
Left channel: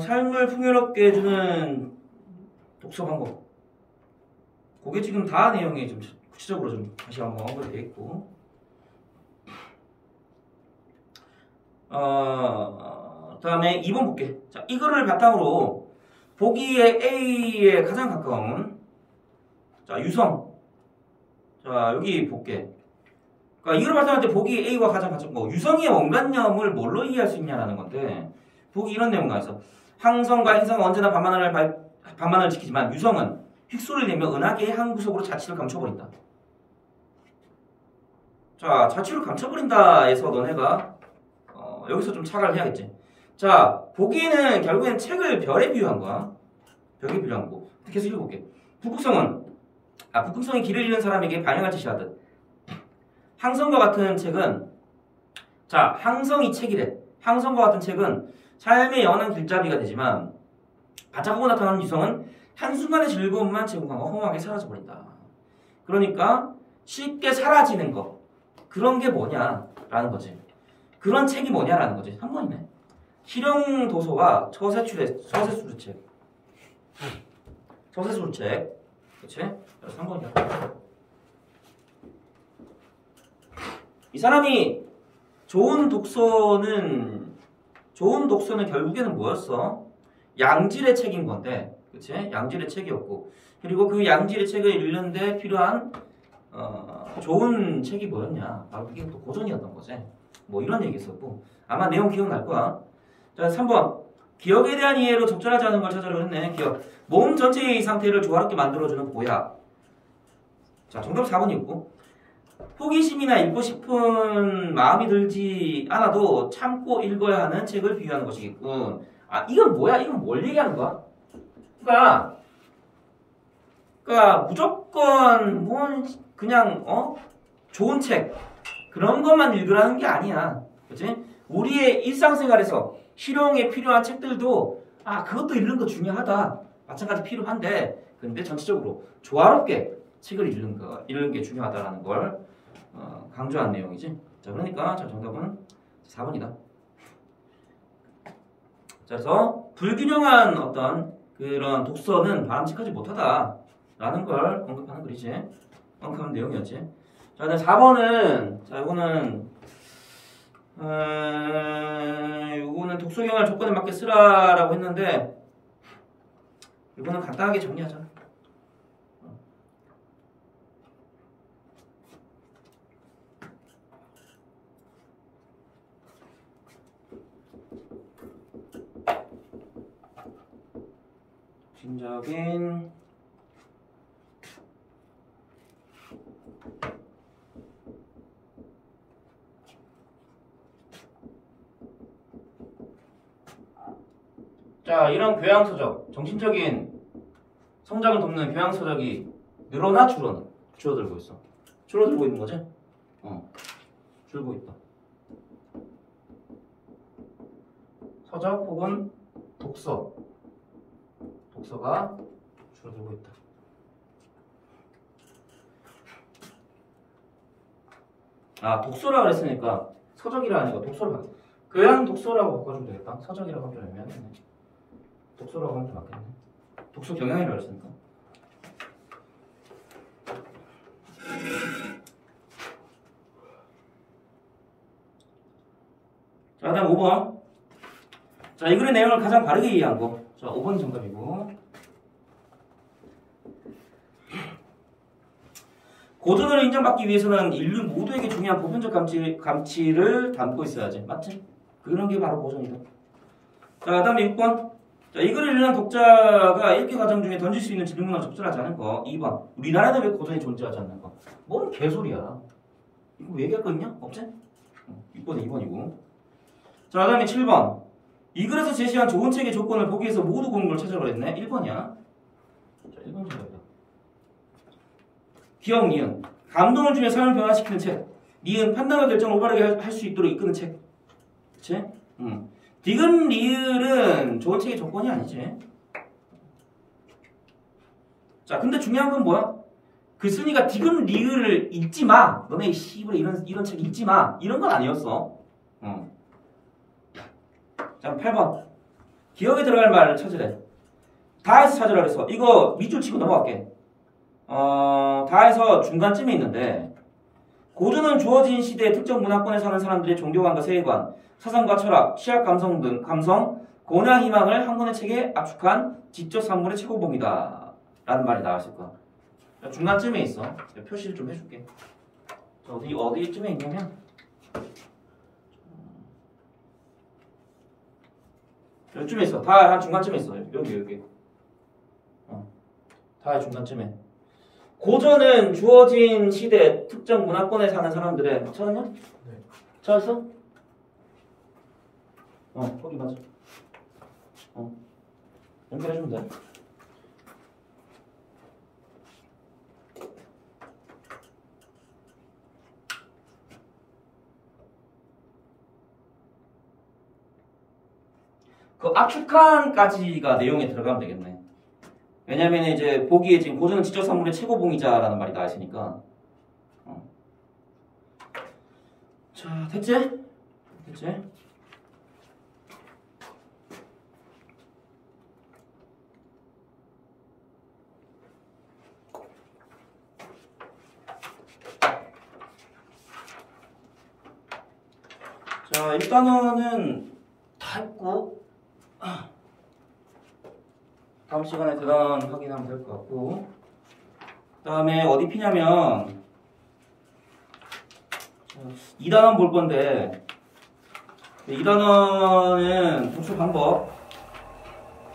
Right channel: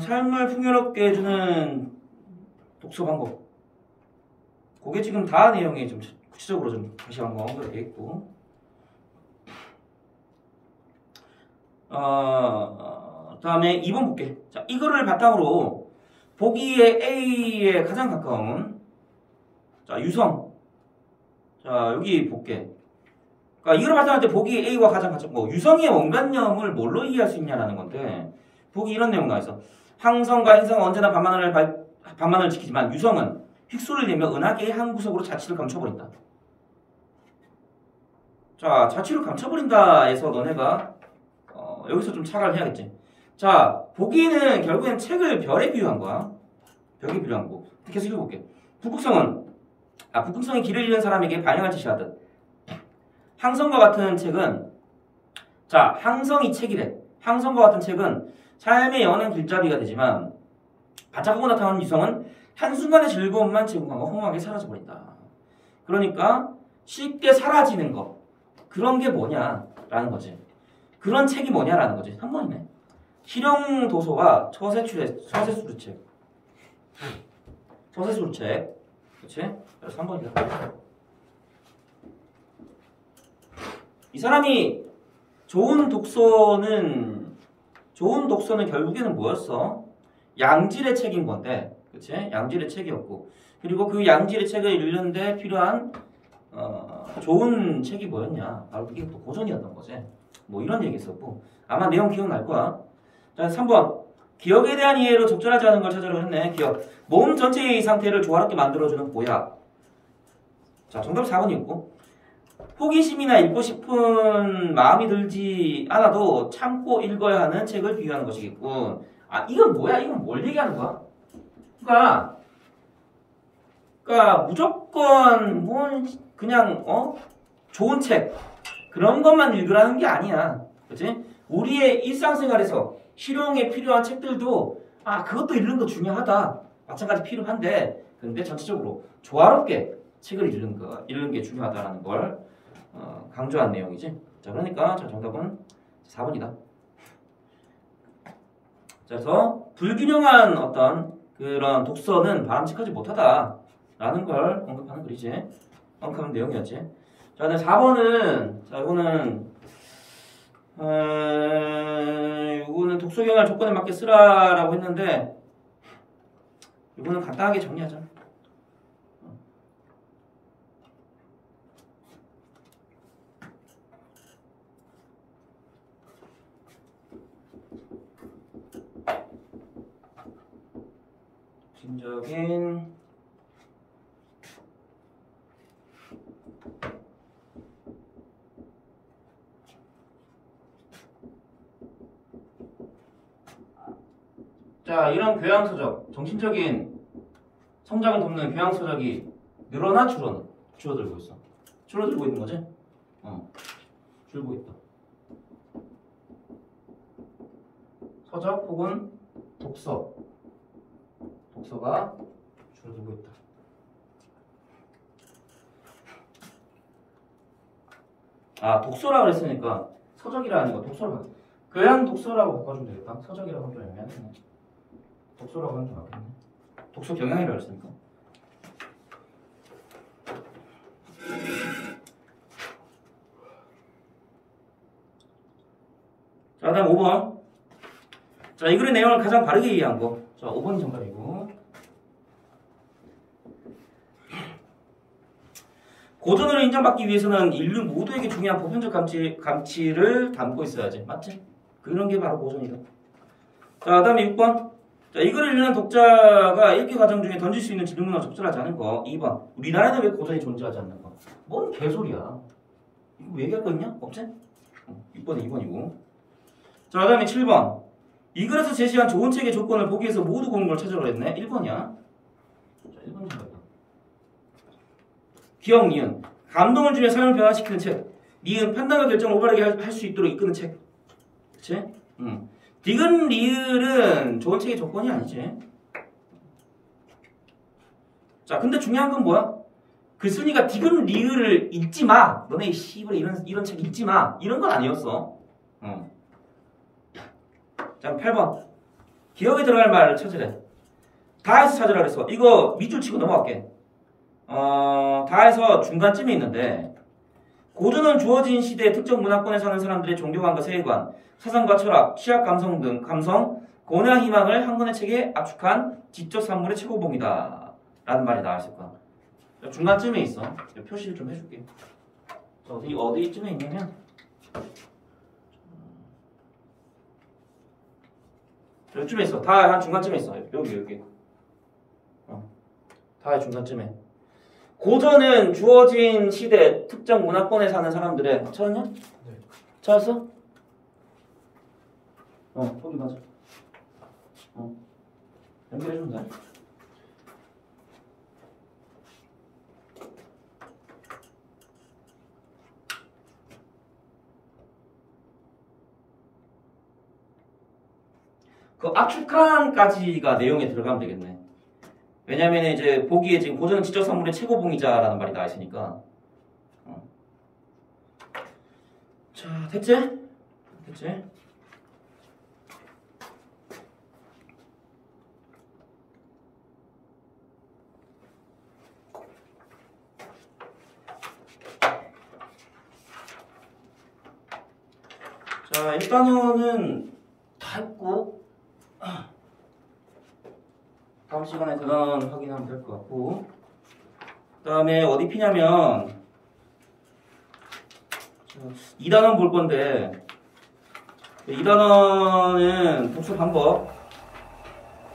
삶을 풍요롭게 해주는 독서 방법. 그게 지금 다 내용이 좀 구체적으로 좀 다시 한번 언급이 되어 있고. 다음에 2번 볼게. 자, 이거를 바탕으로 보기에 A에 가장 가까운 자, 유성. 자, 여기 볼게. 그러니까 이거를 바탕할 때 보기 A와 가장 가까운 거. 유성의 원관념을 뭘로 이해할 수 있냐라는 건데 보기 이런 내용 나와 있어. 항성과 행성은 언제나 반만을 지키지만 유성은 휙소를 내며 은하계의 한 구석으로 자취를 감춰버린다. 자, 자취를 감춰버린다에서 너네가 여기서 좀 착안을 해야겠지. 자, 보기는 결국엔 책을 별에 비유한 거야. 별에 비유한 거고. 계속 읽어볼게. 북극성이 길을 잃은 사람에게 방향을 제시하듯 항성과 같은 책은 자, 항성이 책이래. 항성과 같은 책은 삶의 영원한 길잡이가 되지만 반짝하고 나타나는 유성은 한순간의 즐거움만 제공하고 허무하게 사라져버린다. 그러니까 쉽게 사라지는 거. 그런 게 뭐냐라는 거지. 그런 책이 뭐냐라는 거지. 3번이네. 실용도서와 처세수루책. 처세수루책. 그치? 3번이야. 이 사람이 좋은 독서는 결국에는 뭐였어? 양질의 책인 건데, 그치? 양질의 책이었고, 그리고 그 양질의 책을 읽는데 필요한 좋은 책이 뭐였냐? 바로 그게 또 고전이었던 거지. 뭐 이런 얘기 있었고, 아마 내용 기억날 거야. 자, 3번. 기억에 대한 이해로 적절하지 않은 걸 찾으려고 했네. 기억. 몸 전체의 상태를 조화롭게 만들어주는 보약. 자, 정답 4번이었고. 호기심이나 읽고 싶은 마음이 들지 않아도 참고 읽어야 하는 책을 비유하는 것이겠군. 아, 이건 뭐야? 이건 뭘 얘기하는 거야? 그러니까 무조건 그냥 좋은 책 그런 것만 읽으라는 게 아니야. 그렇지? 우리의 일상생활에서 실용에 필요한 책들도 그것도 읽는 거 중요하다. 마찬가지 필요한데 근데 전체적으로 조화롭게 책을 읽는 게 중요하다라는 걸 강조한 내용이지. 자, 그러니까 정답은 4번이다. 자, 그래서 불균형한 어떤 그런 독서는 바람직하지 못하다라는 걸 언급하는 글이지. 언급하는 내용이었지. 자, 그다음 4번은 이거는 독서 경향 조건에 맞게 쓰라라고 했는데 이거는 간단하게 정리하자. 적인 자, 이런 교양서적, 정신적인 성장을 돕는 교양서적이 늘어나 줄어들고 있어. 줄어들고 있는 거지? 줄고 있다. 서적 혹은 독서가 줄어들고 있다. 독서라 그랬으니까 서적이라 아니고 독서라. 교양 독서라고 바꿔주면 되겠다. 서적이라고 하면 애매하네. 독서라고 하는 게 맞겠네. 독서 경향이라 그랬으니까. 자, 다음 5번. 자, 이 글의 내용을 가장 바르게 이해한 거. 자, 5번이 정답이고. 고전으로 인정받기 위해서는 인류 모두에게 중요한 보편적 가치를 담고 있어야지. 맞지? 그런 게 바로 고전이다. 자, 다음에 6번. 자, 이 글을 읽는 독자가 읽기 과정 중에 던질 수 있는 질문은 적절하지 않은 거. 2번. 우리나라는 왜 고전이 존재하지 않는 거? 뭔 개소리야. 이거 얘기할 거 있냐? 없지? 6번이 2번이고. 자, 다음에 7번. 이 글에서 제시한 좋은 책의 조건을 보기에서 모두 고른 걸 찾으라고 했네. 1번이야. 자, 1번 좀 봐봐. 기억, 니은. 감동을 주며 삶을 변화시키는 책. 니은. 판단과 결정을 올바르게 할 수 있도록 이끄는 책. 그치? 디귿, 리을은 좋은 책의 조건이 아니지. 자, 근데 중요한 건 뭐야? 글쓴이가 디귿, 리을을 읽지 마. 너네 씨발 이런 책 읽지 마. 이런 건 아니었어. 자, 8번. 기억에 들어갈 말을 찾으래. 다에서 찾으라 그랬어. 이거 밑줄 치고 넘어갈게. 다에서 중간쯤에 있는데 고전은 주어진 시대의 특정 문화권에 사는 사람들의 종교관과 세계관, 사상과 철학, 취약 감성 등 고뇌와 희망을 한 권의 책에 압축한 지적 산물의 최고봉이다 라는 말이 나왔을 거야. 중간쯤에 있어. 표시를 좀 해줄게. 어디쯤에 있냐면 요쯤에 있어. 다 한 중간쯤에 있어. 여기. 다 중간쯤에. 고전은 주어진 시대 특정 문화권에 사는 사람들의 찾았냐? 네. 찾았어? 거기 맞아. 연결해주면 돼. 그 압축한까지가 내용에 들어가면 되겠네. 왜냐면 이제 보기에 지금 고전은 지적 산물의 최고봉이자라는 말이 나와 있으니까. 자, 됐지? 자, 1단원은 다 했고 다음 시간에 대단원 확인하면 될 것 같고, 그 다음에 어디 피냐면 2단원 볼 건데, 2단원은 독서 방법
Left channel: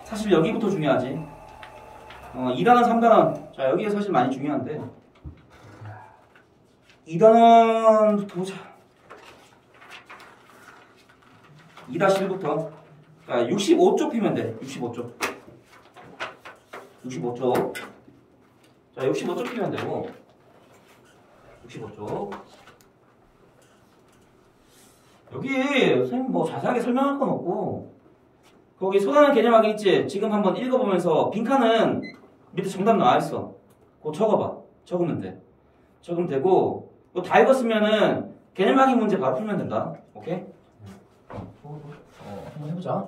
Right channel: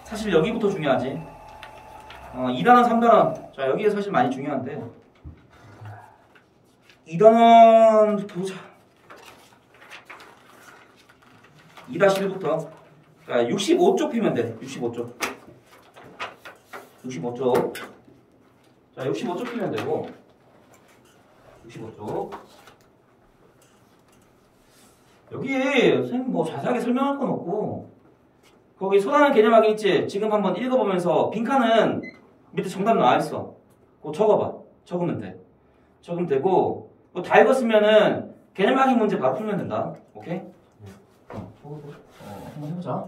사실 여기부터 중요하지. 2단원 3단원 자 여기가 사실 많이 중요한데 2단원 보자. 2-1부터 65쪽 피면 돼. 65쪽 자 65쪽 피면 되고 65쪽 여기 선생님 뭐 자세하게 설명할 건 없고 거기 소라는 개념 확인 있지? 지금 한번 읽어보면서 빈칸은 밑에 정답 나와있어. 그거 적어봐. 적으면 되고 뭐 다 읽었으면은 개념 확인 문제 바로 풀면 된다. 오케이? 한번 해보자.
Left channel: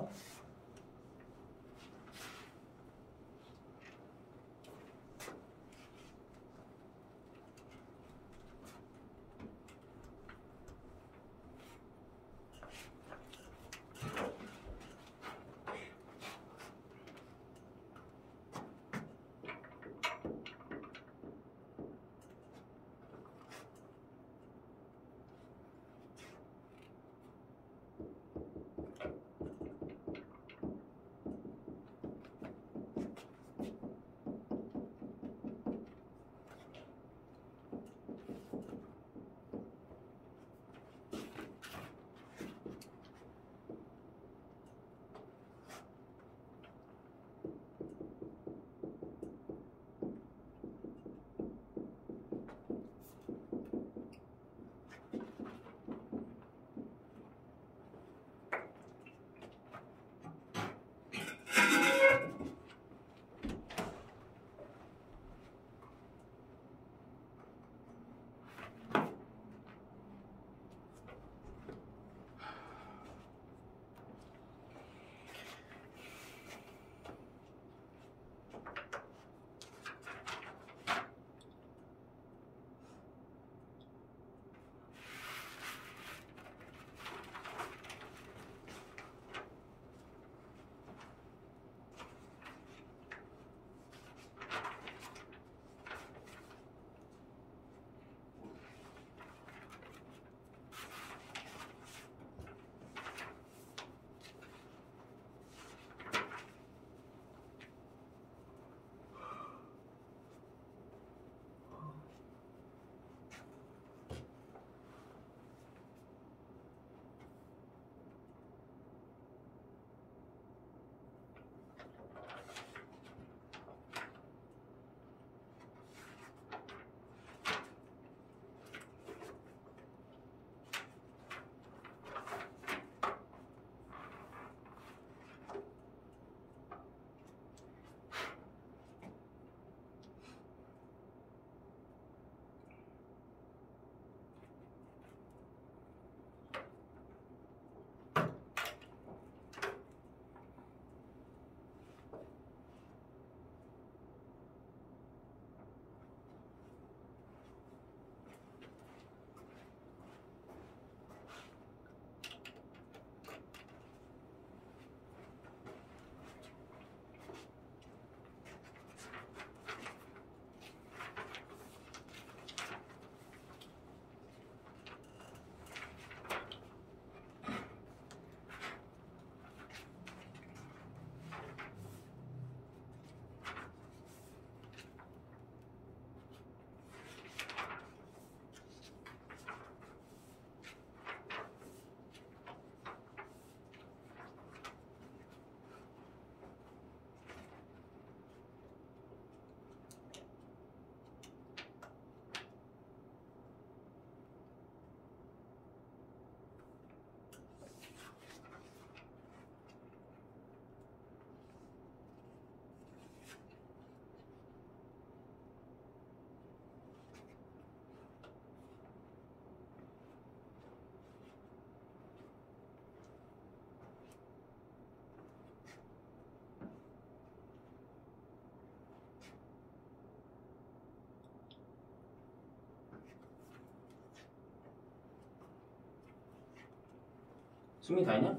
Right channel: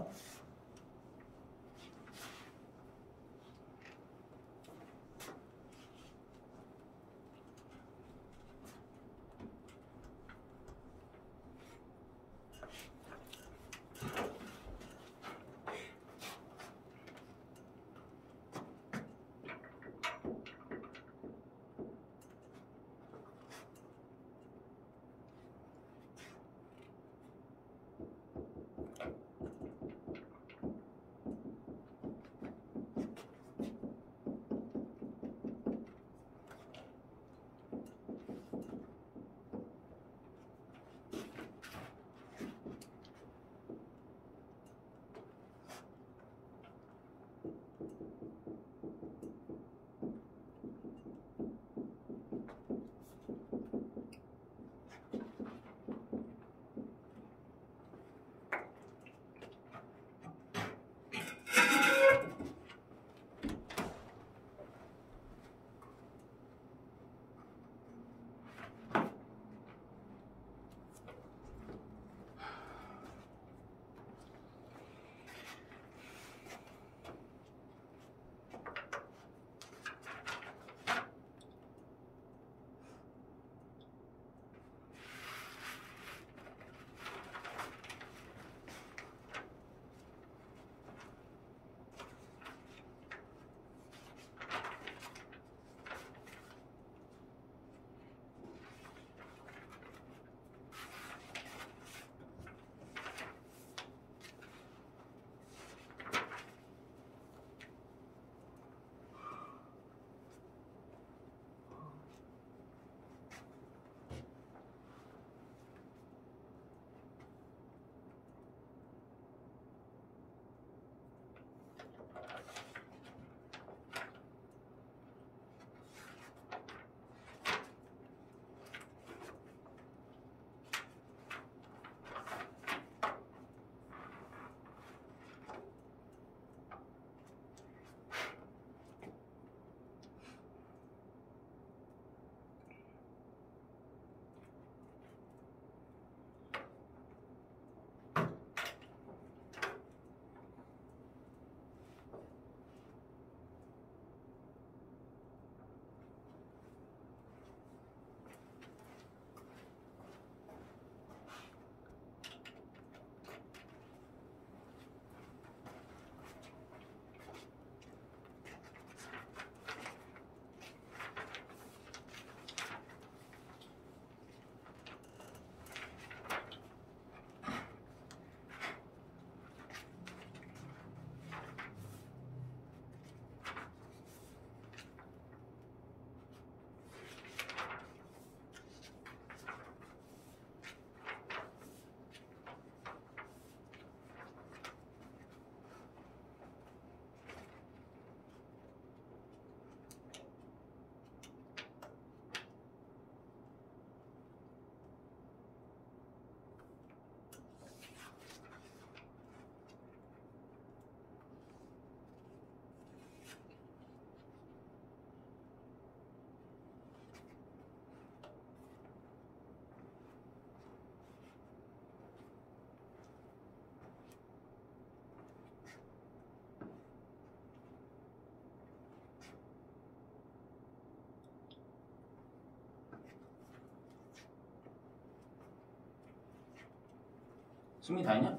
승민이 다 했냐?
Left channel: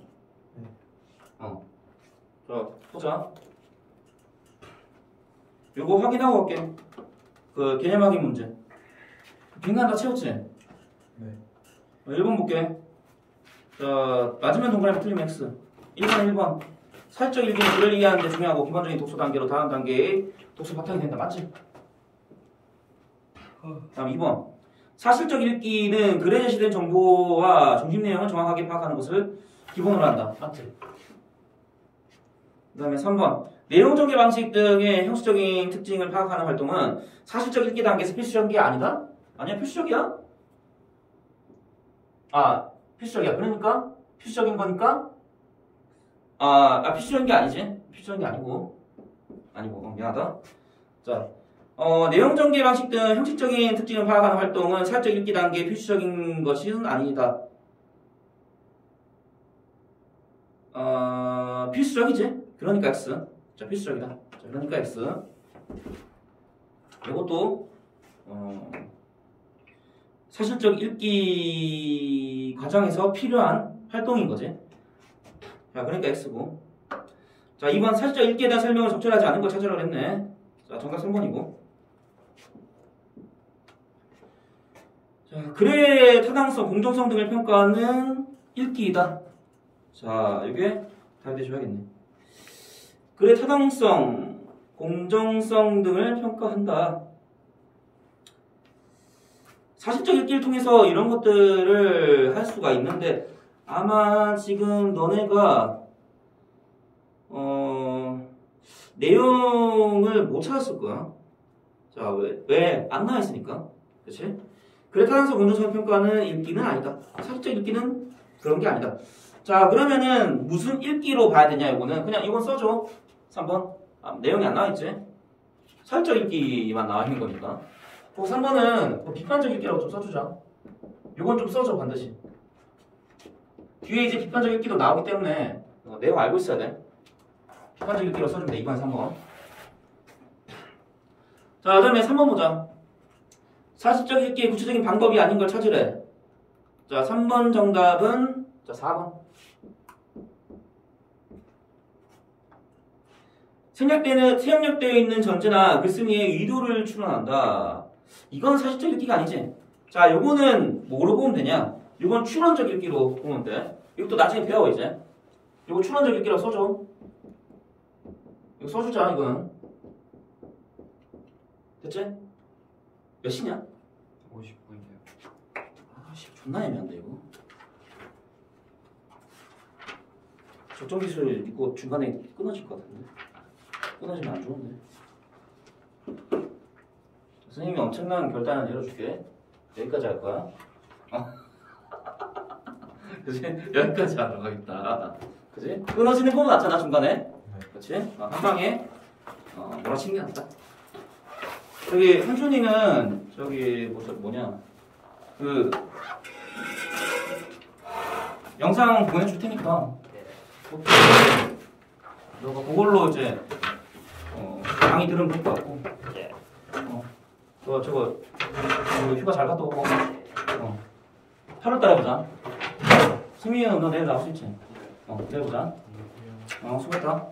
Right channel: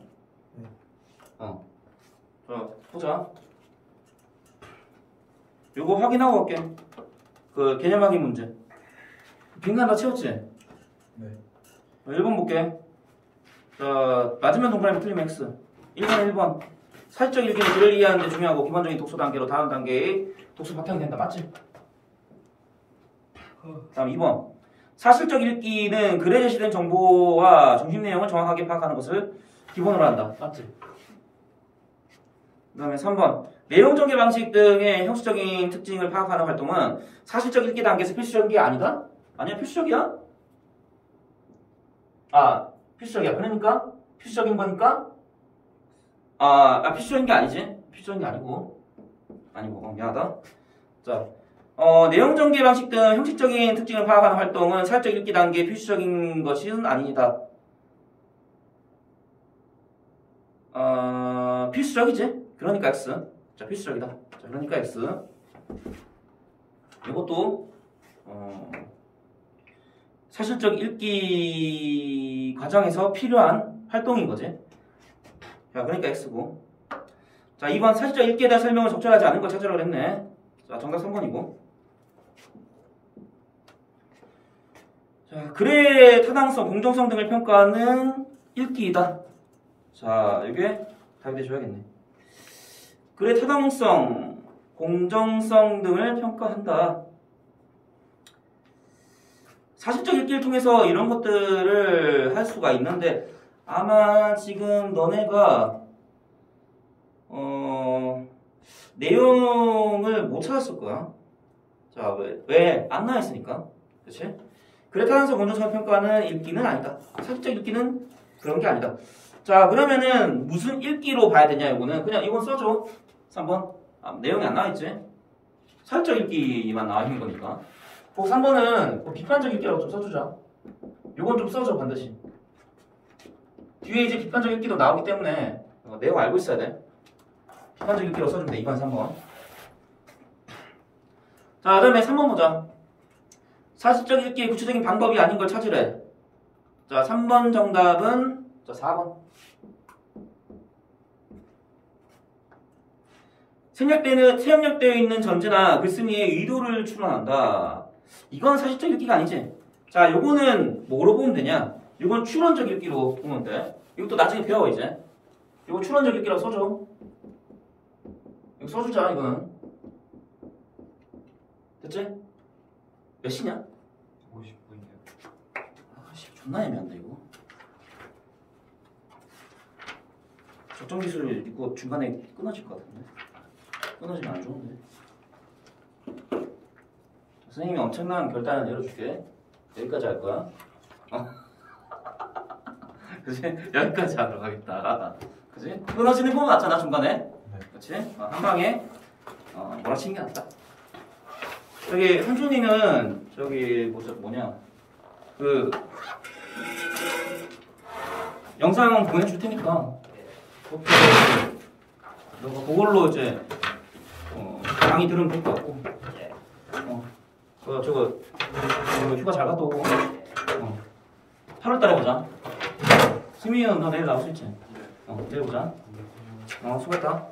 네. 자, 보자. 요거 확인하고 갈게. 그 개념 확인 문제. 빈칸 다 채웠지? 네. 1번 볼게. 자, 맞으면 동그라미 틀리면 X. 1번. 사실적 읽기는 글을 이해하는 데 중요하고 기본적인 독서 단계로 다음 단계의 독서 바탕이 된다. 맞지? 다음 2번. 사실적 읽기는 글에 제시된 정보와 중심 내용을 정확하게 파악하는 것을 기본으로 한다. 맞지? 그 다음에 3번. 내용 전개 방식 등의 형식적인 특징을 파악하는 활동은 사실적 읽기 단계에서 필수적인 게 아니다? 아니야, 필수적이야? 필수적이야. 그러니까 필수적인 거니까 필수적인 게 아니지. 필수적인 게 아니고 미안하다. 자, 내용 전개 방식 등 형식적인 특징을 파악하는 활동은 사실적 읽기 단계의 필수적인 것은 아니다. 필수적이지. 그러니까 X. 자, 필수적이다. 자, 그러니까 X. 이것도 사실적 읽기 과정에서 필요한 활동인 거지. 자, 그러니까 X고. 자, 2번 사실적 읽기에 대한 설명을 적절하지 않은 걸 찾으라고 했네. 자, 정답 3번이고. 자, 글의 타당성, 공정성 등을 평가하는 읽기이다. 자, 이게 답이 돼줘야겠네. 글의 타당성, 공정성 등을 평가한다. 사실적 읽기를 통해서 이런 것들을 할 수가 있는데 아마 지금 너네가 내용을 못 찾았을 거야. 자, 왜? 안 나와 있으니까. 그치? 글의 타당성, 공정성 평가는 읽기는 아니다. 사실적 읽기는 그런 게 아니다. 자, 그러면은 무슨 읽기로 봐야 되냐, 이거는. 그냥 이건 써줘. 3번. 내용이 안 나와 있지? 사실적 읽기만 나와 있는 거니까. 3번은 비판적 읽기라고 좀 써주자. 요건 좀 써줘, 반드시. 뒤에 이제 비판적 읽기도 나오기 때문에 내용 알고 있어야 돼. 비판적 읽기로 써주면 돼. 2번, 3번. 자, 그 다음에 3번 보자. 사실적 읽기의 구체적인 방법이 아닌 걸 찾으래. 자, 3번 정답은 4번. 생략되어 있는 전제나 글쓴이의 의도를 추론한다. 이건 사실적 읽기가 아니지. 자, 요거는 뭐로 보면 되냐? 이건 추론적 읽기로 보면 돼. 이것도 나중에 배워 이제. 이거 추론적 읽기라고 써줘. 이거 써주자 이거는. 됐지? 몇 시냐? 50분이요. 존나 애매한데 이거. 적정 기술을 이거 중간에 끊어질 것 같은데. 끊어지면 안 좋은데. 선생님이 엄청난 결단을 내려줄게. 여기까지 할 거야. 그치? 여기까지 하도록 하겠다. 그치? 끊어지는 거 맞잖아, 중간에. 네. 그치? 한 방에, 몰아치는 게 낫다. 저기, 현준이는, 뭐냐. 영상 보내줄 테니까. 너가 그걸로 이제, 강의 들으면 될 것 같고. 저거 휴가 잘 갔다 오고. 8월달에 보자. 수민이는 너 내일 나올 수 있지? 내일 보자. 수고했다.